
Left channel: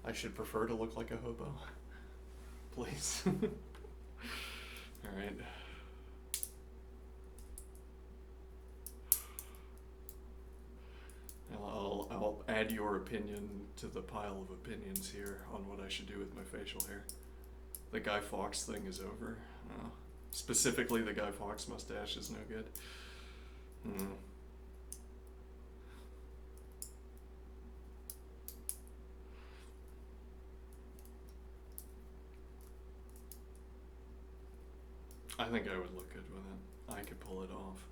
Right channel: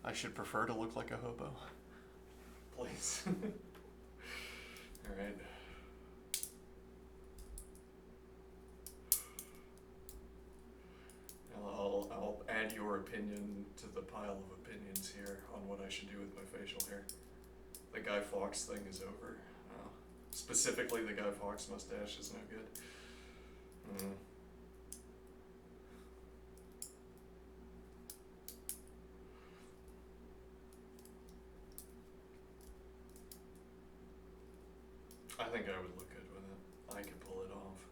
I should prefer to look like a hobo. Please. Alright. I'll add your opinion to the pile of opinions here on what I should do with my facial hair. The Guy Fawkes thing is over. Specifically, the Guy Fawkes mustache is no good. I think I would look good with it. I could pull it off.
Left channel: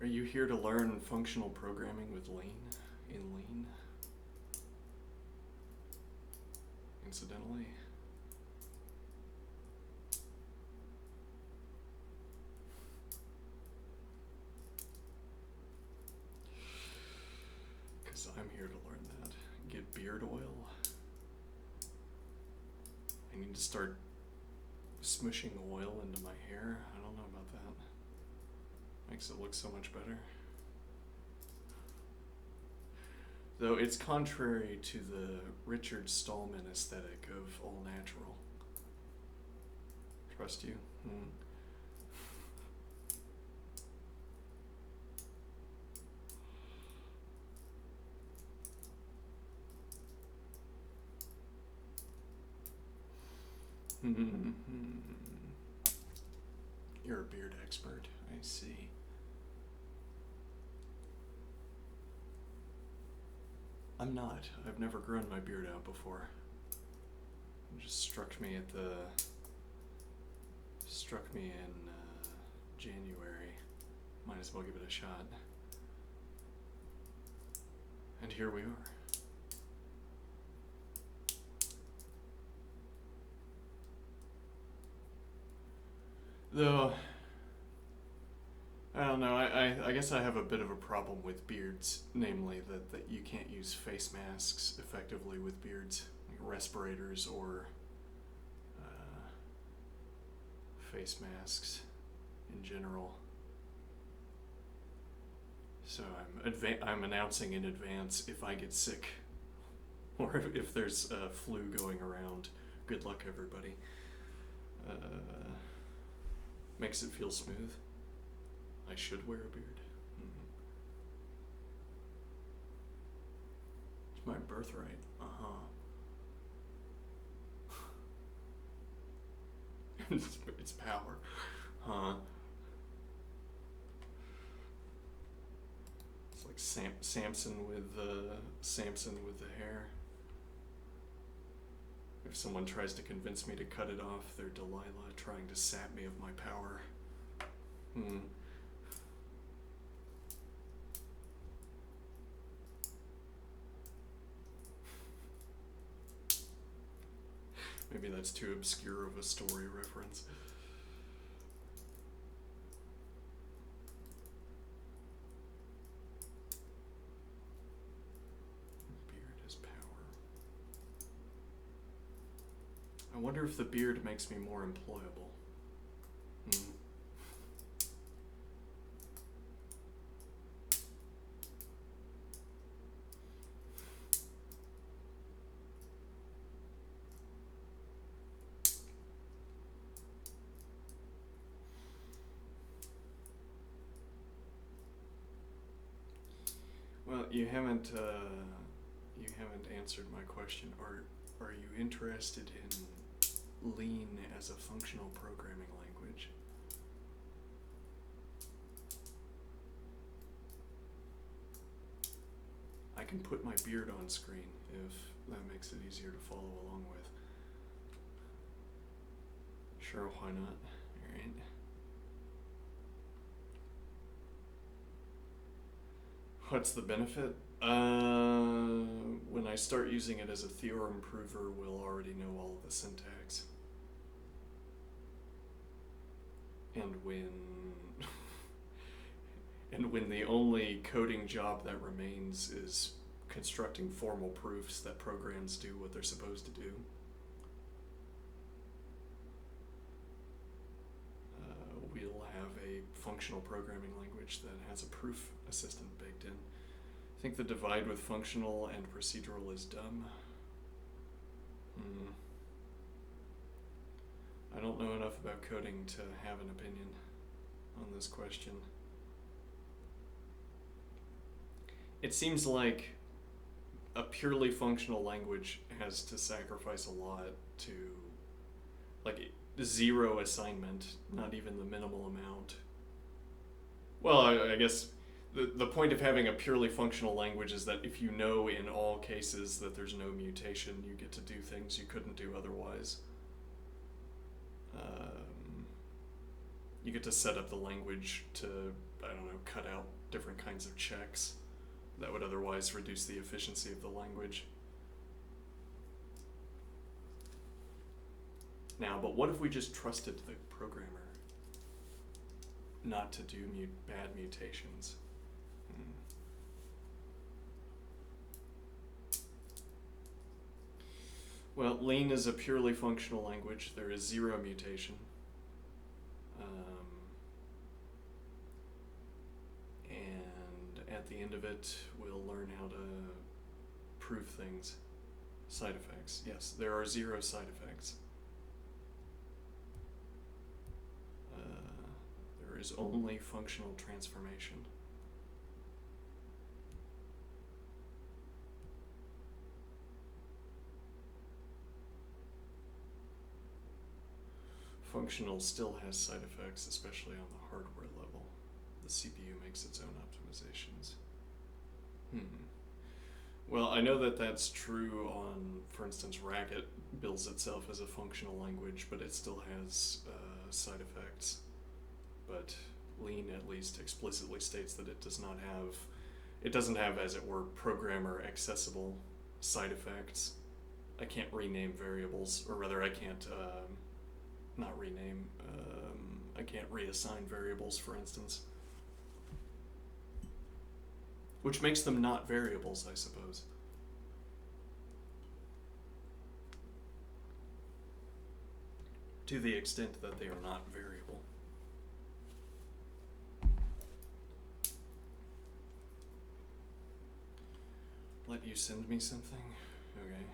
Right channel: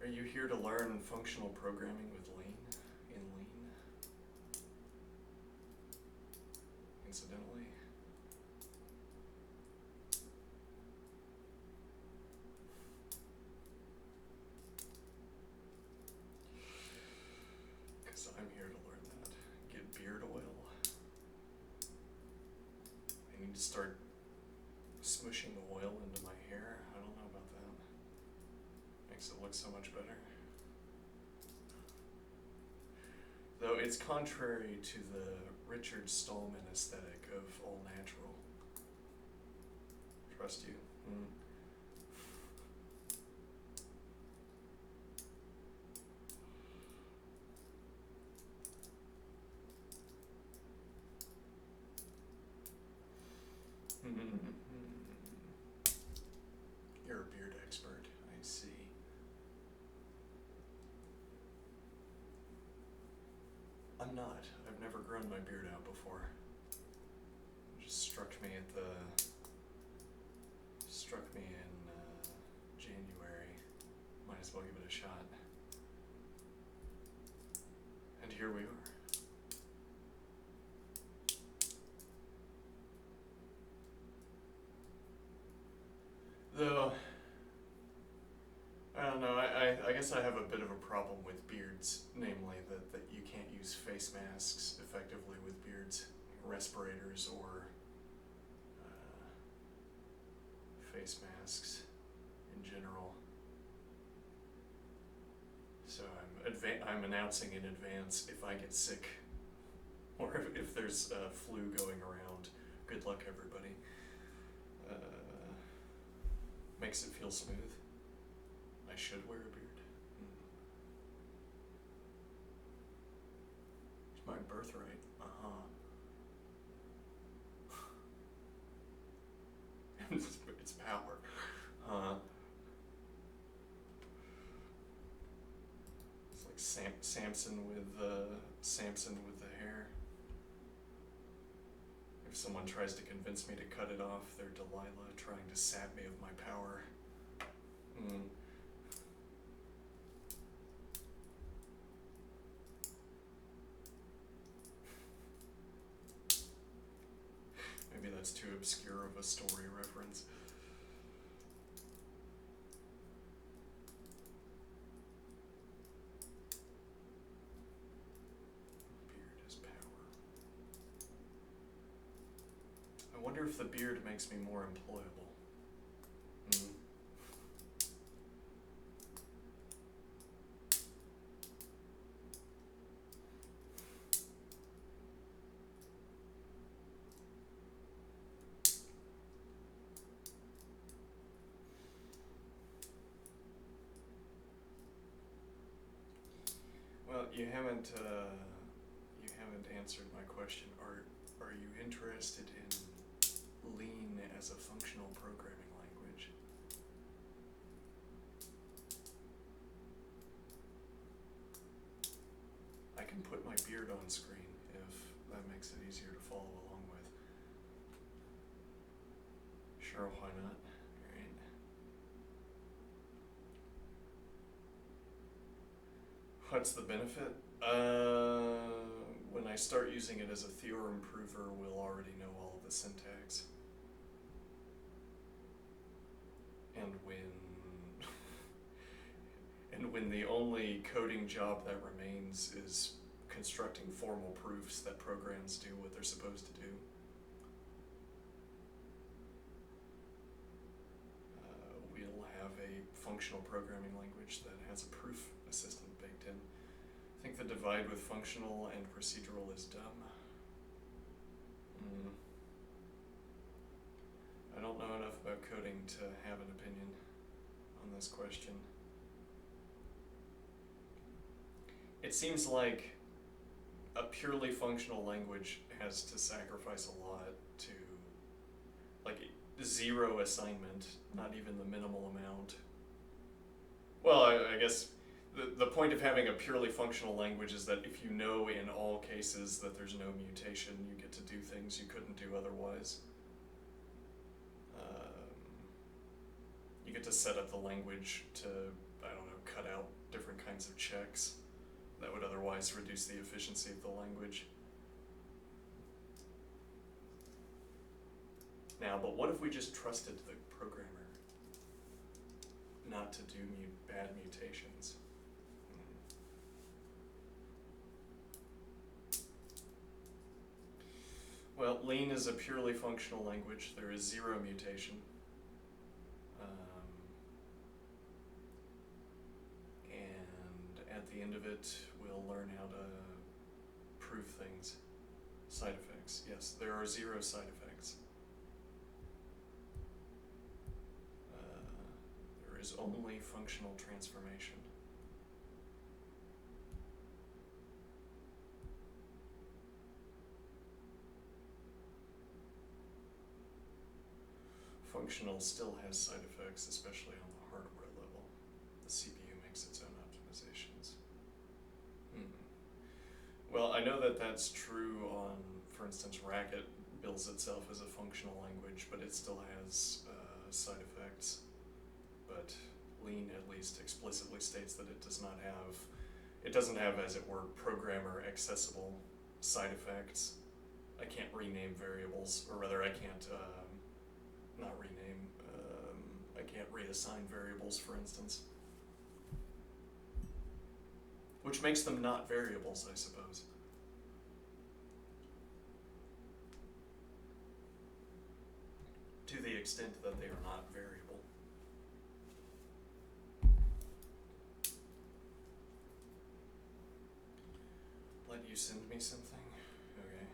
Are you here to learn functional programming with Lean? In Lean? Incidentally. Because I'm here to learn that. Get beard oil. I need to start smushing oil into my hair. I don't know about that. Makes it look so much better. Though it's contrary to the Richard Stallman aesthetic of all natural. Trust you? You're a beard expert, I see. I'm not. I've never grown my beard out before. It just struck me in January. Might as well give it a shot. And here we are. Though, I I don't know. I guess I have a bit of a problem with beards, namely that you can't use face masks effectively with beards, like respirators or face masks in general. So I'm announcing in advance if I get sick or if there's flu going around. Good luck, everybody. Makes it feel smooth. I should wear a beard. It's my birthright. It's power. Huh. It's like Samson with the hair. If someone tries to convince me to cut it off, they're Delilah trying to sap me of my power. Maybe that's too obscure of a story reference. Beard is power. I wonder if the beard makes me more employable. Well, you haven't answered my question. Are you interested in Lean as a functional programming language? I can put my beard on screen if that makes it easier to follow along with. Sure, why not? Alright. What's the benefit? When I start using it as a theorem prover, we'll already know all of the syntax. And when the only coding job that remains is constructing formal proofs that programs do what they're supposed to do, we'll have a functional programming language that has a proof assistant baked in. I think the divide with functional and procedural is dumb. I don't know enough about coding to have an opinion on this question. It seems like a purely functional language has to sacrifice a lot to, like, zero assignment, not even the minimal amount. Well, I guess the point of having a purely functional language is that if you know in all cases that there's no mutation, you get to do things you couldn't do otherwise. You get to set up the language to, I don't know, cut out different kinds of checks that would otherwise reduce the efficiency of the language. Now, but what if we just trusted the programmer not to do bad mutations? Well, Lean is a purely functional language. There is zero mutation. And at the end of it, we'll learn how to prove things. Side effects. Yes, there are zero side effects. There is only functional transformation. Functional still has side effects, especially on the hardware level. The CPU makes its own optimizations. Well, I know that that's true on, for instance, Racket bills itself as a functional language, but it still has side effects. But Lean at least explicitly states that it doesn't have, as it were, programmer accessible side effects. I can't rename variables, or rather I can't, not rename, I can't reassign variables, for instance. which makes them not variables, I suppose. To the extent that they are not variable. Let you send me something? Okay.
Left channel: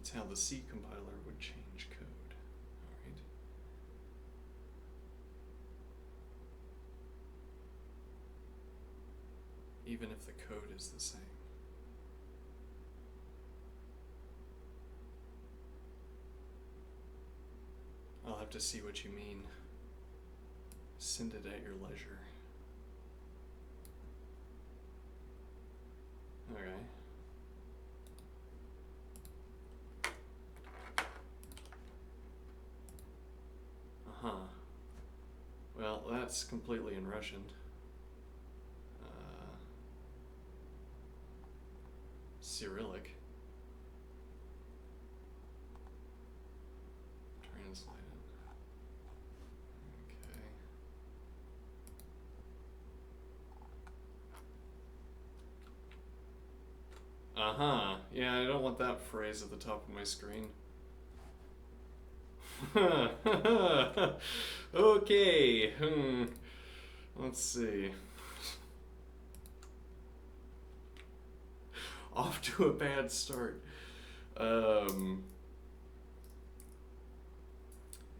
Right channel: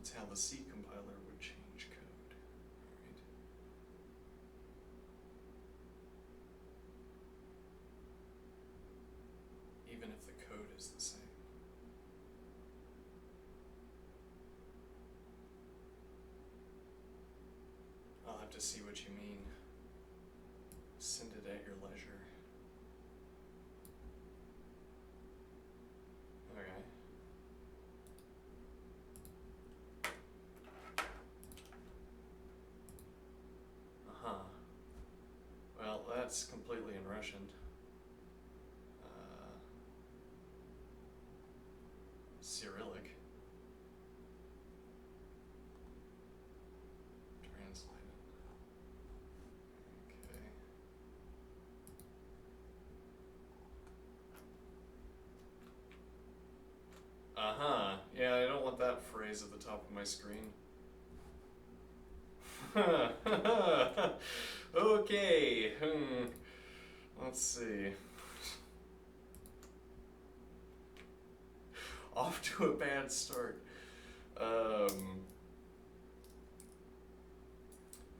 It's how the C compiler would change code. Alright. Even if the code is the same. I'll have to see what you mean. Send it at your leisure. Okay. Uh-huh. Well, that's completely in Russian. Cyrillic. Translate it. Okay. Uh-huh. Yeah, I don't want that phrase at the top of my screen. Okay. Let's see. Off to a bad start.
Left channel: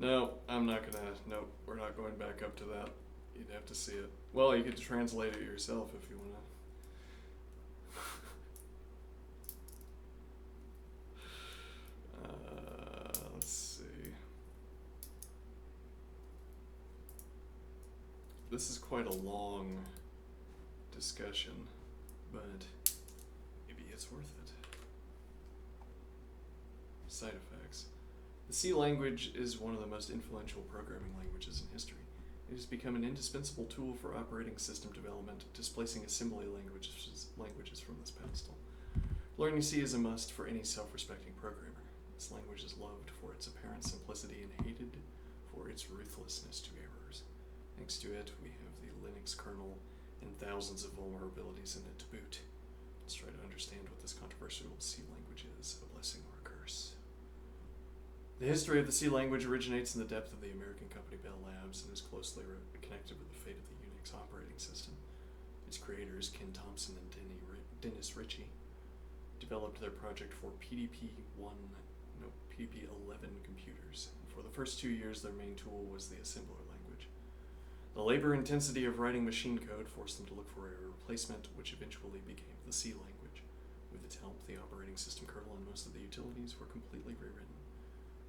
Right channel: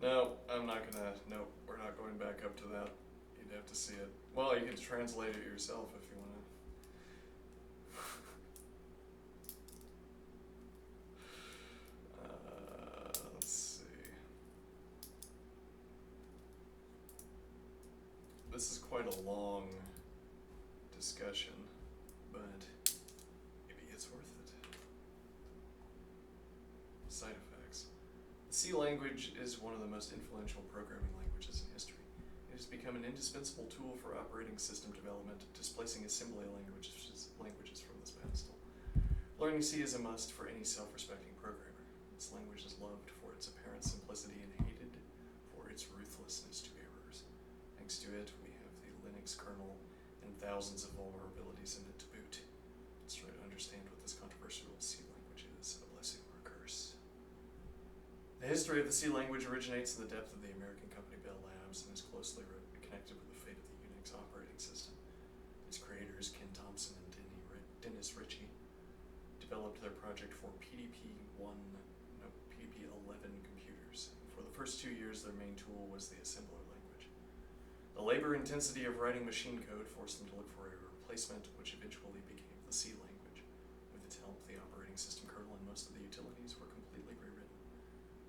No, I'm not gonna. Nope, we're not going back up to that. You'd have to see it. Well, you could translate it yourself if you wanna. Let's see. This is quite a long discussion, but maybe it's worth it. Side effects. The C language is one of the most influential programming languages in history. It has become an indispensable tool for operating system development, displacing assembly languages from this pedestal. Learning C is a must for any self-respecting programmer. This language is loved for its apparent simplicity and hated for its ruthlessness to errors. Thanks to it, we have the Linux kernel and thousands of vulnerabilities in it to boot. Let's try to understand what this controversial C language is, a blessing or a curse. The history of the C language originates in the depth of the American company Bell Labs and is closely connected with the fate of the Unix operating system. Its creators, Ken Thompson and Dennis Ritchie, developed their project for PDP-11 computers. And for the first 2 years, their main tool was the assembler language. The labor intensity of writing machine code forced them to look for a replacement, which eventually became the C language. With its help, the operating system kernel and most of the utilities were completely rewritten.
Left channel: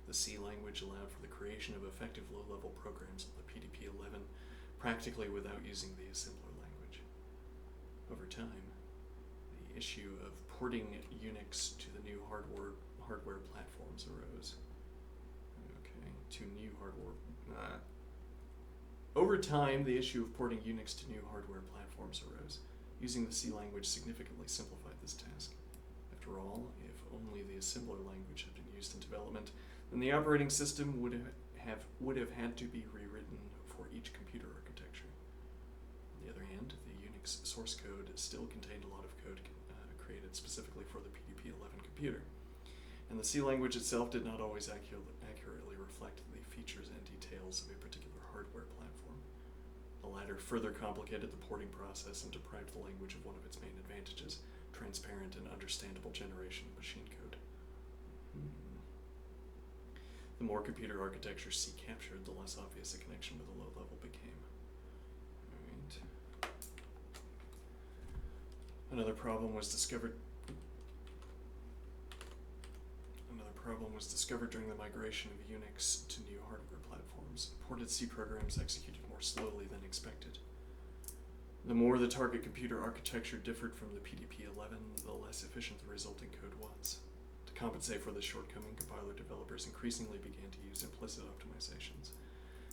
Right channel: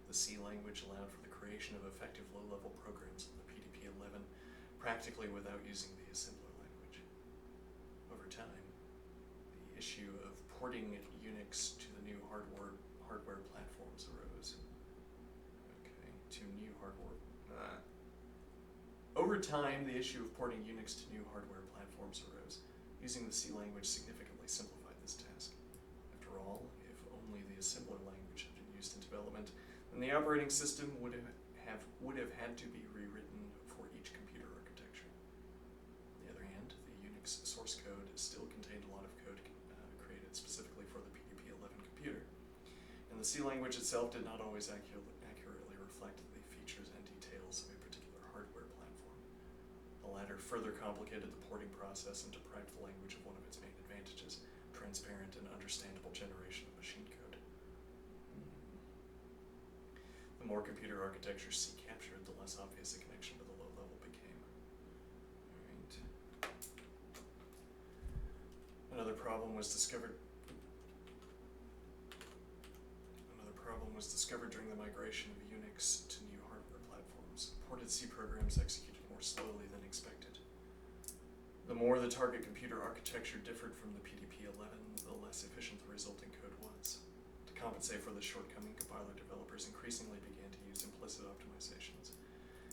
The C language allowed for the creation of effective low-level programs on the PDP-11 practically without using the assembler language. Over time, the issue of porting Unix to the new hardware platforms arose. Over time, the issue of porting Unix to new hardware platforms arose. Using the C language significantly simplified this task. After all, if only the assembler language had been used in development, then the operating system would have had to be rewritten for each computer architecture. On the other hand, the Unix source code still contained a lot of code created specifically for the PDP-11 computer, and the C language itself did not always accurately reflect the features and details of a particular hardware platform. The latter further complicated the porting process and deprived the language of one of its main advantages, transparent and understandable generation of machine code. The more computer architecture C captured, the less obvious a connection with the low level became. Alright. Another problem was discovered during the migration of Unix to new hardware platforms. Ported C programs executed more slowly than expected. The more the target computer architecture differed from the PDP-11, the less efficient the resulting code was. To compensate for this shortcoming, compiler developers increasingly began to use implicit optimizations.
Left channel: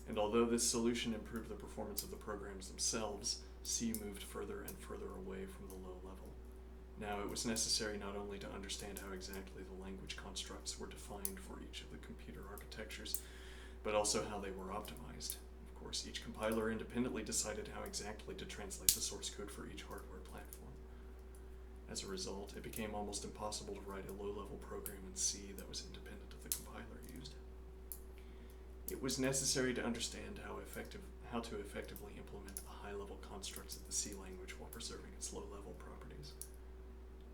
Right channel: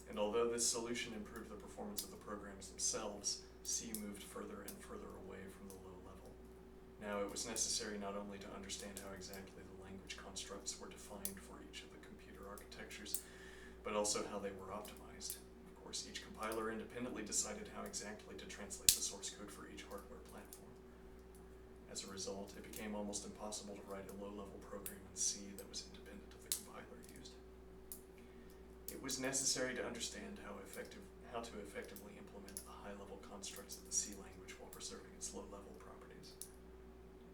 And although this solution improved the performance of the programs themselves, C moved further and further away from the low level. Now, it was necessary not only to understand how exactly the language constructs were defined for each of the computer architectures, but also how they were optimized. Of course, each compiler independently decided how exactly to translate the source code for each hardware platform. As a result, it became almost impossible to write a low-level program in C that was independent of the compiler used. It was necessary to understand how to effectively implement the high-level constructs of the C language while preserving its low-level properties.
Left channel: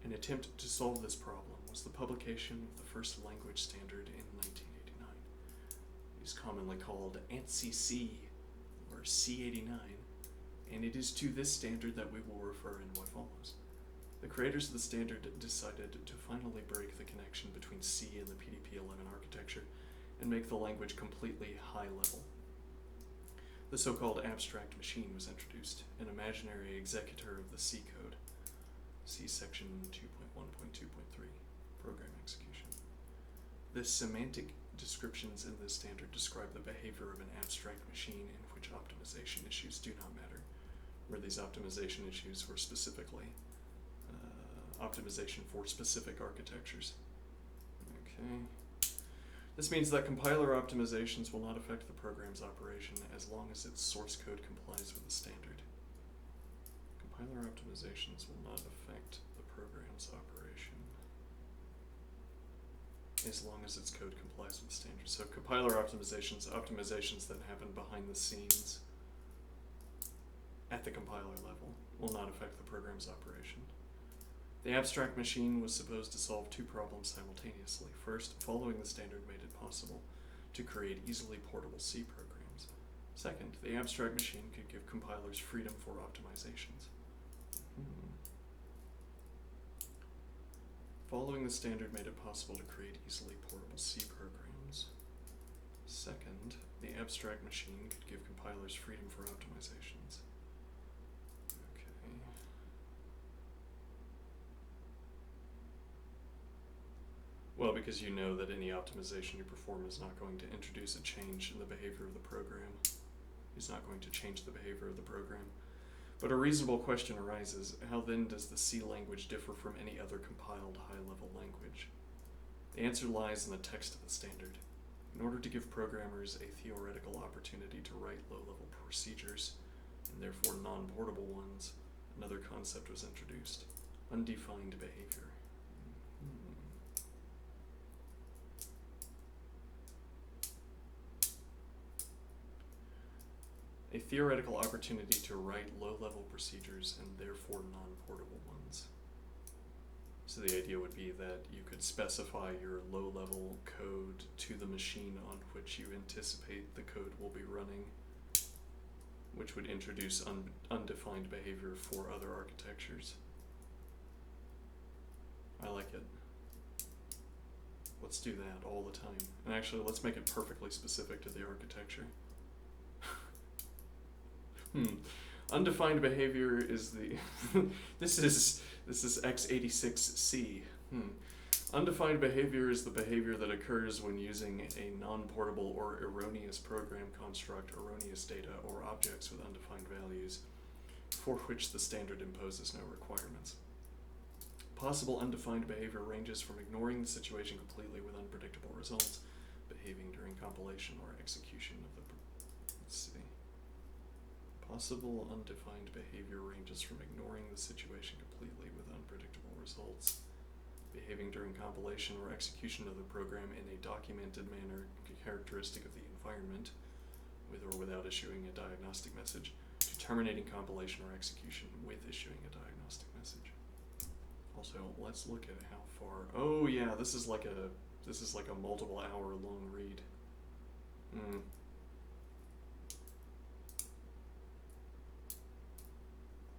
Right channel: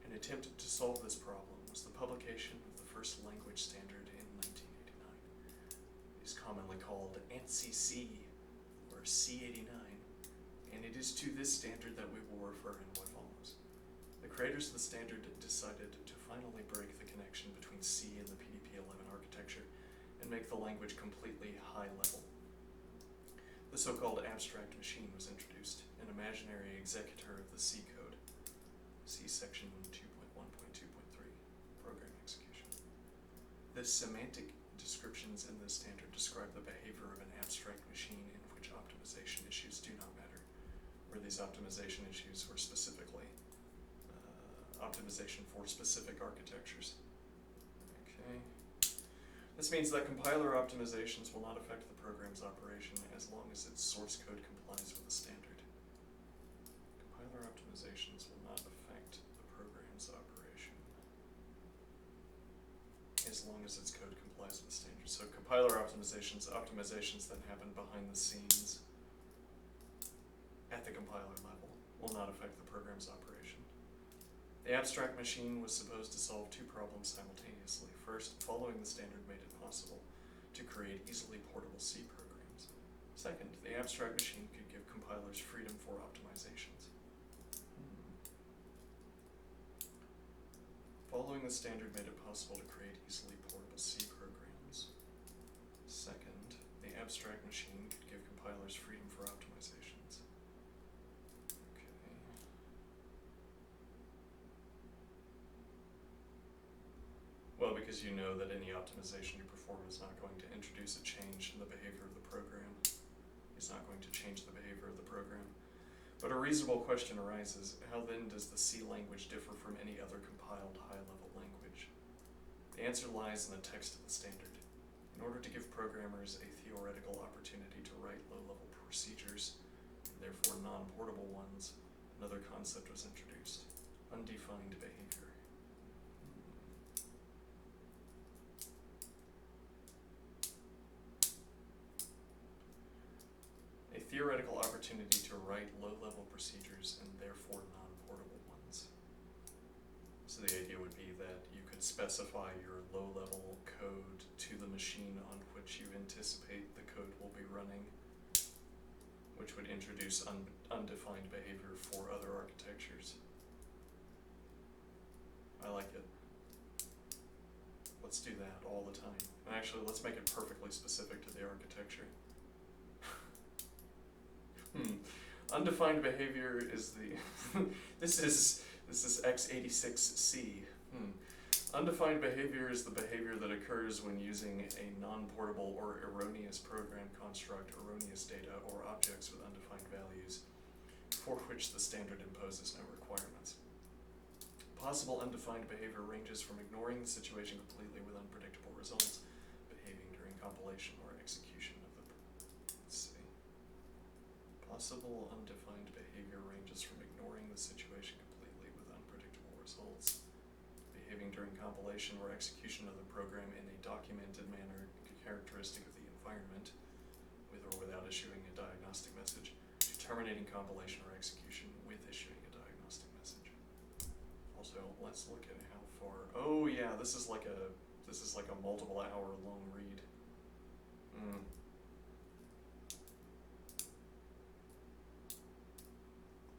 An attempt to solve this problem was the publication of the first language standard in 1989. It is commonly called ANSI-C, or C89, and it is to this standard that we will refer in what follows. The creators of the standard decided to finally break the connection between C and the PDP-11 architecture and make the language completely high-level. The so-called abstract machine was introduced, an imaginary executor of the C code. See section 2.1.2.3, program execution. The semantic descriptions in this standard describe the behavior of an abstract machine in which optimization issues do not matter, where these optimization issues were specifically optimization for specific architectures. Okay. This means that compiler optimizations will not affect the program's operation as long as its source code complies with the standard. Compiler optimizations will not affect the program's operation as long as its code complies with the standard. So compiler optimizations that happen behind the scenes at the compiler level, will not affect the program's operation. The abstract machine was supposed to solve two problems simultaneously. First, following the standard made it possible to create easily portable C programs. Second, the abstract machine could give compilers freedom for optimizations. Following the standard made it possible to create easily portable C programs. Second, the abstract machine could give compilers freedom for optimizations. Okay. Well, because you know that any optimization you perform is not going to introduce a change in the behavior of the program. It's not going to change the behavior of the program. But a reasonable question arises, how then does the C language differ from any other compiled high-level language? The answer lies in the text of the standard. In order to give programmers a theoretical opportunity to write low-level procedures, and therefore non-portable ones, another concept was introduced: undefined behavior. A theoretical opportunity to write low-level procedures and therefore non-portable ones. So the idea would be that you could specify your low-level code to the machine on which you anticipate the code will be running, which would introduce undefined behavior for other architectures. I like it. Let's do that all the time. And actually, let's make it perfectly specific to the architecture. Undefined behavior is the this is x86C. Undefined behavior is the behavior that occurs when using a non-portable or erroneous program construct erroneous data or objects with undefined values for which the standard imposes no requirements. Possible undefined behavior ranges from ignoring the situation completely with unpredictable results, behaving during compilation or execution of the Possible undefined behavior ranges from ignoring the situation completely with unpredictable results, behaving during compilation or execution of the program in a documented manner characteristic of the environment, with or without issuing a diagnostic message, to terminating compilation or execution with issuing a diagnostic message. Also, let's look at how far. Oh yeah, this is like a multiple hour long read.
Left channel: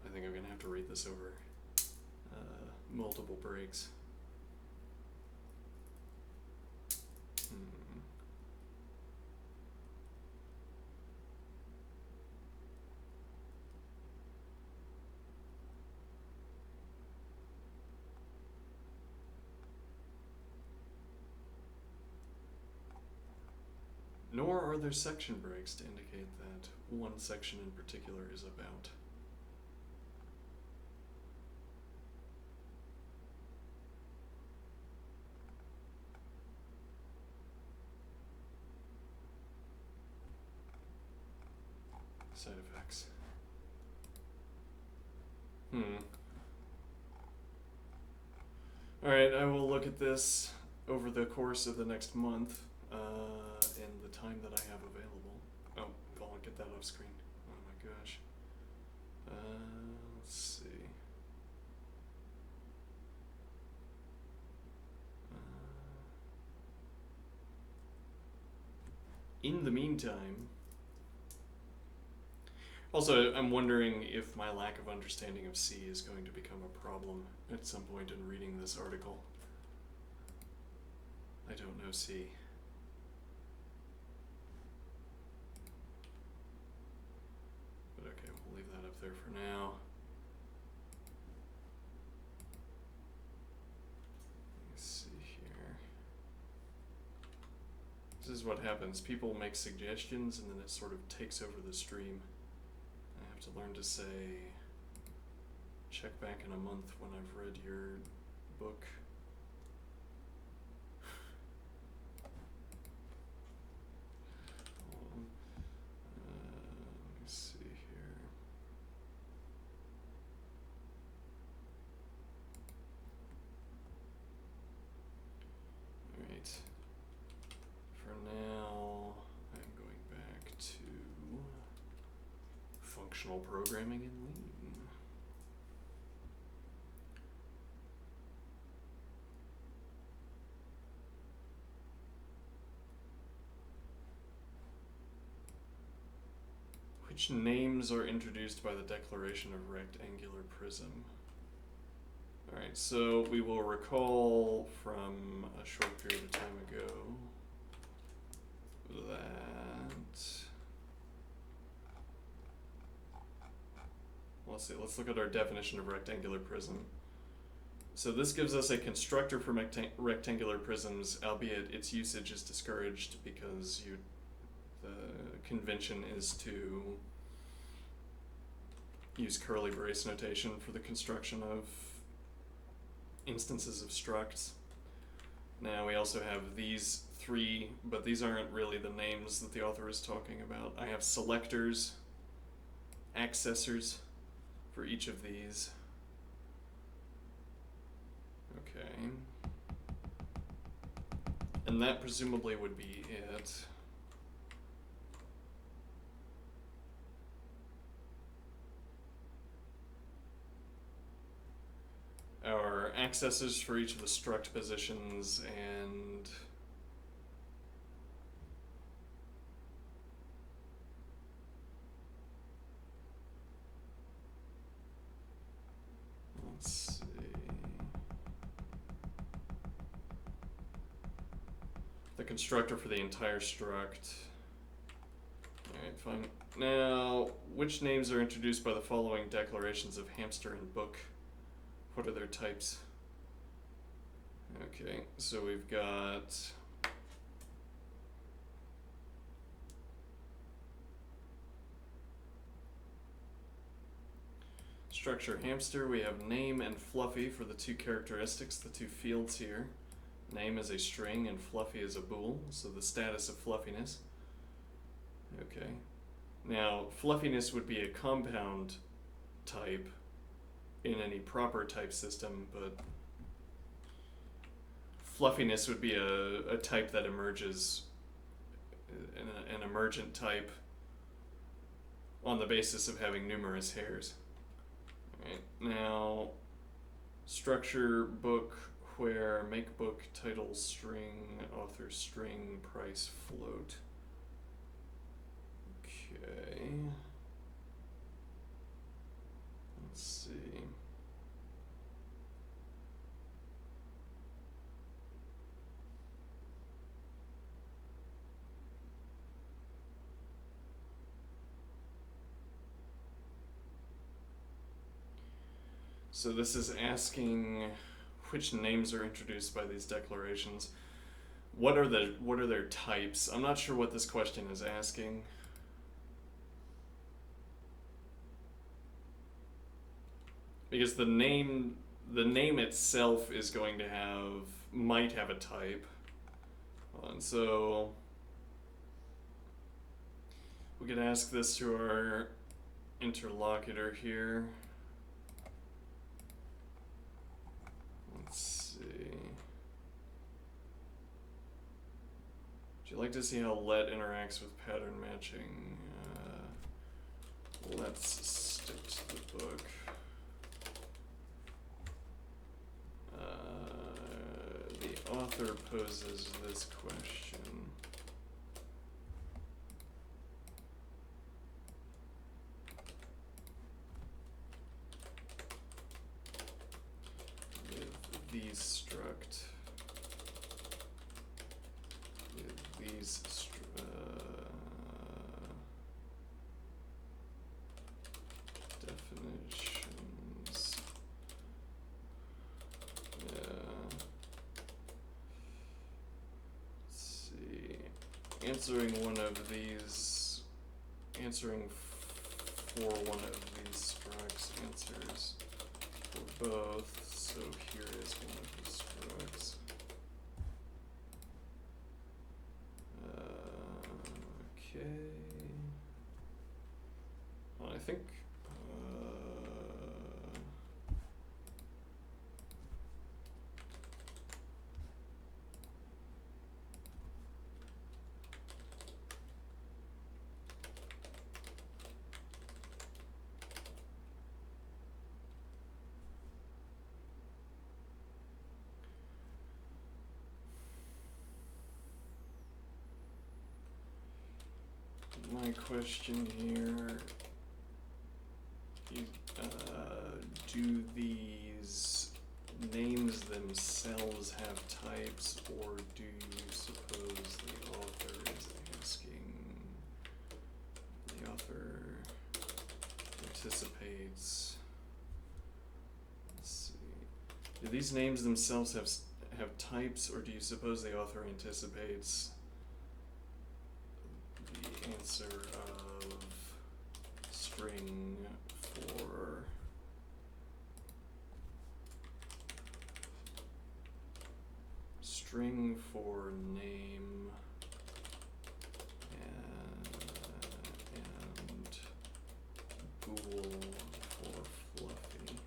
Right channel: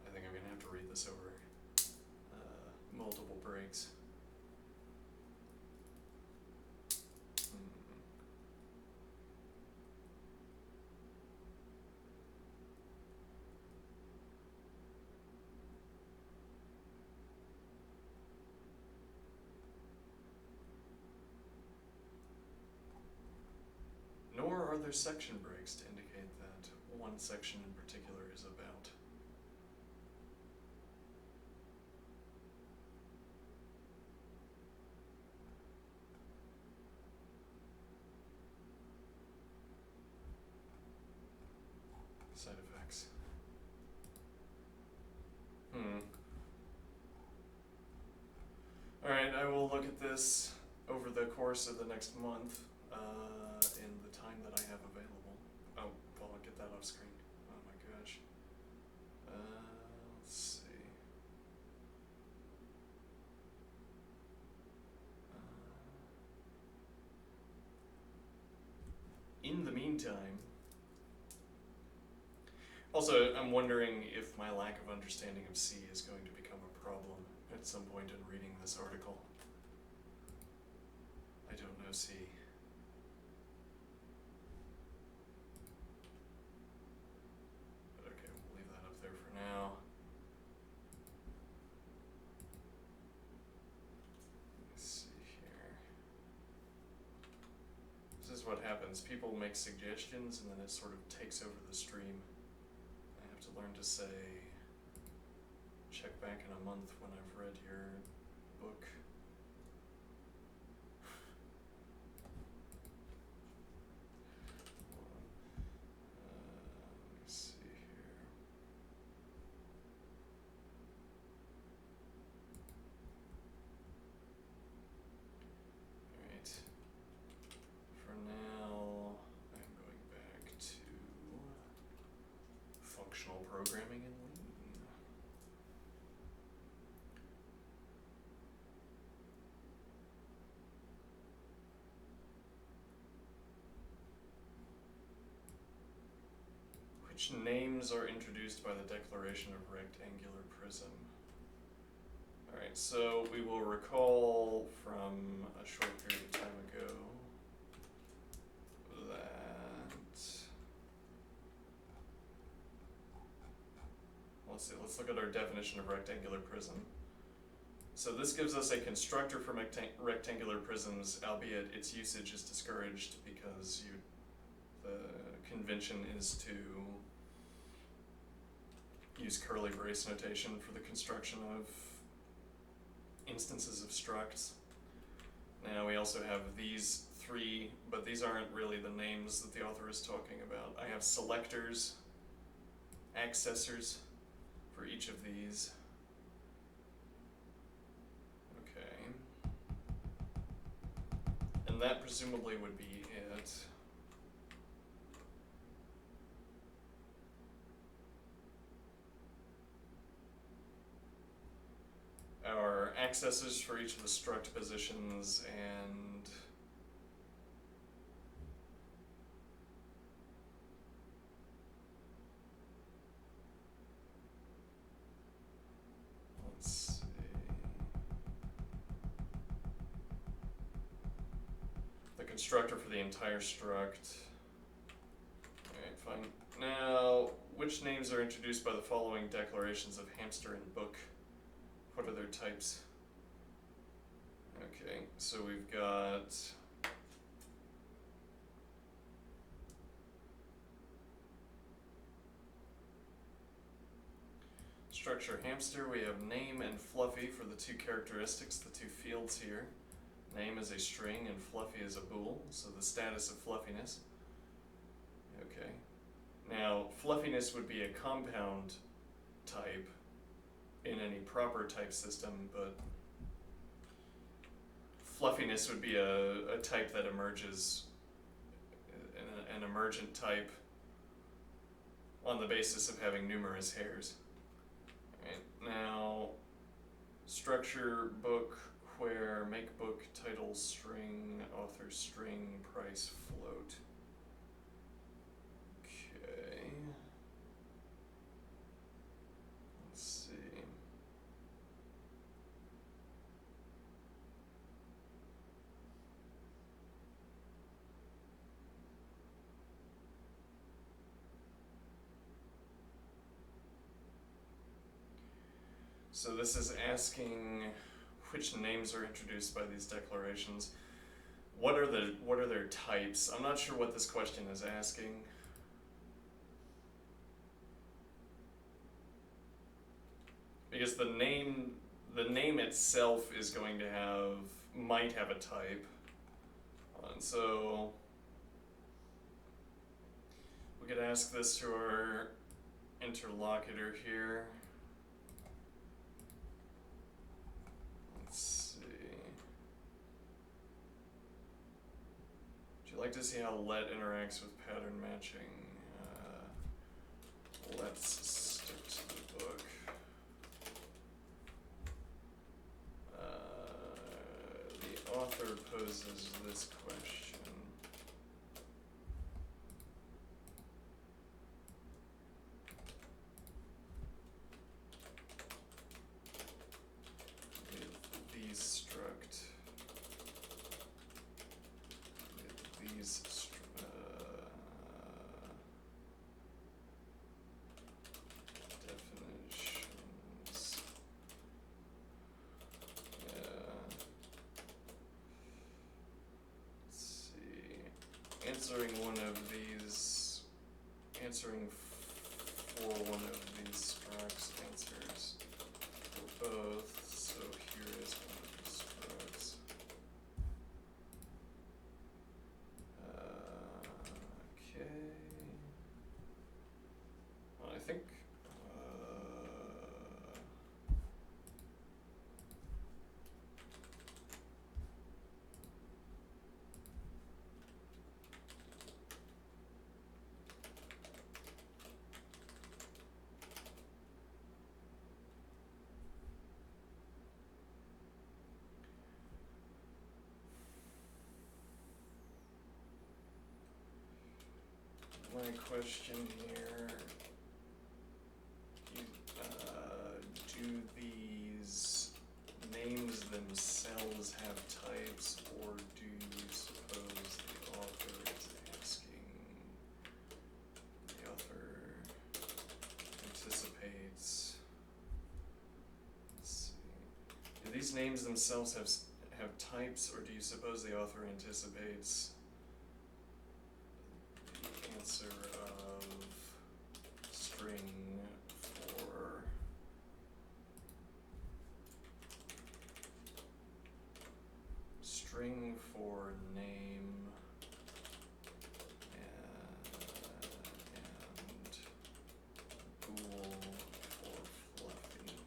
I think I'm gonna have to read this over multiple breaks. Nor are there section breaks to indicate that one section in particular is about. Side effects. Alright, I will look at this over the course of the next month, in the time that I have available. Oh, I'll get that off screen. Oh my gosh. Let's see. In the meantime, also, I'm wondering if my lack of understanding of C is going to become a problem at some point in reading this article. I don't know C. But okay, we'll leave that up there for now. Let me see here. This is what happens. People make suggestions and then it sort of takes over the stream. I have to learn to say, check back in a month when I've read your book. Hold on. Let me see here. Alright. For now, I'm going back to functional programming in Lean. Which names are introduced by the declaration of rectangular prism? Alright, so we will recall from a short period of time ago that... Let's look at our definition of rectangular prism. So this gives us a constructor for rectangular prisms, albeit its usage is discouraged because the convention is to use curly brace notation for the construction of instances of structs. Now we also have these three, but these aren't really the names that the author is talking about. I have selectors, accessors for each of these. Okay. And that presumably would be it. Our accessors for each of the struct positions and let's see. The constructor for the entire struct. Alright, fine. Now, which names are introduced by the following declarations of hamster and book? What are their types? Okay, so we've got structure hamster. We have name and fluffy for the two characteristics, the two fields here. Name is a string and fluffy is a bool, so the status of fluffiness. Okay. Now, fluffiness would be a compound type in any proper type system, but fluffiness would be a type that emerges, an emergent type on the basis of having numerous hairs. Alright, now structure book, where, make book, title, string, author, string, price, float. Okay. Let's see. So this is asking which names are introduced by these declarations. What are their types? I'm not sure what this question is asking. Because the name itself is going to might have a type. And so We could ask this to our interlocutor here. Let's see. Would you like to see how let interacts with pattern matching? Let's stick to the book. The author poses this question. With these struct, with these definitions. Let's see. Answering for one of these structs answers for both. So here is one of the structs. Okay. Well, I think. My question here, do these names themselves have types, or do you suppose the author is asking, the author anticipates, let's see, do these names themselves have types, or do you suppose the author anticipates answer of string for name and bool for fluffy.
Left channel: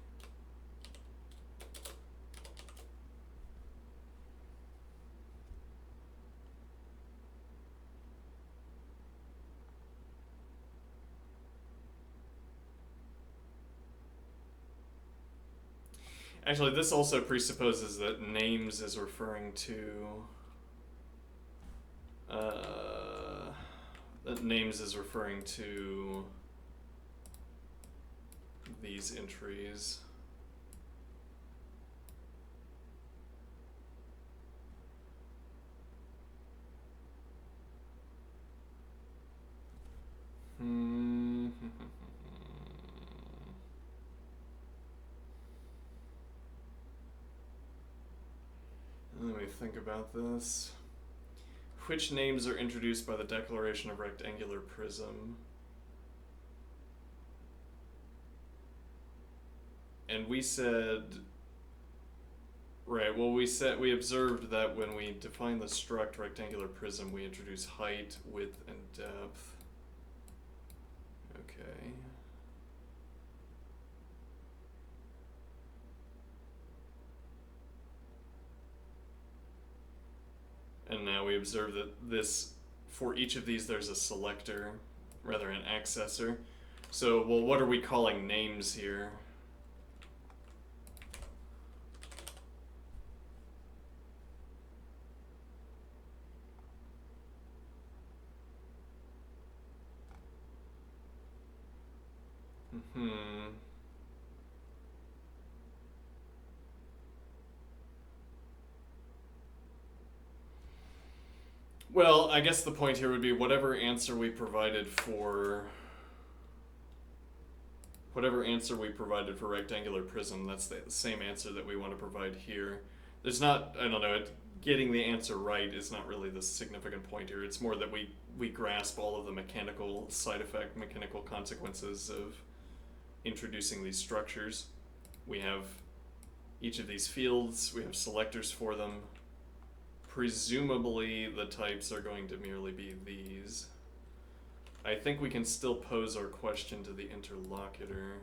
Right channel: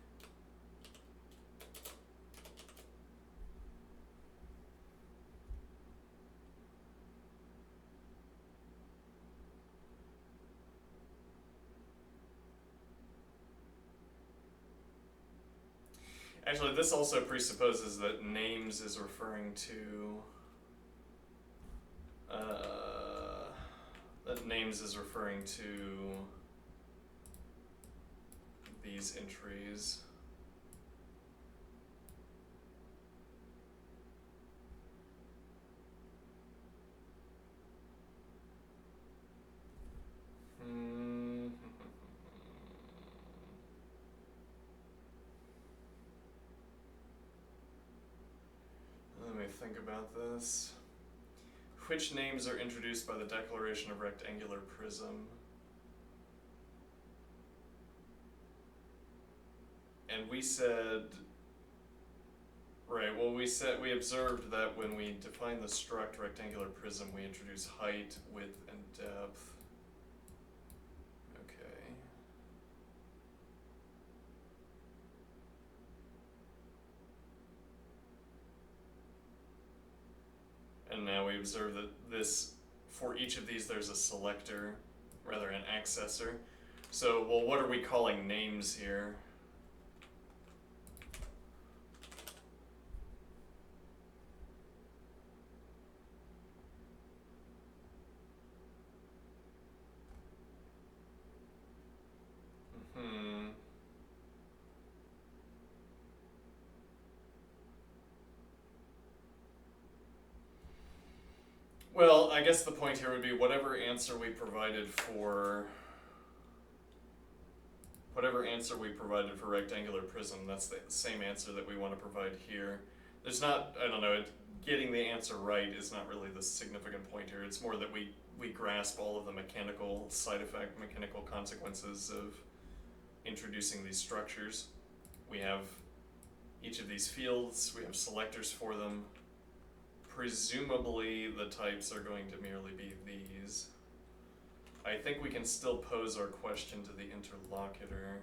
Actually, this also presupposes that names is referring to these entries. Let me think about this. Which names are introduced by the declaration of rectangular prism? And we said, right, well we observed that when we define the struct rectangular prism, we introduce height, width, and depth. Okay. And now we observe that for each of these there's a selector, rather an accessor. So, well, what are we calling names here? Well, I guess the point here would be whatever answer we provided for rectangular prism, that's the same answer that we want to provide here. There's not, I don't know, getting the answer right is not really the significant point here. It's more that we grasp all of the mechanical consequences of introducing these structures. We have each of these fields, we have selectors for them. Presumably the types are going to merely be these. I think we can still pose our question to the interlocutor.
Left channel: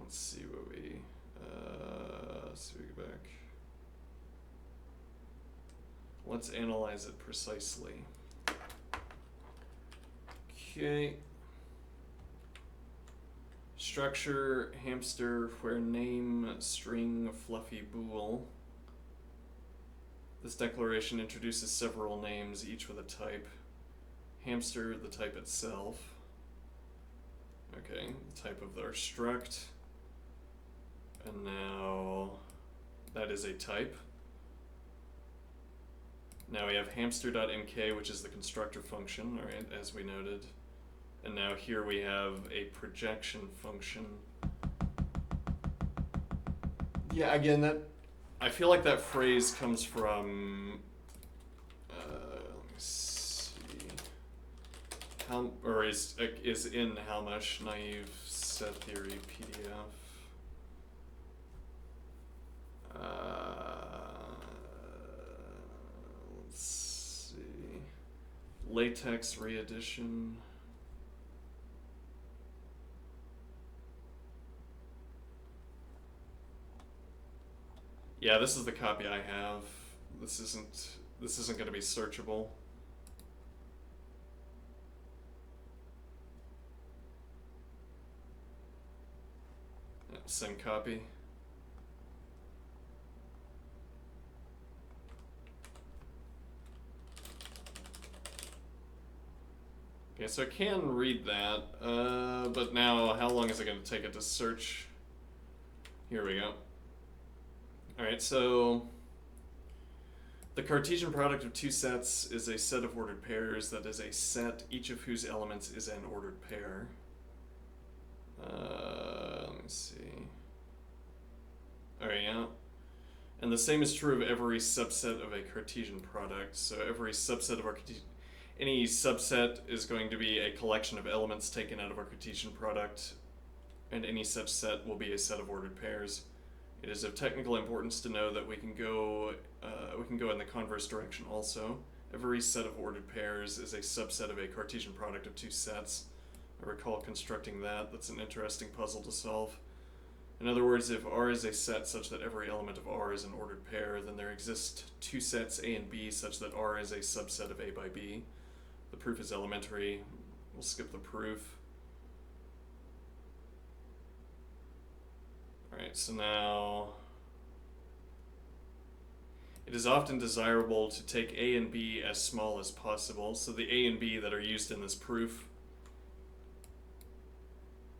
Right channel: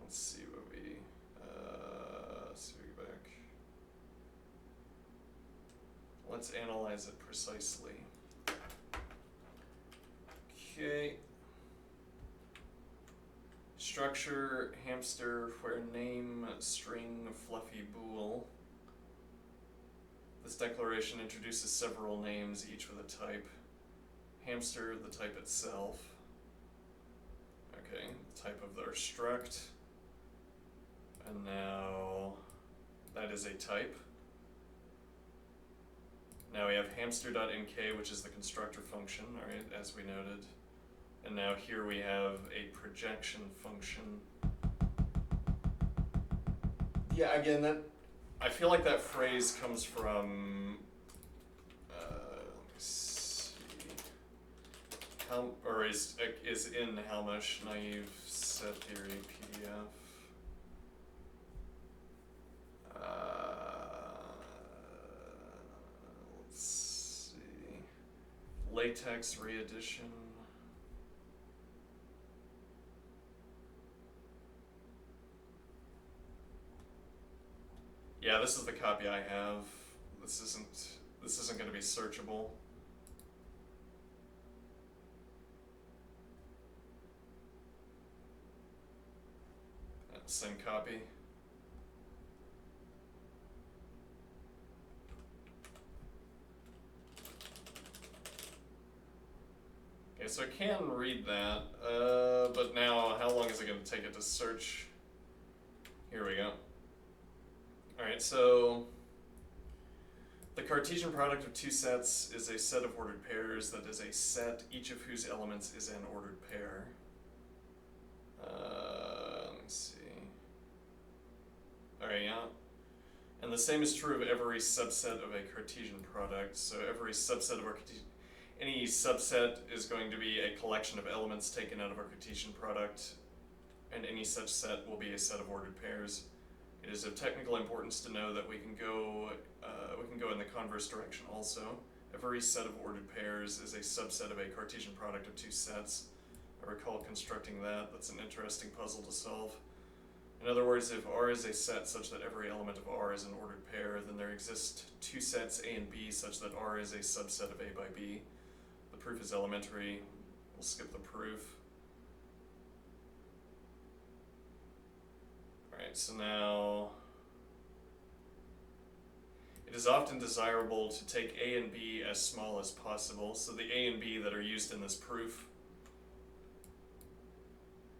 Let's see what we, let's see if we go back. Let's analyze it precisely. Okay. Structure, hamster, where name, string, fluffy bool. This declaration introduces several names, each with a type. Hamster, the type itself. Okay, the type of their struct. And now that is a type. Now we have hamster.mk, which is the constructor function, alright, as we noted. And now here we have a projection function. Yeah, again, that I feel like that phrase comes from let me see, or is in Halmash Naive Set Theory PDF. Let's see, LaTeX reedition. Yeah, this is the copy I have. This isn't going to be searchable. Same copy. Okay, so I can read that, but now how long is it going to take it to search? Here we go. Alright, so the Cartesian product of two sets is a set of ordered pairs that is a set, each of whose elements is an ordered pair. Let me see. Alright, yeah. And the same is true of every subset of a Cartesian product. So every subset of our any subset is going to be a collection of elements taken out of our Cartesian product, and any such set will be a set of ordered pairs. It is of technical importance to know that we can go in the converse direction also. Every set of ordered pairs is a subset of a Cartesian product of two sets. I recall constructing that. That's an interesting puzzle to solve. In other words, if R is a set such that every element of R is an ordered pair, then there exist two sets A and B such that R is a subset of A by B. The proof is elementary. We'll skip the proof. Alright, so now it is often desirable to take A and B as small as possible. So the A and B that are used in this proof,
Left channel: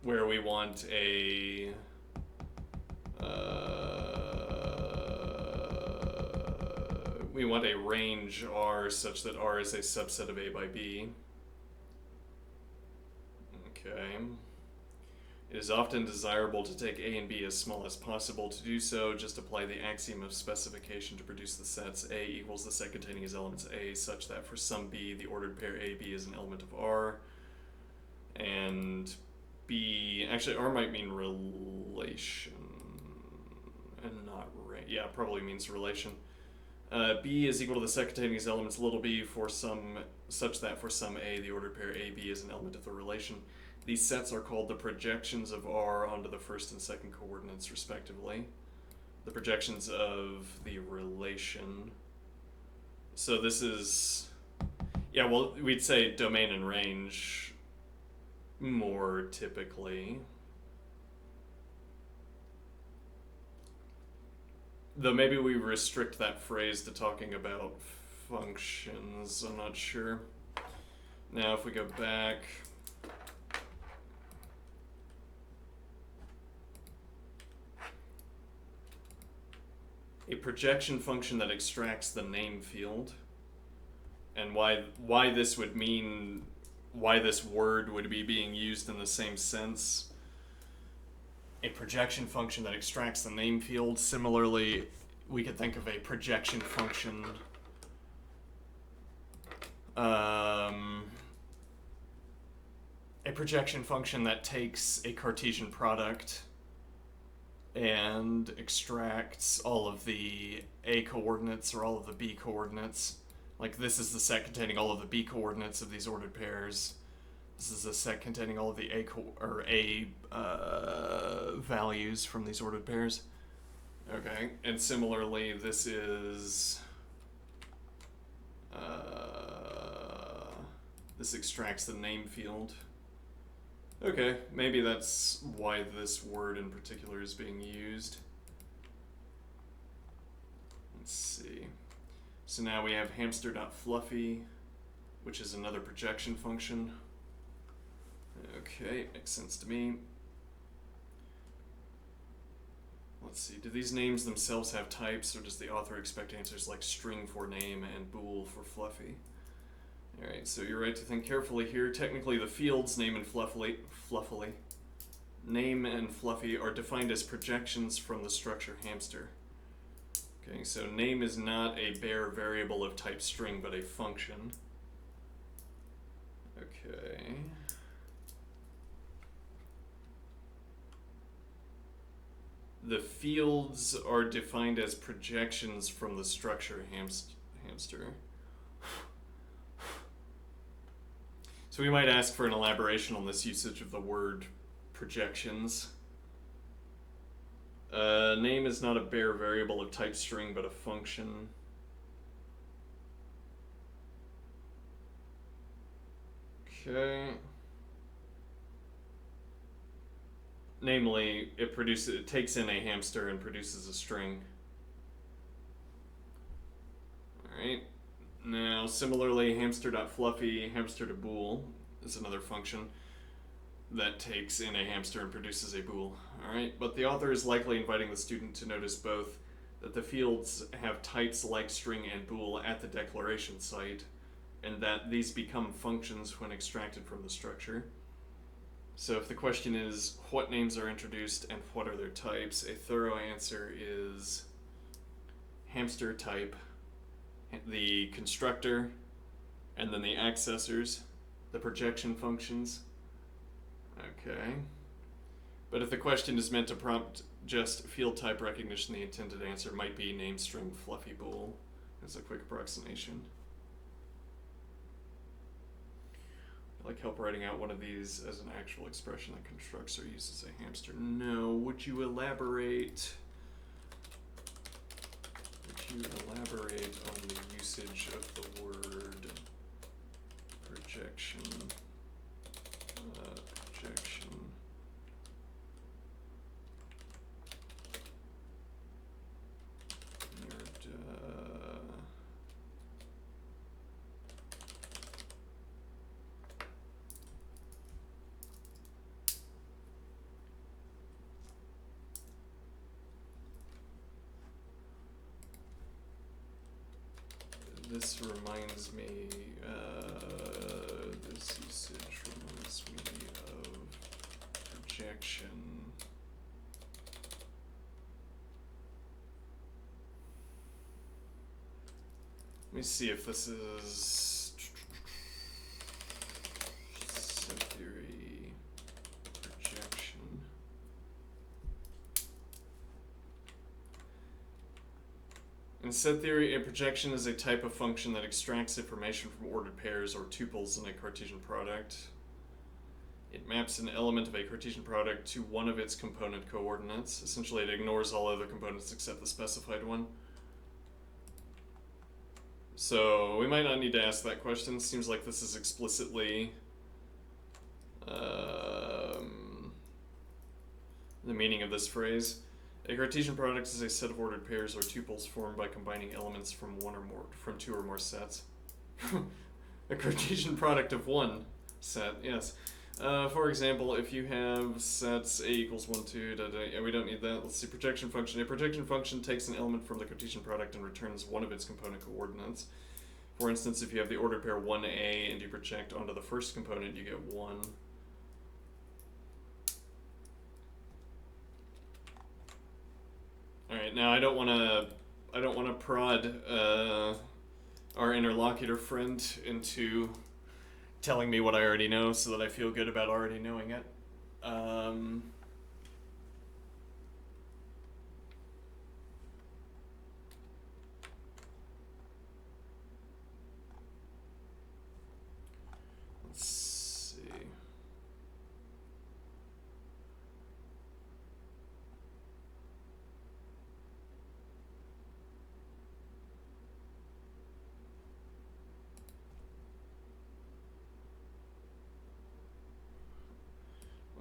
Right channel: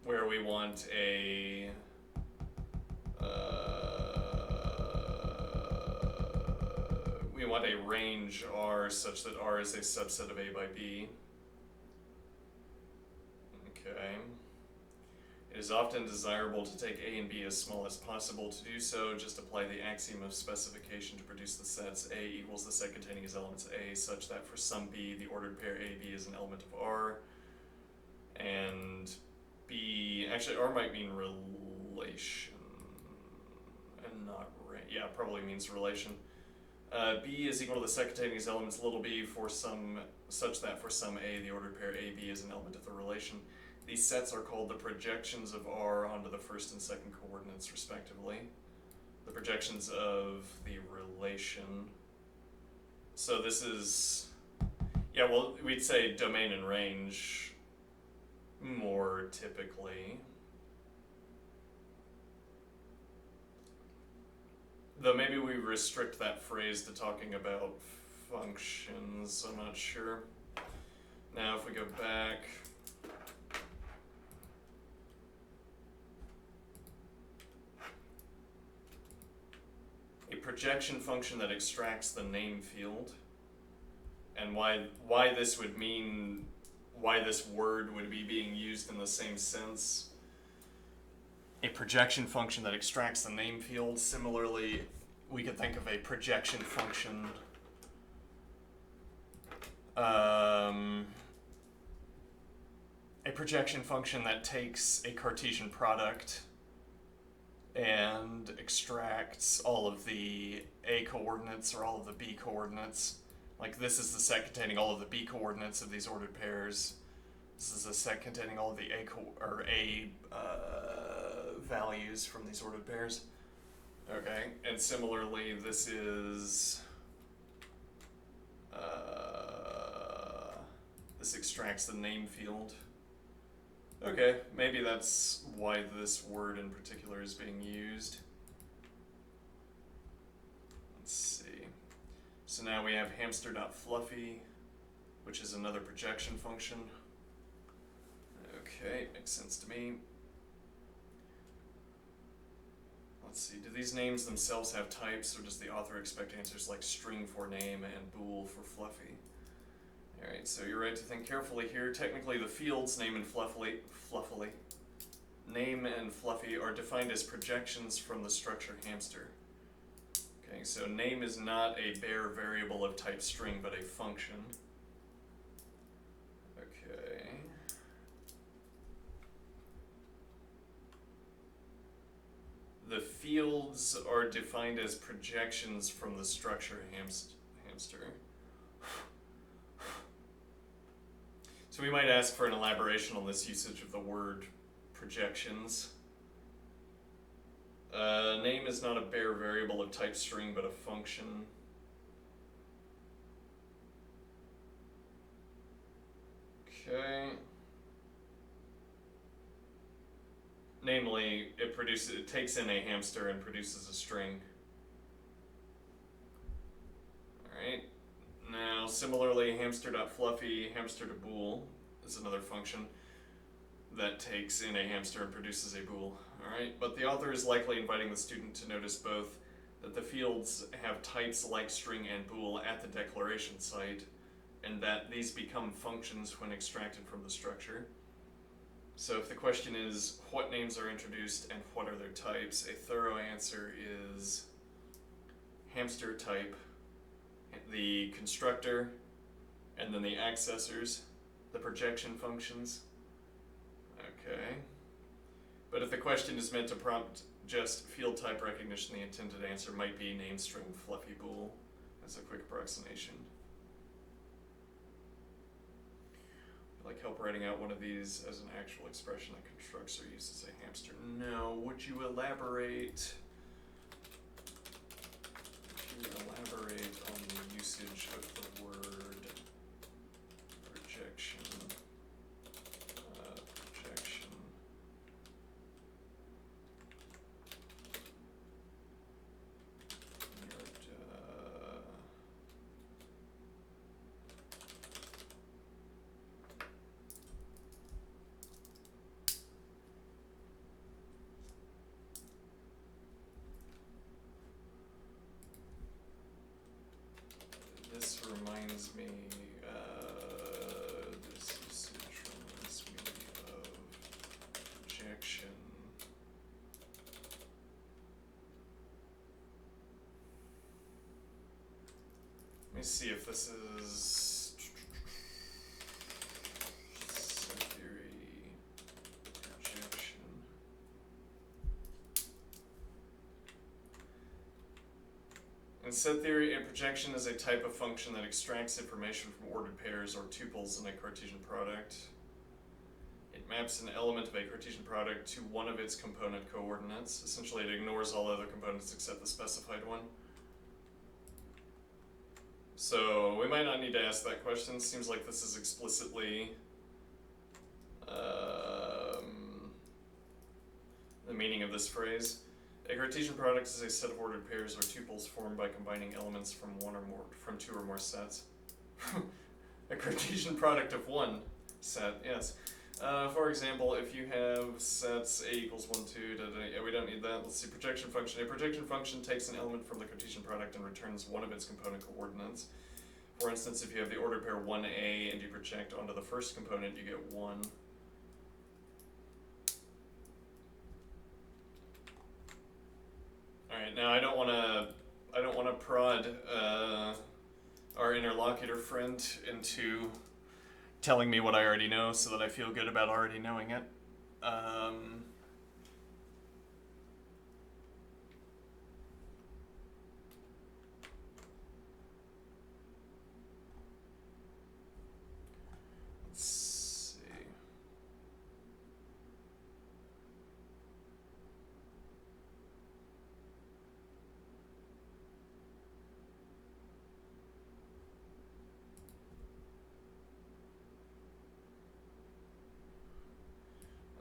where we want a range R such that R is a subset of A by B. Okay. It is often desirable to take A and B as small as possible. To do so, just apply the axiom of specification to produce the sets A equals the set containing as elements A, such that for some B, the ordered pair AB is an element of R, and B, actually R might mean relation, and not yeah, probably means relation. B is equal to the set containing as elements little b for some, such that for some A, the ordered pair AB is an element of the relation. These sets are called the projections of R onto the first and second coordinates, respectively. The projections of the relation. So this is, yeah, well, we'd say domain and range more typically. Though maybe we restrict that phrase to talking about functions, I'm not sure. Now if we go back, a projection function that extracts the name field, and why this would mean, why this word would be being used in the same sense. A projection function that extracts the name field. Similarly, we could think of a projection function that takes a Cartesian product and extracts all of the A coordinates or all of the B coordinates. Like this is the set containing all of the B coordinates of these ordered pairs. This is a set containing all of the A values from these ordered pairs. Okay, and similarly, this is this extracts the name field. Okay, maybe that's why this word in particular is being used. Let's see. So now we have hamster.fluffy, which is another projection function. Okay, makes sense to me. Let's see, do these names themselves have types, or does the author expect answers like string for name and bool for fluffy? Alright, so you're right to think carefully here. Technically, the fields name and fluffy are defined as projections from the structure hamster. Okay, so name is not a bare variable of type string, but a function. Okay. The fields are defined as projections from the structure hamster. So we might ask for an elaboration on this usage of the word projections. Name is not a bare variable of type string, but a function. Okay. Namely, it takes in a hamster and produces a string. Alright. Now, similarly, hamster.fluffy, hamster.bool is another function that takes in a hamster and produces a bool. Alright, but the author is likely inviting the student to notice both that the fields have types like string and bool at the declaration site, and that these become functions when extracted from the structure. So if the question is, what names are introduced and what are their types, a thorough answer is hamster type, the constructor, and then the accessors, the projection functions. Okay. But if the question is meant to prompt just field type recognition, the intended answer might be name string fluffy bool as a quick approximation. I'd like help writing out one of these as an actual expression that constructs or uses a hamster. No, would you elaborate? Would you elaborate on the usage of the word projection? Projection. This reminds me, this usage reminds me of projection. Let me see if this is set theory projection. In set theory, a projection is a type of function that extracts information from ordered pairs or tuples in a Cartesian product. It maps an element of a Cartesian product to one of its component coordinates. Essentially, it ignores all other components except the specified one. So we might not need to ask that question. Seems like this is explicitly the meaning of this phrase. A Cartesian product is a set of ordered pairs or tuples formed by combining elements from two or more sets. A Cartesian product of one set, yes. For example, if you have sets A equals 1, 2, yeah, we don't need that. Let's see, projection function. A projection function takes an element from the Cartesian product and returns one of its component coordinates. For instance, if you have the ordered pair 1A and you project onto the first component, you get 1. Alright, now I don't wanna prod our interlocutor friend into telling me what I already know so that I feel good about already knowing it.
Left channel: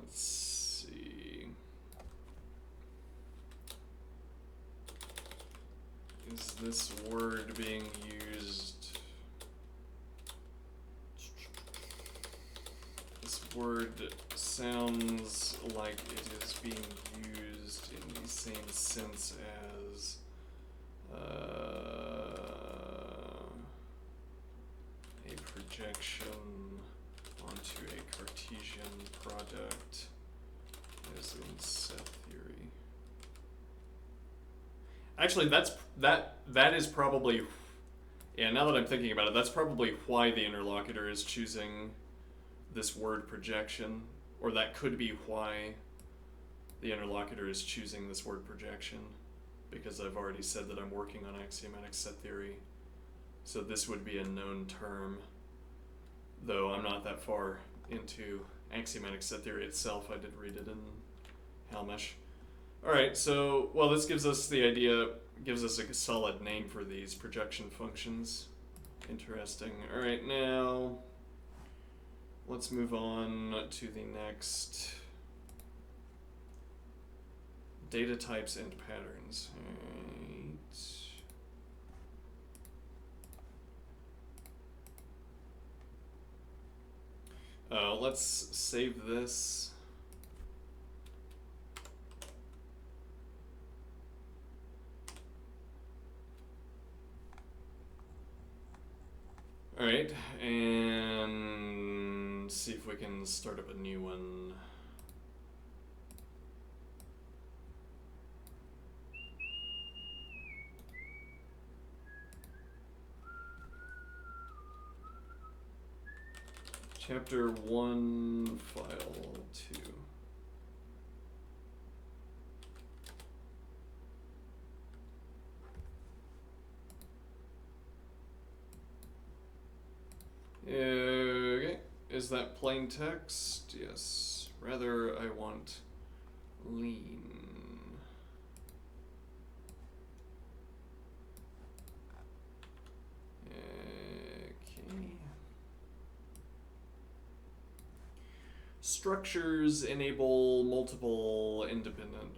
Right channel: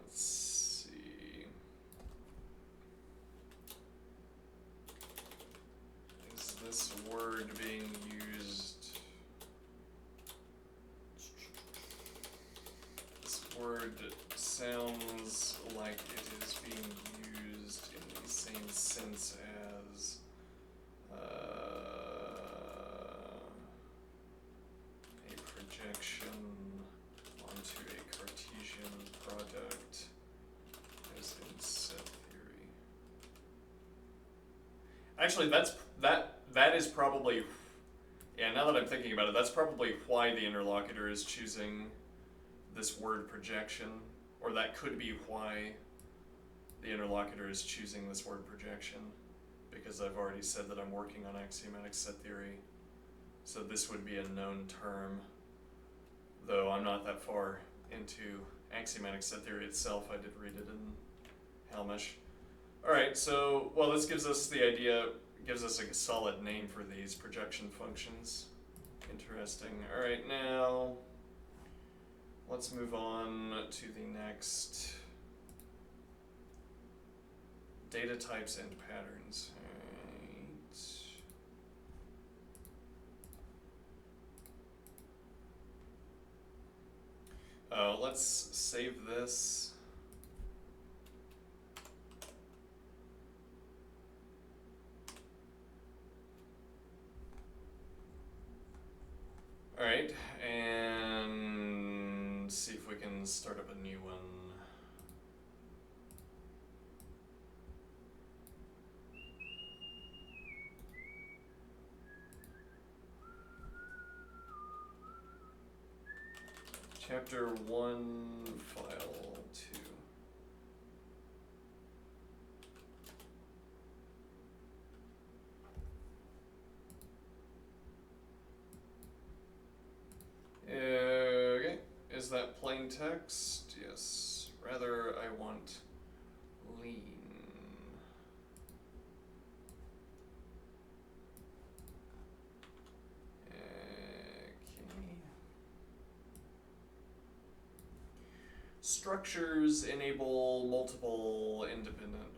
Let's see. Is this word being used? This word sounds like it is being used in the same sense as a projection onto a Cartesian product, as in set theory. Actually, that is probably, yeah, now that I'm thinking about it, that's probably why the interlocutor is choosing this word projection, or that could be why the interlocutor is choosing this word projection, because I've already said that I'm working on axiomatic set theory. So this would be a known term, though I'm not that far into axiomatic set theory itself. I did read it in Helmish. Alright, so, well, this gives us the idea, gives us a solid name for these projection functions. Interesting. Alright, now let's move on to the next. Data types and patterns. Alright. Let's save this. Alright, and see if we can start up a new one. Chapter 1, file 2. Okay, is that plain text? Yes. Rather, I want lean. Structures enable multiple independent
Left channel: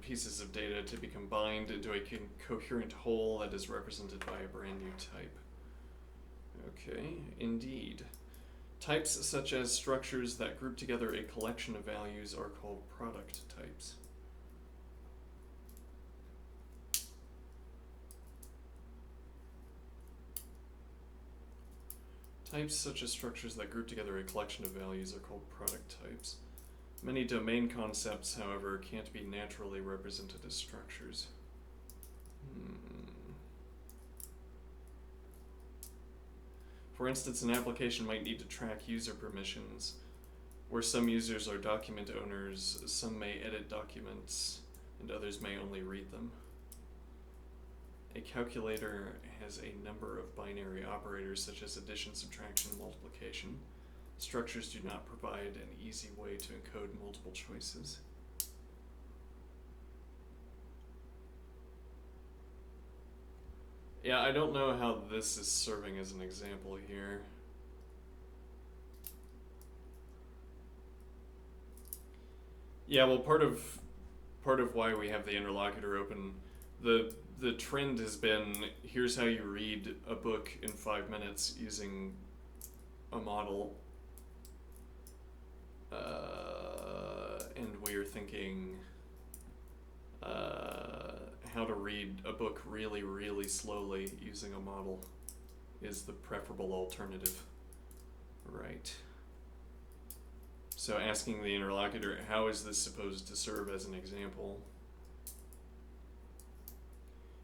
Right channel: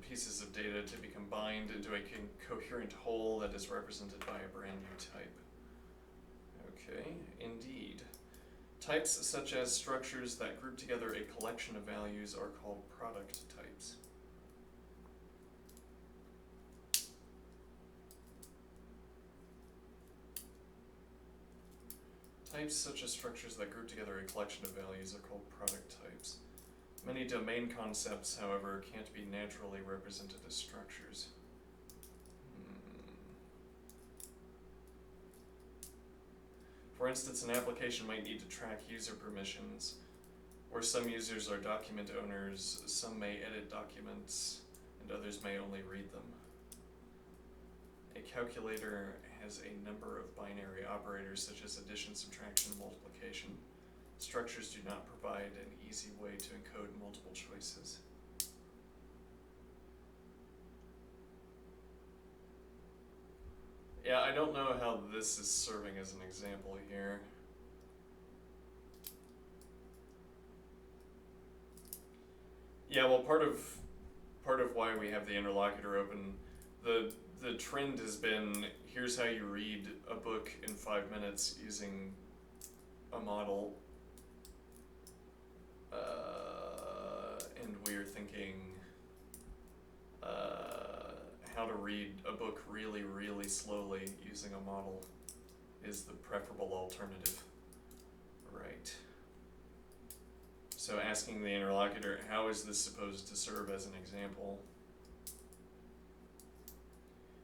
pieces of data to be combined into a coherent whole that is represented by a brand new type. Okay, indeed. Types such as structures that group together a collection of values are called product types. Types such as structures that group together a collection of values are called product types. Many domain concepts, however, can't be naturally represented as structures. For instance, an application might need to track user permissions. Where some users are document owners, some may edit documents, and others may only read them. A calculator has a number of binary operators such as addition, subtraction, multiplication. Structures do not provide an easy way to encode multiple choices. Yeah, I don't know how this is serving as an example here. Yeah, well, part of why we have the interlocutor open, the trend has been, here's how you read a book in 5 minutes using a model. And we're thinking how to read a book really, really slowly using a model is the preferable alternative. Right. So asking the interlocutor, how is this supposed to serve as an example?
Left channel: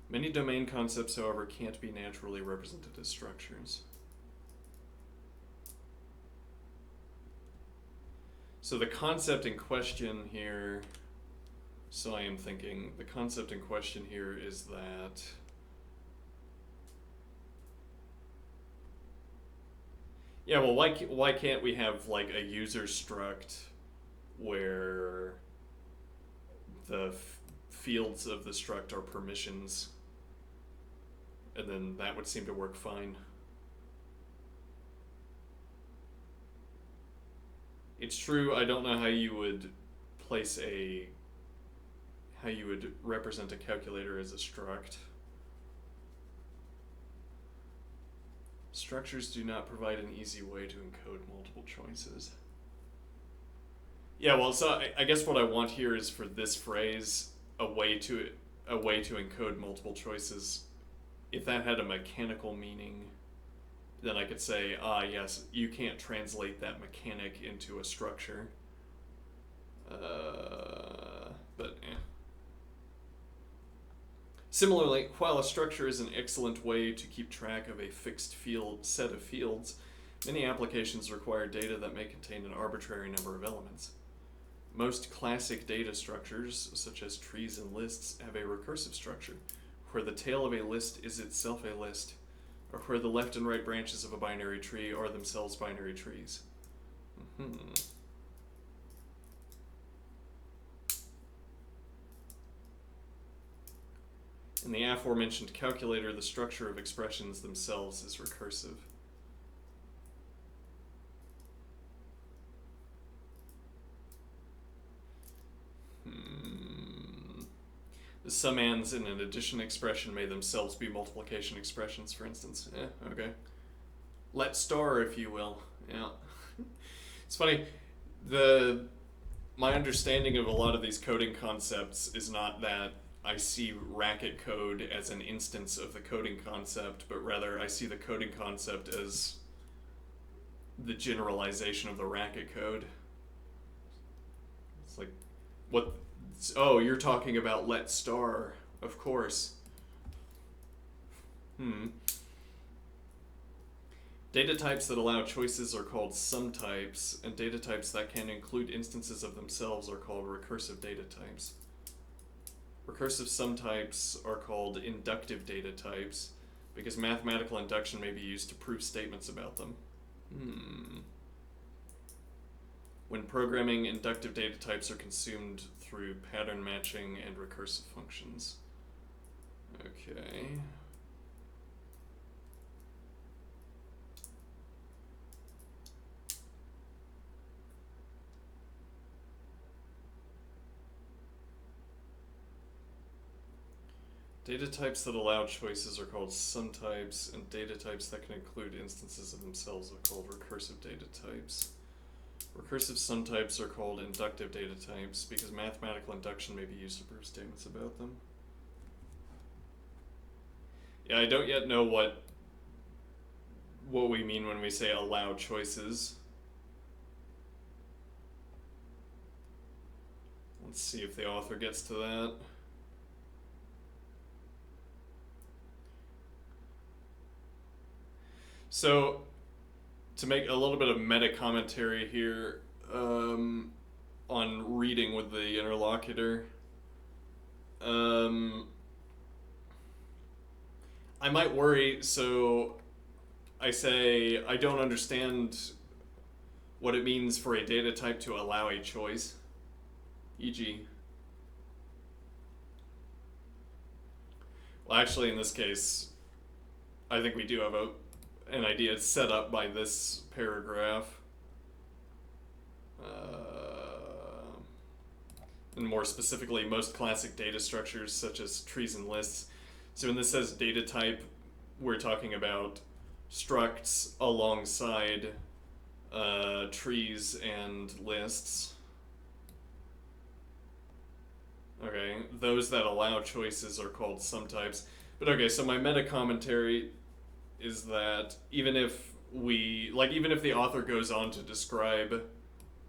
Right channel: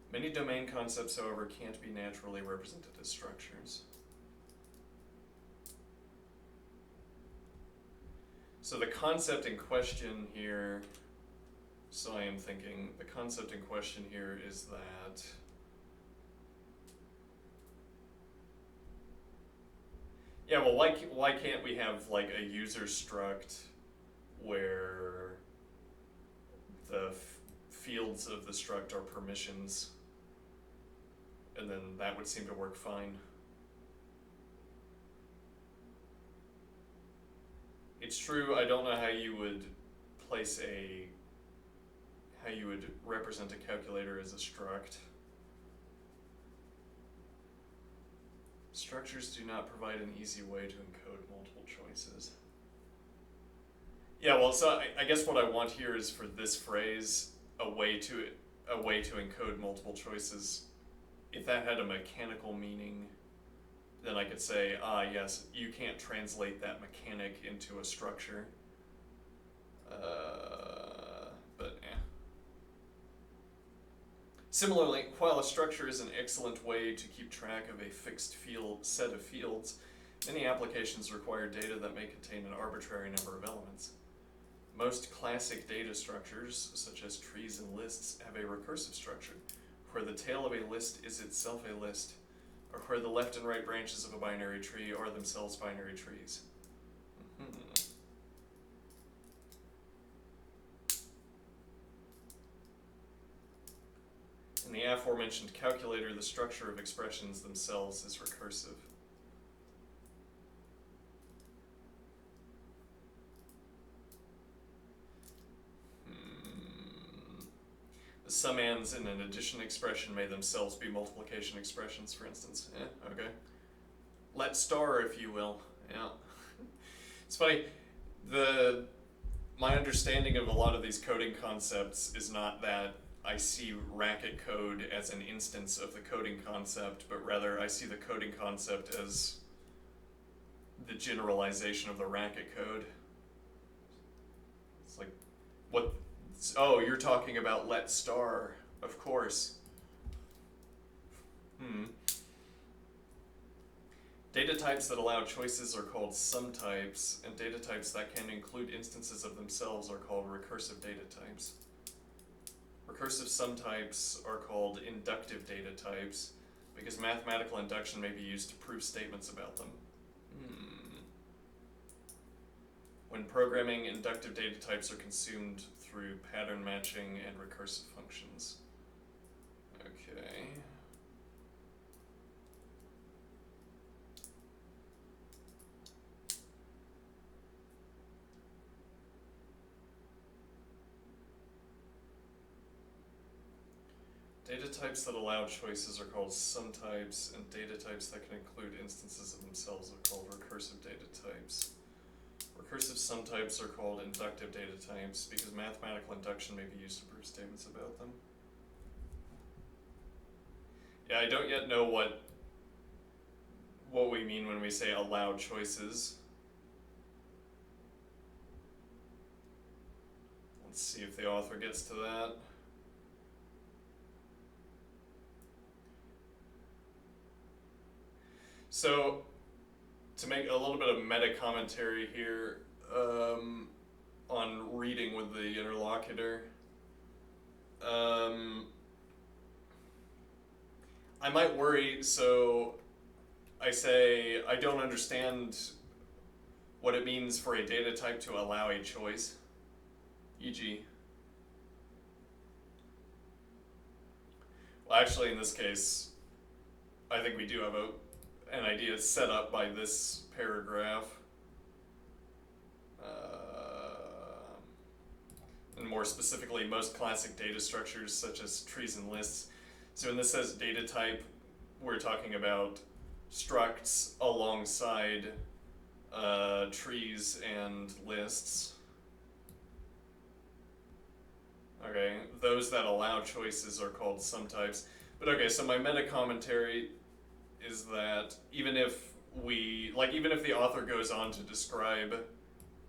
Many domain concepts, however, can't be naturally represented as structures. So the concept in question here, so I am thinking, the concept in question here is that yeah, well, why can't we have like a user struct where the fields of the struct are permissions, and then that would seem to work fine. It's true, I don't know how you would represent a calculator as a struct. Structures do not provide an easy way to encode multiple choices. Yeah, well, so I guess what I want here is for this phrase, a way to encode multiple choices. If that had a mechanical meaning, then I could say, yes, you can't translate that mechanic into a structure. But eh. Similarly, while a structure is an excellent way to keep track of a fixed set of fields, many applications require data that may contain an arbitrary number of elements. Most classic data structures, such as trees and lists, have a recursive structure, where the tail of a list is itself a list, or where the left and right branches of a binary tree are themselves binary trees. In the aforementioned calculator, the structure of expressions themselves is recursive. The summands in an addition expression may themselves be multiplication expressions, for instance. Okay. Let star, if you will. Yeah. It's funny. My understanding of a lot of these coding concepts is not that I see racket code as an instance of the coding concept, but rather I see the coding concept as the generalization of the racket code. It's like, what? Oh, you're talking about let star, of course. Data types that allow choices are called sum types, and data types that can include instances of themselves are called recursive data types. Recursive sum types are called inductive data types because mathematical induction may be used to prove statements about them. When programming, inductive data types are consumed through pattern matching and recursive functions. Okay. Data types that allow choices are called sum types, and data types that can include instances of themselves are called recursive data types. Recursive sum types are called inductive data types because mathematical induction may be used to prove statements about them. Yeah, I don't yet know what we mean when we say allow choices. Let's see if the author gets to that. So, to make a little bit of meta commentary here on reading with the interlocutor, I might worry, so I say I don't understand what it means for a data type to allow a choice, e.g. Well, actually, in this case, I think we do have an idea set up by this paragraph. And more specifically, most classic data structures such as trees and lists. So when this says data type, we're talking about structs alongside trees and lists. Okay, those that allow choices are called sum types. But okay, so my meta commentary is that even if the author goes on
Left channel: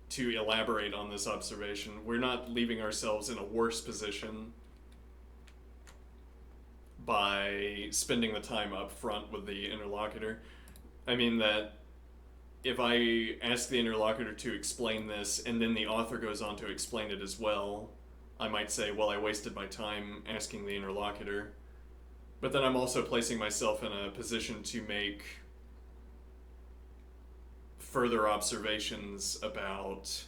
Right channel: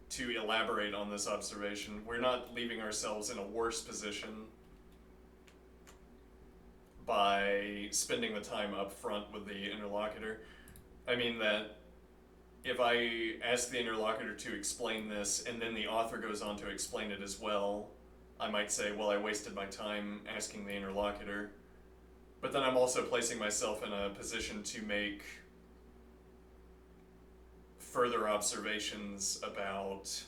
to elaborate on this observation, we're not leaving ourselves in a worse position by spending the time up front with the interlocutor. I mean that if I ask the interlocutor to explain this and then the author goes on to explain it as well, I might say, well, I wasted my time asking the interlocutor. But then I'm also placing myself in a position to make further observations about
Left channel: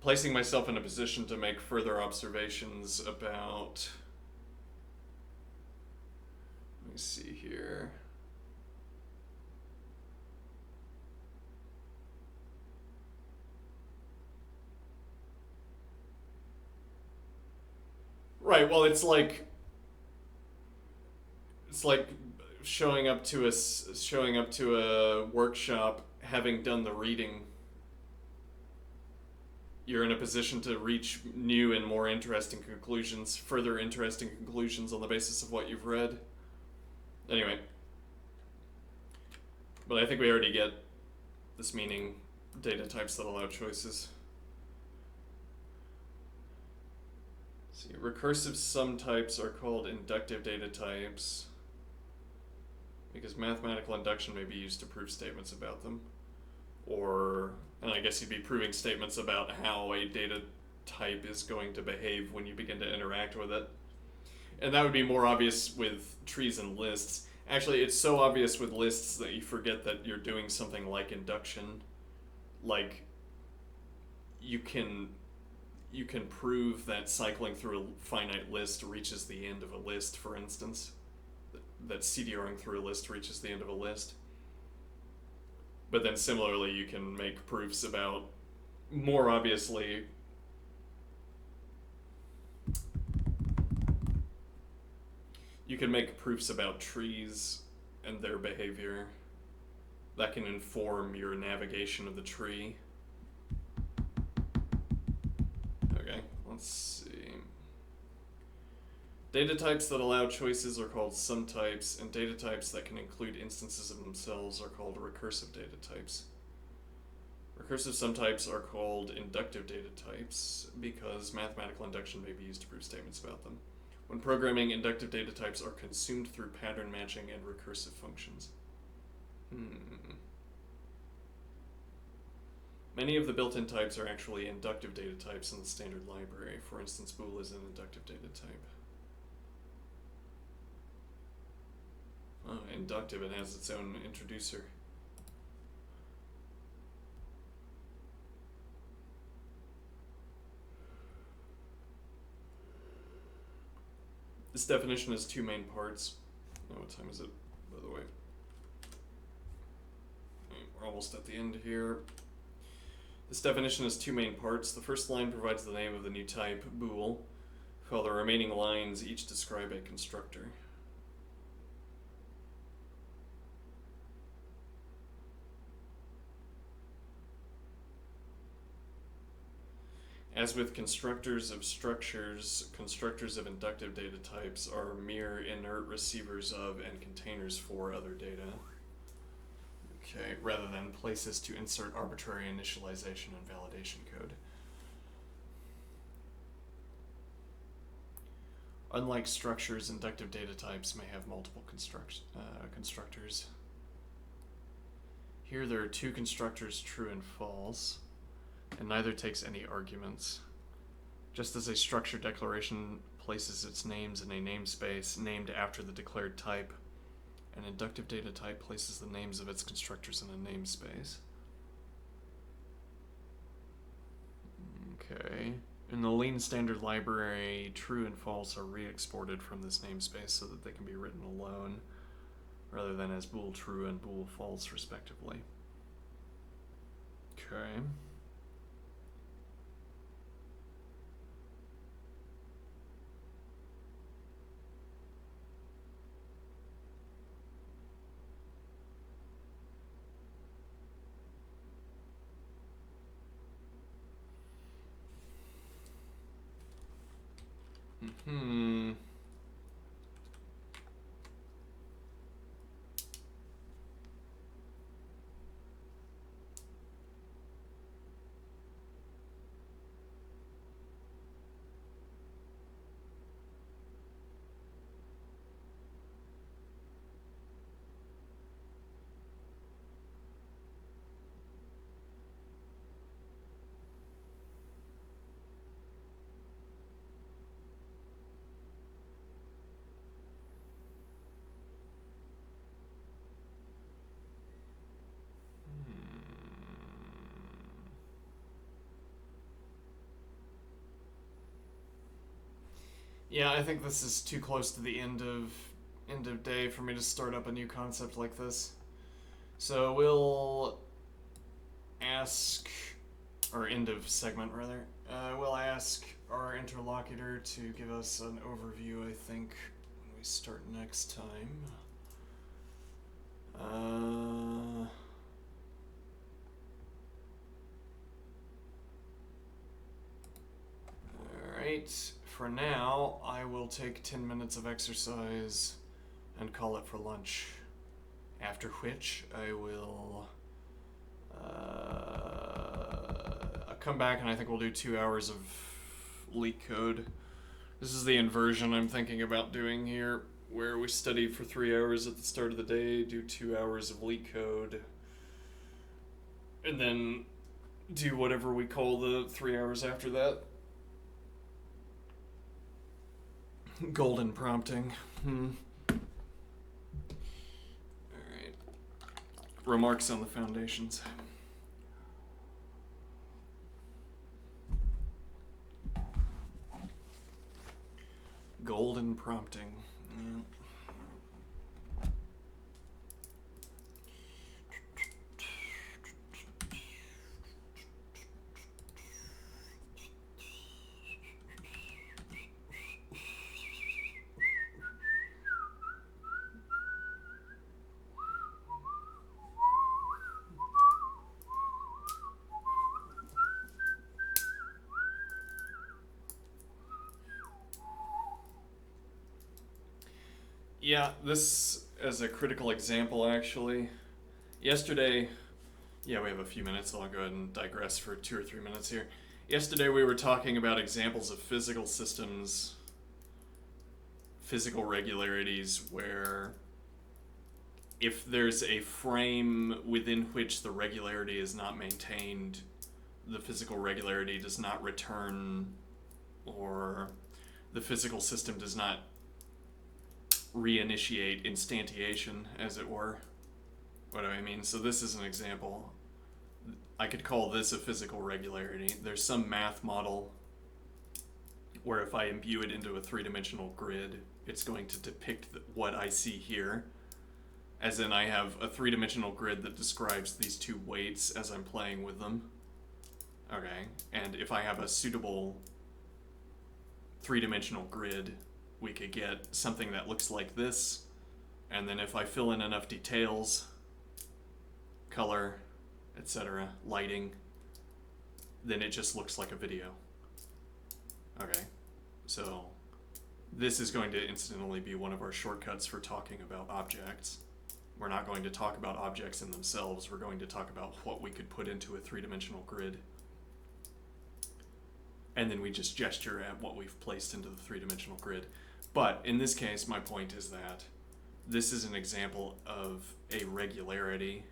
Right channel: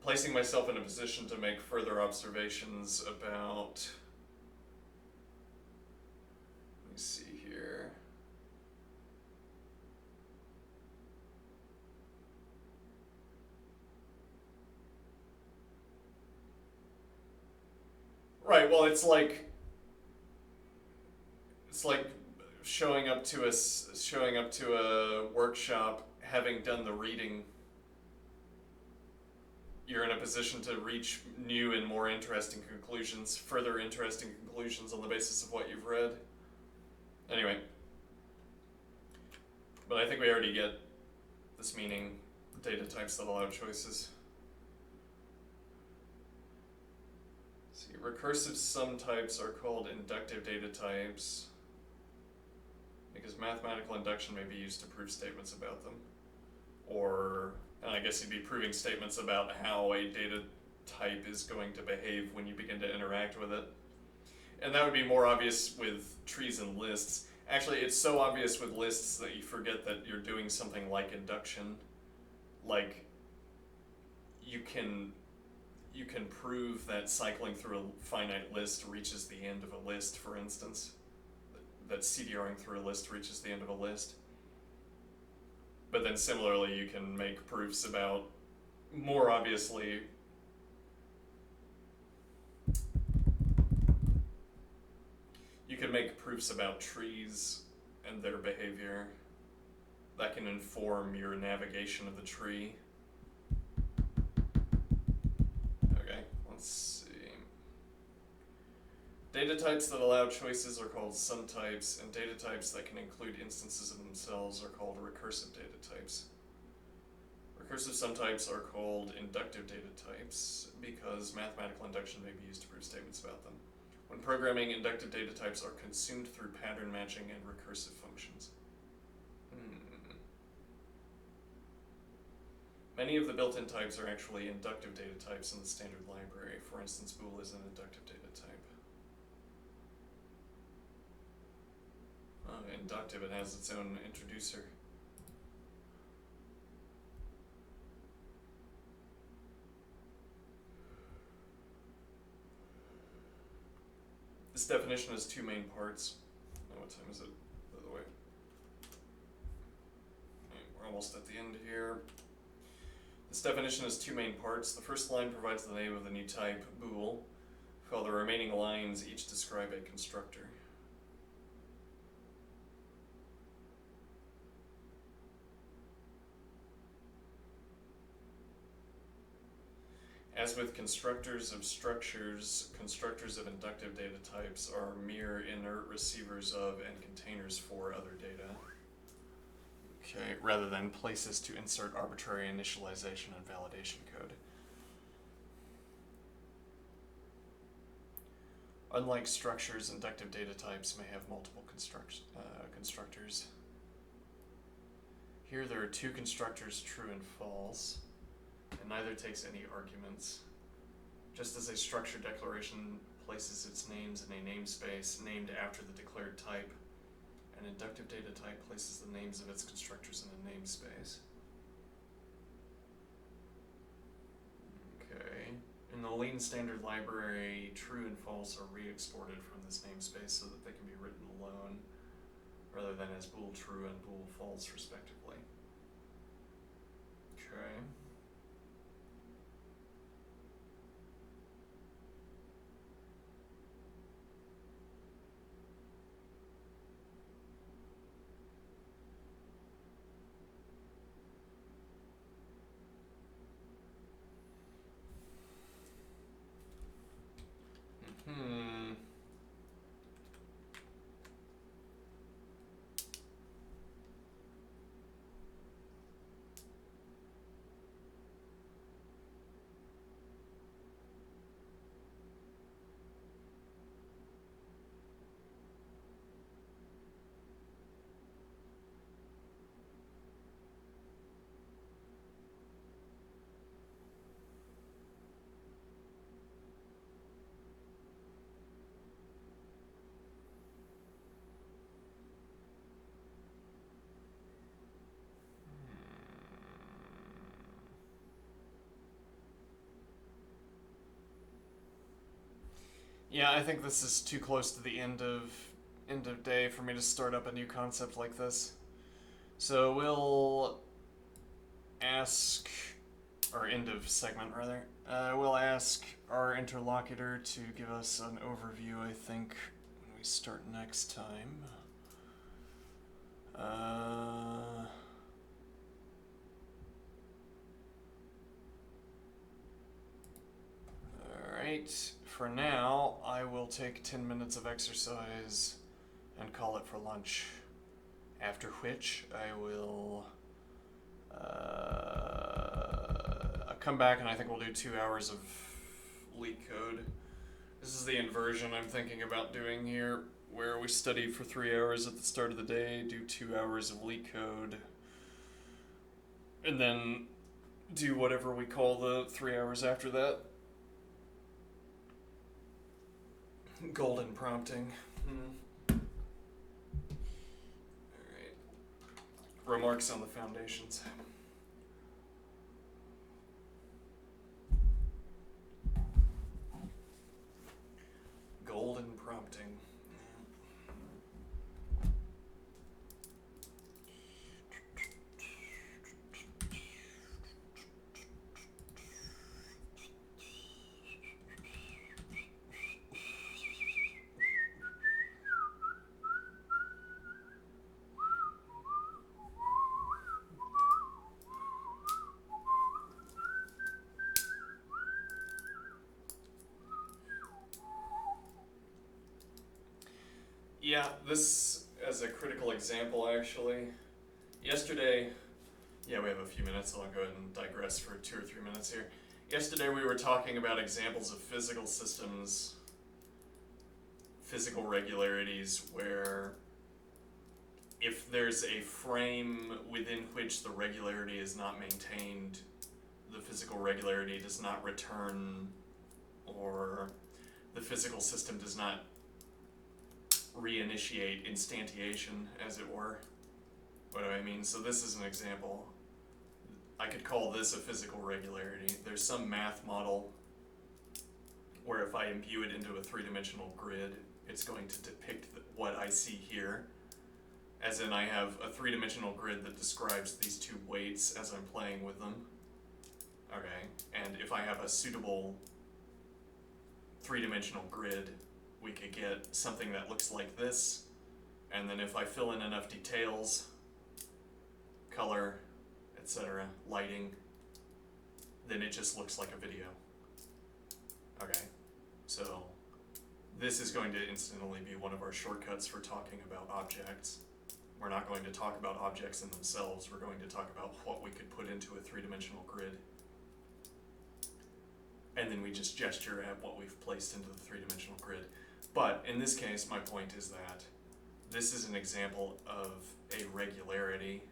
placing myself in a position to make further observations about, let me see here. Right. Well, it's like showing up to a workshop, having done the reading. You're in a position to reach new and more interesting conclusions, further interesting conclusions on the basis of what you've read. Anyway, but I think we already get this meaning: data types that allow choices. See, recursive sum types are called inductive data types because mathematical induction may be used to prove statements about them. Or, and I guess you'd be proving statements about how a data type is going to behave when you begin to interact with it. And that would be more obvious with trees and lists. Actually, it's so obvious with lists that you forget that you're doing something like induction. Like, you can prove that cycling through a finite list reaches the end of a list, for instance. That CDRing through a list reaches the end of a list. But then similarly, you can make proofs about, more obviously, you can make proofs about trees and their behavior that can inform your navigation of the tree. Okay, let's see. Data types that allow choices are called sum types, and data types that can include instances of themselves are called recursive data types. Recursive sum types are called inductive data types because mathematical induction may be used to prove statements about them. When programming, inductive data types are consumed through pattern matching and recursive functions. Many of the built-in types are actually inductive data types in the standard library. For instance, bool is an inductive data type. Oh, inductive, it has its own introducer. This definition has two main parts. Oh, what time is it, by the way? We're almost at the end here. This definition has two main parts. The first line provides the name of the new type, bool, while the remaining lines each describe a constructor. As with constructors of structures, constructors of inductive data types are mere inert receivers of and containers for other data. Okay, rather than places to insert arbitrary initialization and validation code. Unlike structures, inductive data types may have multiple constructors. Here there are two constructors, true and false, and neither takes any arguments. Just as a structure declaration places its names in a namespace named after the declared type, an inductive data type places the names of its constructors in a namespace. Okay. In the Lean standard library, true and false are re-exported from this namespace so that they can be written alone, rather than as bool true and bool false, respectively. Okay. Yeah, I think this is too close to the end of day for me to start up a new concept like this. So we'll ask or end of segment rather, we'll ask our interlocutor to give us an overview, I think, when we start next time. Alright, for now, I will take 10 minutes of exercise and call it for lunch. After which, I will I'll come back and I think we'll do 2 hours of leak code. This is the inversion I'm thinking about doing here, where we study for 3 hours at the start of the day, do 2 hours of leak code, and then do whatever we call the 3 hours after that. Golden prompting. Alright. Remarks on the foundations. Golden prompting. Yeah. Yeah, this as a critical example, actually. Yesterday, yeah, we have a few minutes, so I'll go ahead and digress for 2 or 3 minutes here. Yesterday, we were talking about examples of physical systems, physical regularities, where if there's a frame within which the regularity is not maintained, the physical regularity does not return, or the physical system does not reinitiate instantiation, as it were. What do I mean? So this is an example. I could call this a physical regularity. There's some math model where if I imbue it into a three-dimensional grid, it's going to depict what I see here. As in, I have a three-dimensional grid that describes these two weights as I'm playing with them. Okay, and if I have a suitable three-dimensional grid, we could get something that looks like this, and then if I fill in enough details, color, etc., lighting, then it just looks like a video. Okay, so this is going to incidentally be one of our shortcuts for talking about objects. We're not going to talk about objects in themselves, we're going to talk about what we could put into a three-dimensional grid. And then we just gesture at what we've placed into the three-dimensional grid. But in this case, my point is that this is an example of a regularity,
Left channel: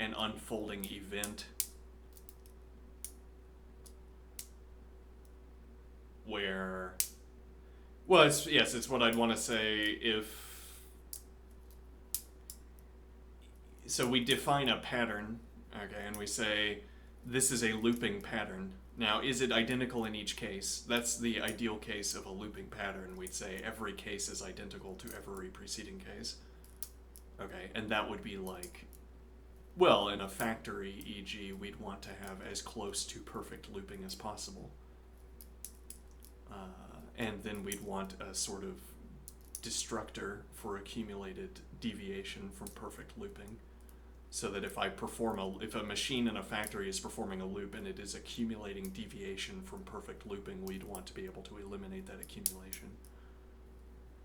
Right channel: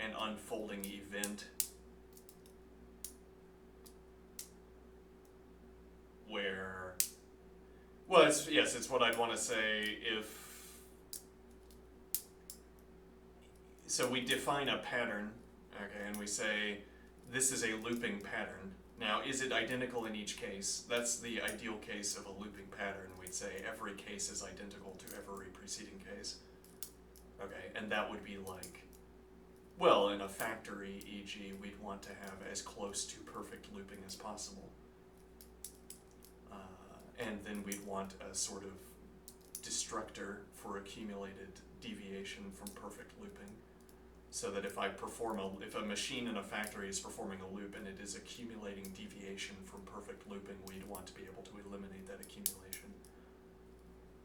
an unfolding event, where, well, it's what I'd want to say if, so we define a pattern, okay, and we say this is a looping pattern. Now, is it identical in each case? That's the ideal case of a looping pattern. We'd say every case is identical to every preceding case. Okay, and that would be like, well, in a factory, e.g., we'd want to have as close to perfect looping as possible. And then we'd want a sort of destructor for accumulated deviation from perfect looping. So that if if a machine in a factory is performing a loop and it is accumulating deviation from perfect looping, we'd want to be able to eliminate that accumulation.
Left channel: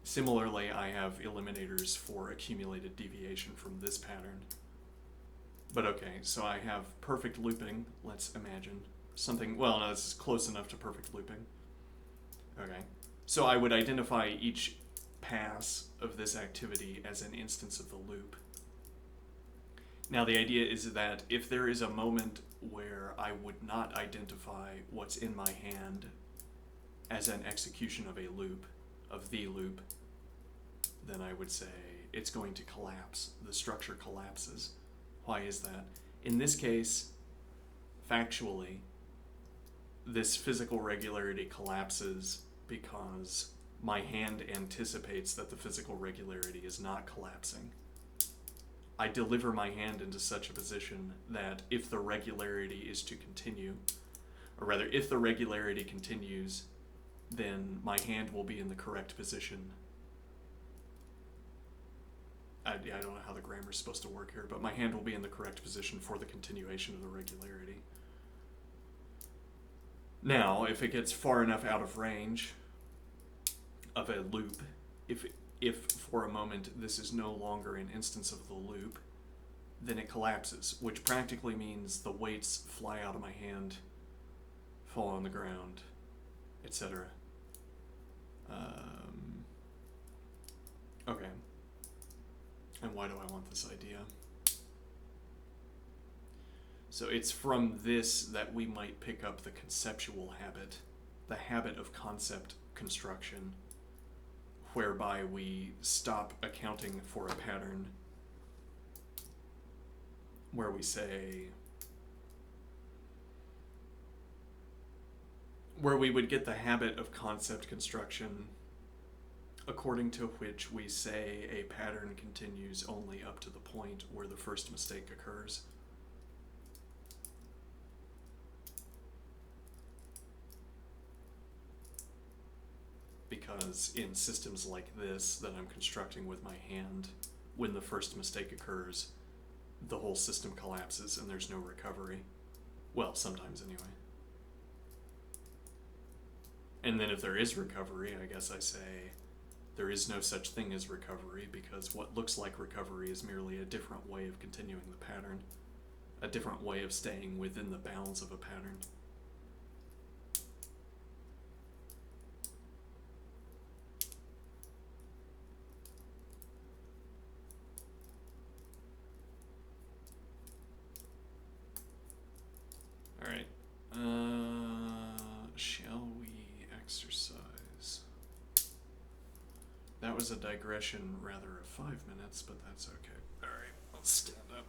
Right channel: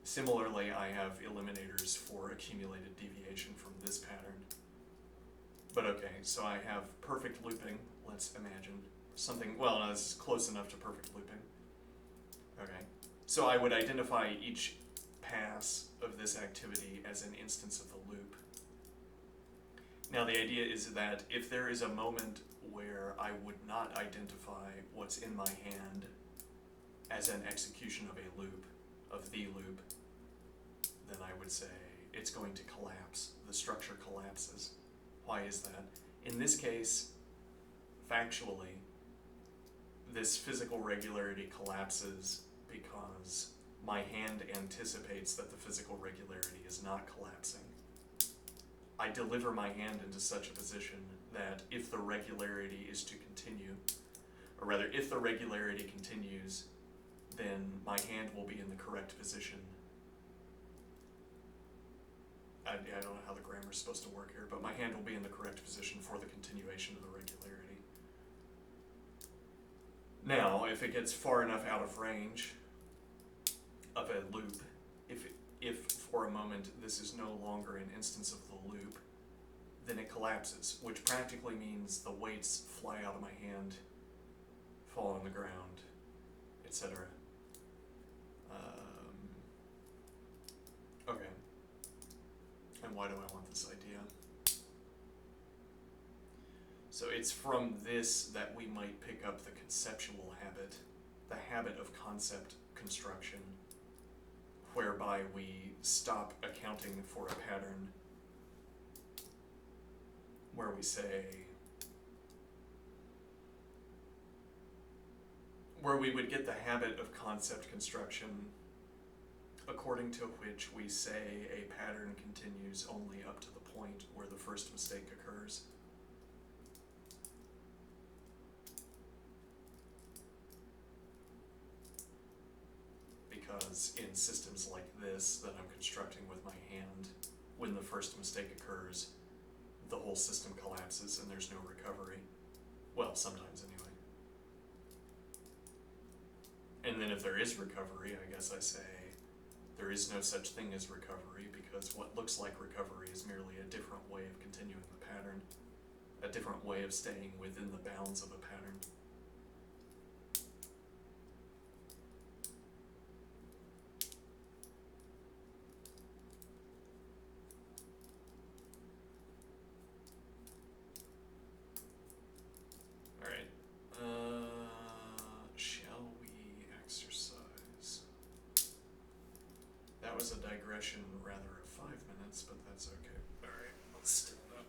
Similarly, I have eliminators for accumulated deviation from this pattern. But okay, so I have perfect looping, let's imagine. Something, well, no, this is close enough to perfect looping. Okay, so I would identify each pass of this activity as an instance of the loop. Now, the idea is that if there is a moment where I would not identify what's in my hand as an execution of a loop, of the loop, then I would say it's going to collapse. The structure collapses. Why is that? In this case, factually, this physical regularity collapses because my hand anticipates that the physical regularity is not collapsing. I deliver my hand into such a position that if the regularity is to continue, or rather, if the regularity continues, then my hand will be in the correct position. I don't know how the grammar is supposed to work here, but my hand will be in the correct position for the continuation of the regularity. Now, if it gets far enough out of range of a loop, if for a moment this is no longer an instance of the loop, then it collapses, which practically means the weights fly out of my hand, fall on the ground, etc. Okay. And why do I want this idea? So it's from this that we might pick up the conceptual habit, the habit of concept construction, whereby we stop accounting for a pattern, where we say, where we would get the habit of concept construction according to which we say a pattern continues only up to the point where the first mistake occurs. Because in systems like this that I'm constructing with my hand, when the first mistake occurs, the whole system collapses and there's no recovery. Well, sometimes anyway. And then if there is recovery, I guess I say there is no such thing as recovery, because what looks like recovery is merely a different way of continuing the pattern, a different way of staying within the bounds of a pattern. All right. Shall we exercise? That was a digression rather of 5 minutes, but that's okay. All right, let's stand up.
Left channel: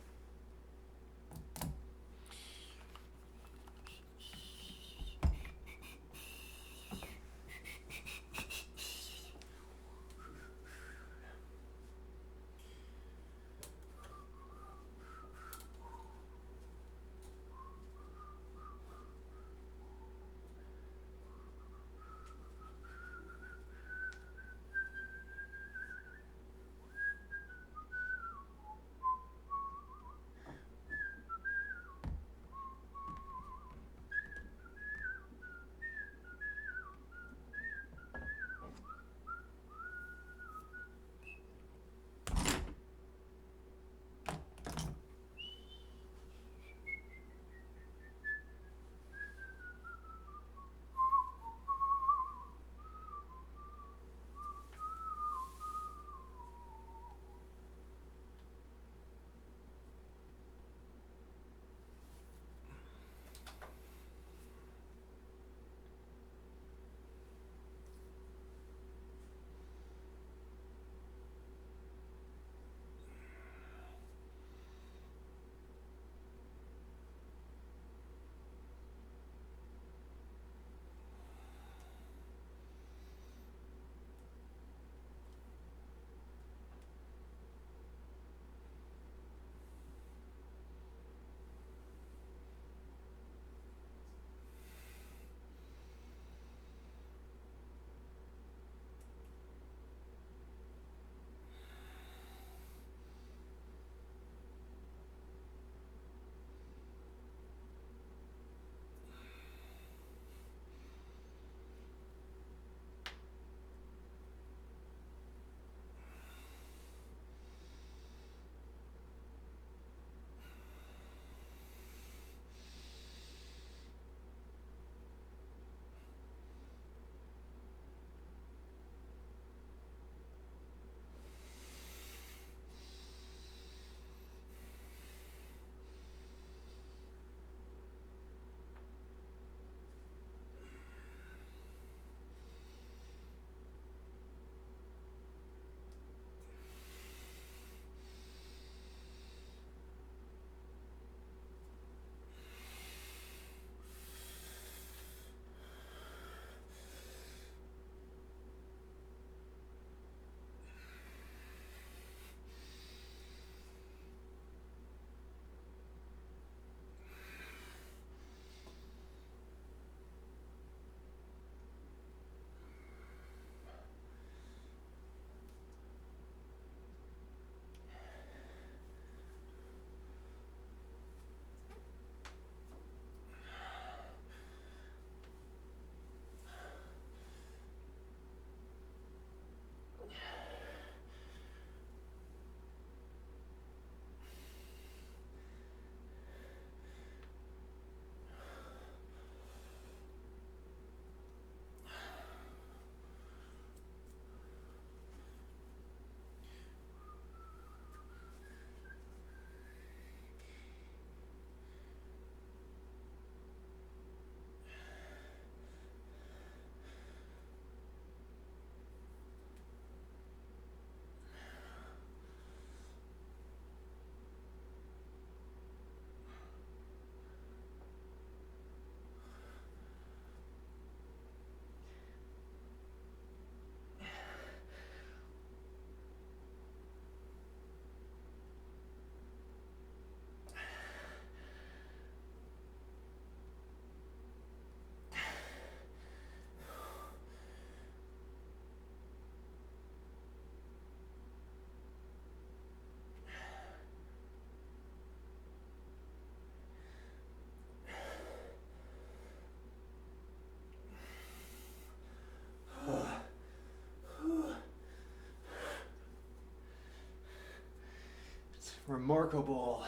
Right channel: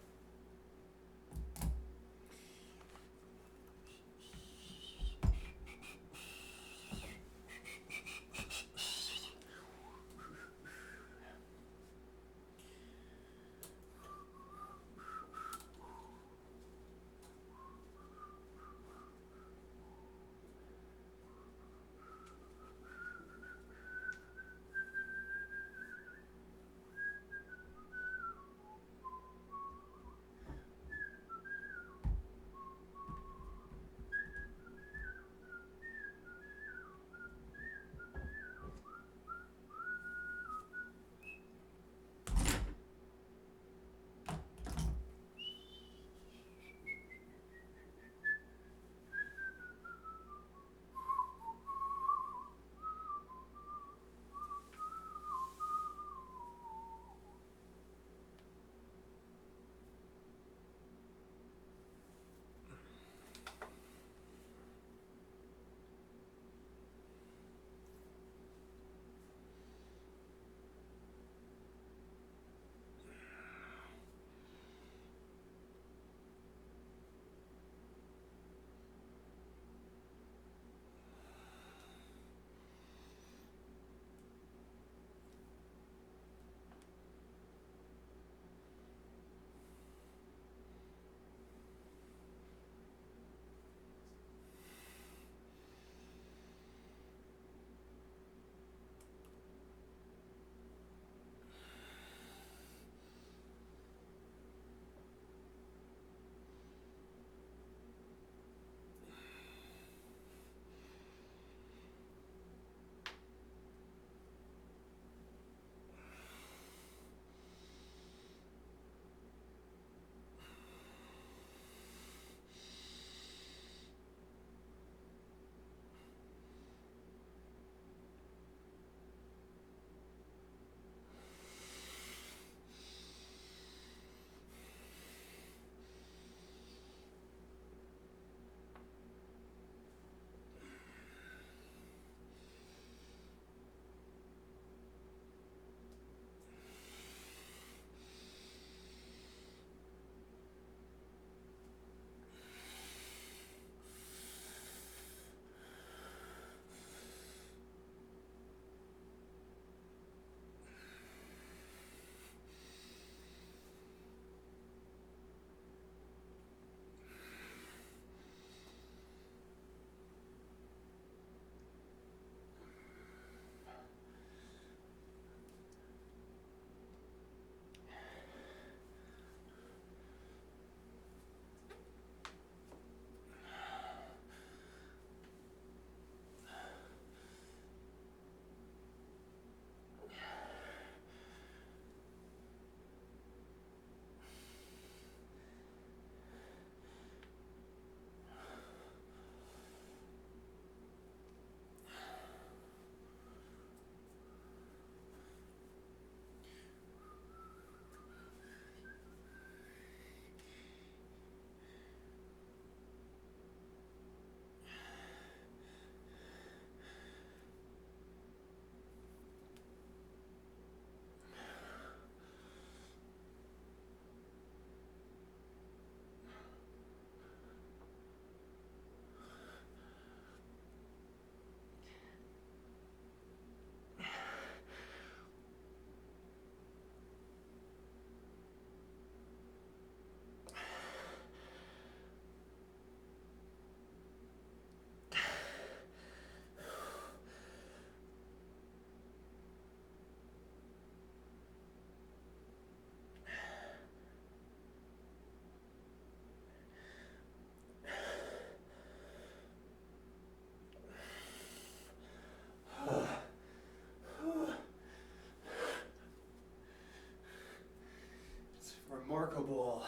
remarkable.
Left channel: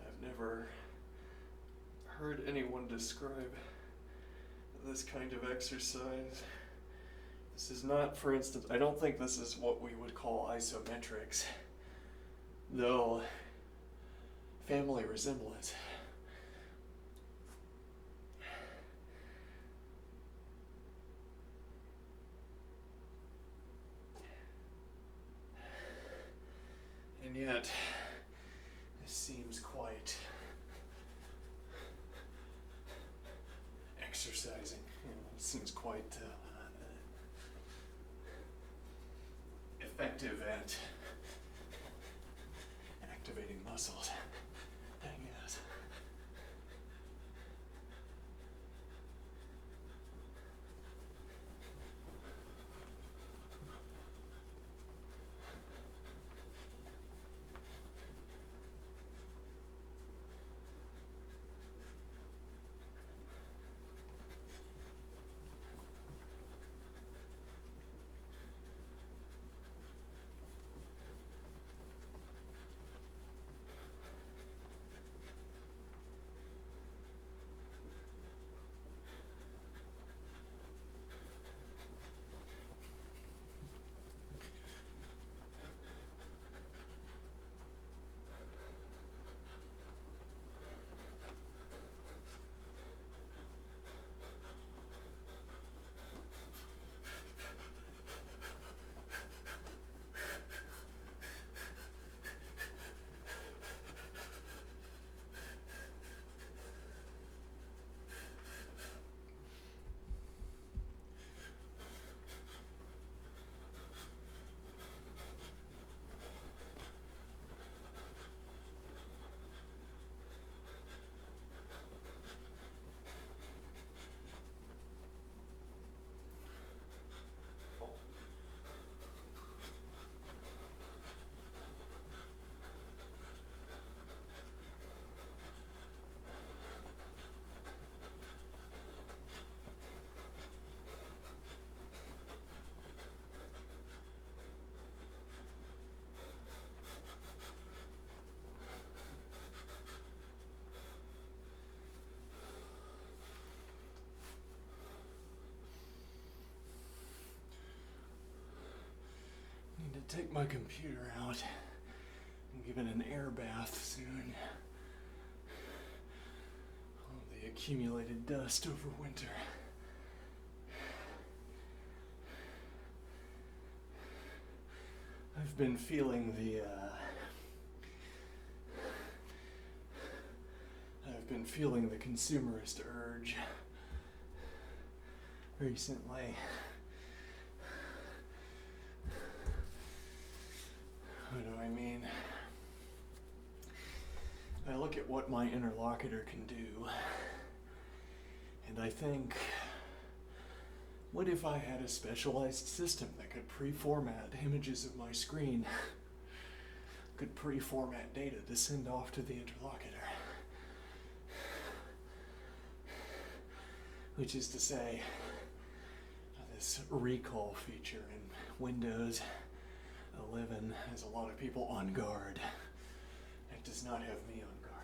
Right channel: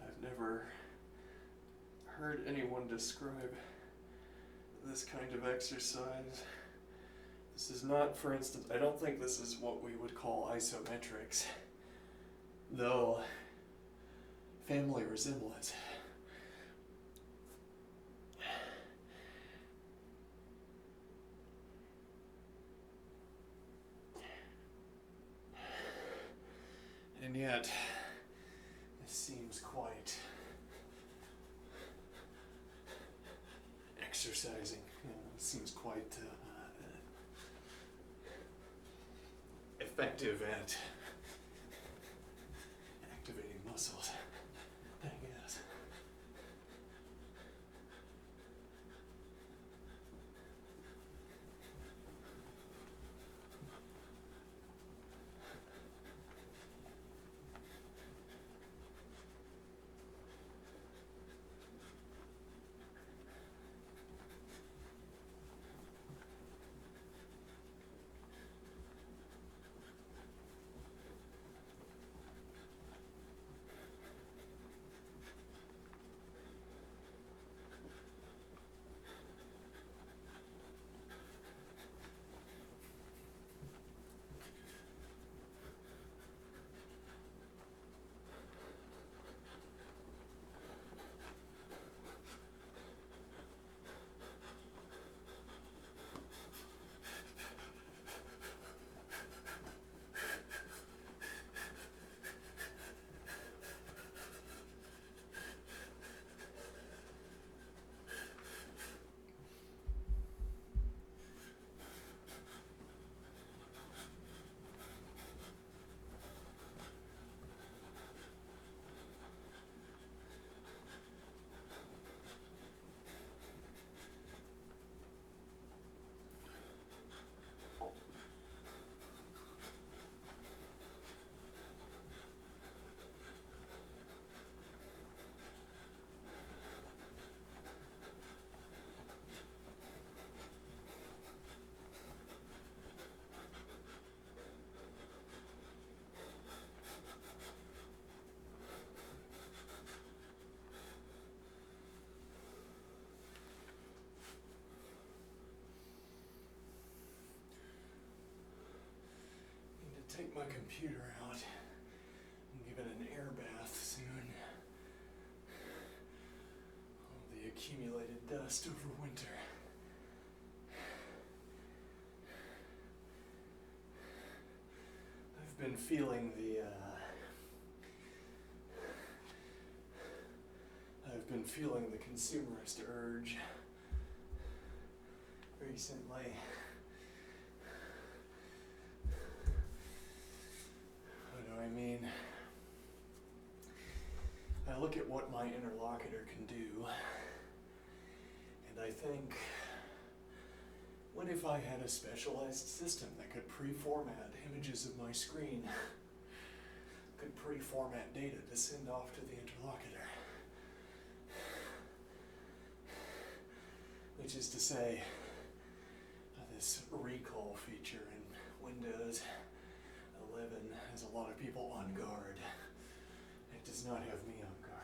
I've never heard anyone describe this kind of exercise. This is not, for instance, I don't think this is what we would call isometrics, though family resemblance. And yet, this seems quite exercising. You know, it seems quite effective at activating muscles, I guess. Take my computer out and give it an air bath soon. All the accumulated dust over winter. I've been feeling the consumerist urge recently. What do I mean? I look at what my interlocutor can do, and I think, what if I had a specialized system that could pre-format images of my screen, could pre-format data to send off to the interlocutor? Which is to say, this recall feature in Windows 11 has a lot of people on guard. It does not have me on guard.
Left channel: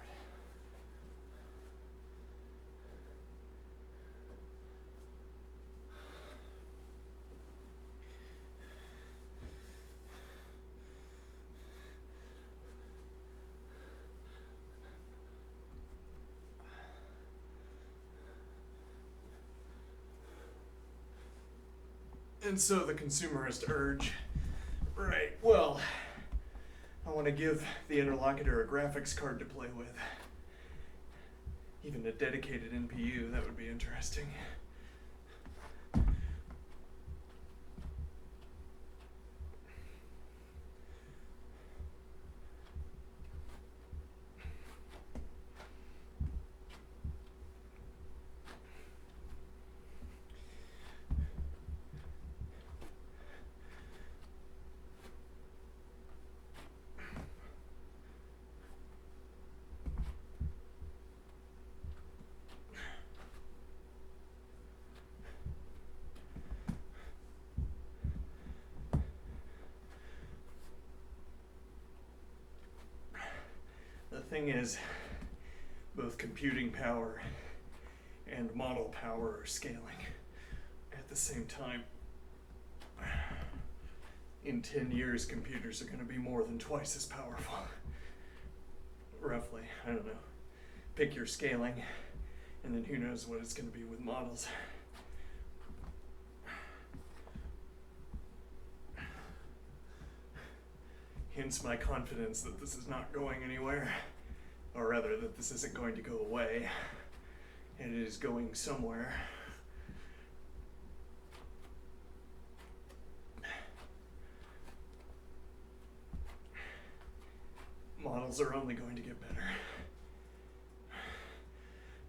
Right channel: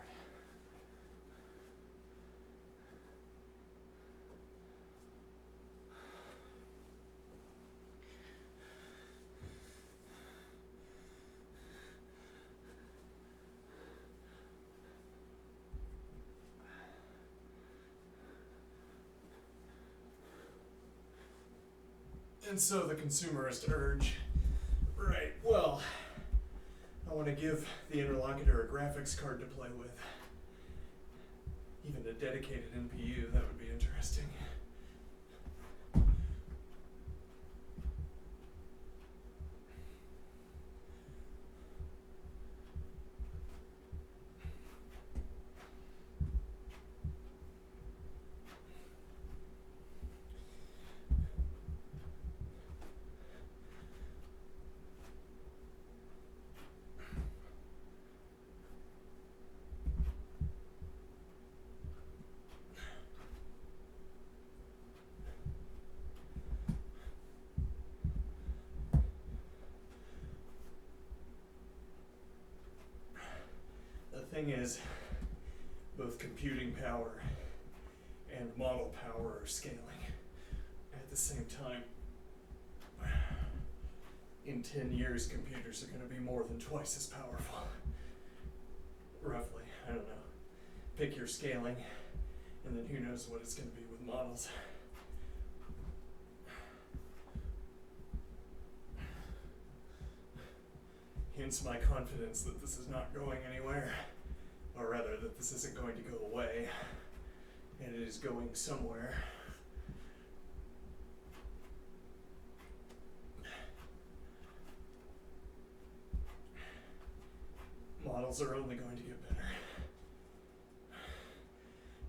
And so the consumerist urge, right, well, I want to give the interlocutor a graphics card to play with. Even a dedicated NPU, that would be interesting. thing is, both computing power and model power are scaling at the same time. In 10 years, computers are going to be more than twice as powerful. Roughly, I don't know. Pick your scaling, and then who knows what it's going to be with models. Hence my confidence that this is not going anywhere, or rather that this isn't going to go away, and it is going somewhere. Models are only going to get better,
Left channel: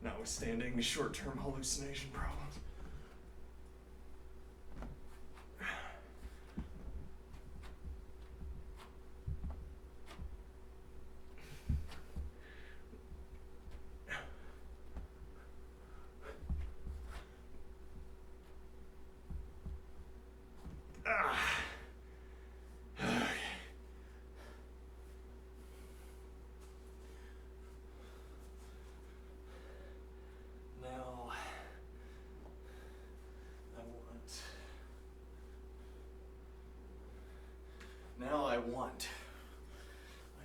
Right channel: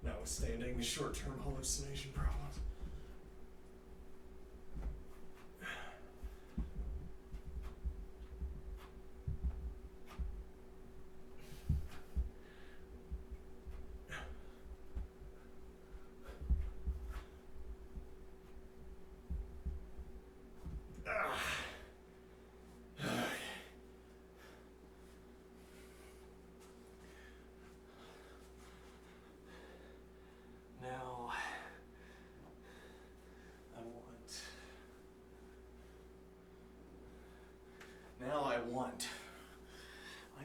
notwithstanding short-term hallucination problems. Now I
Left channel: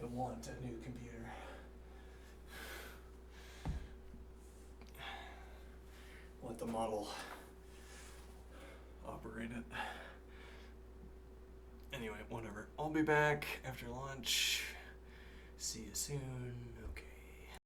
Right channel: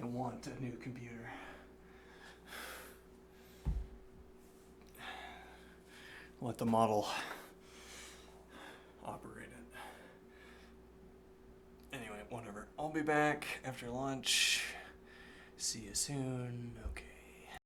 want a new computer. Let the model operate it. Anyway, whatever. I'll be back after lunch. See you soon. Okay.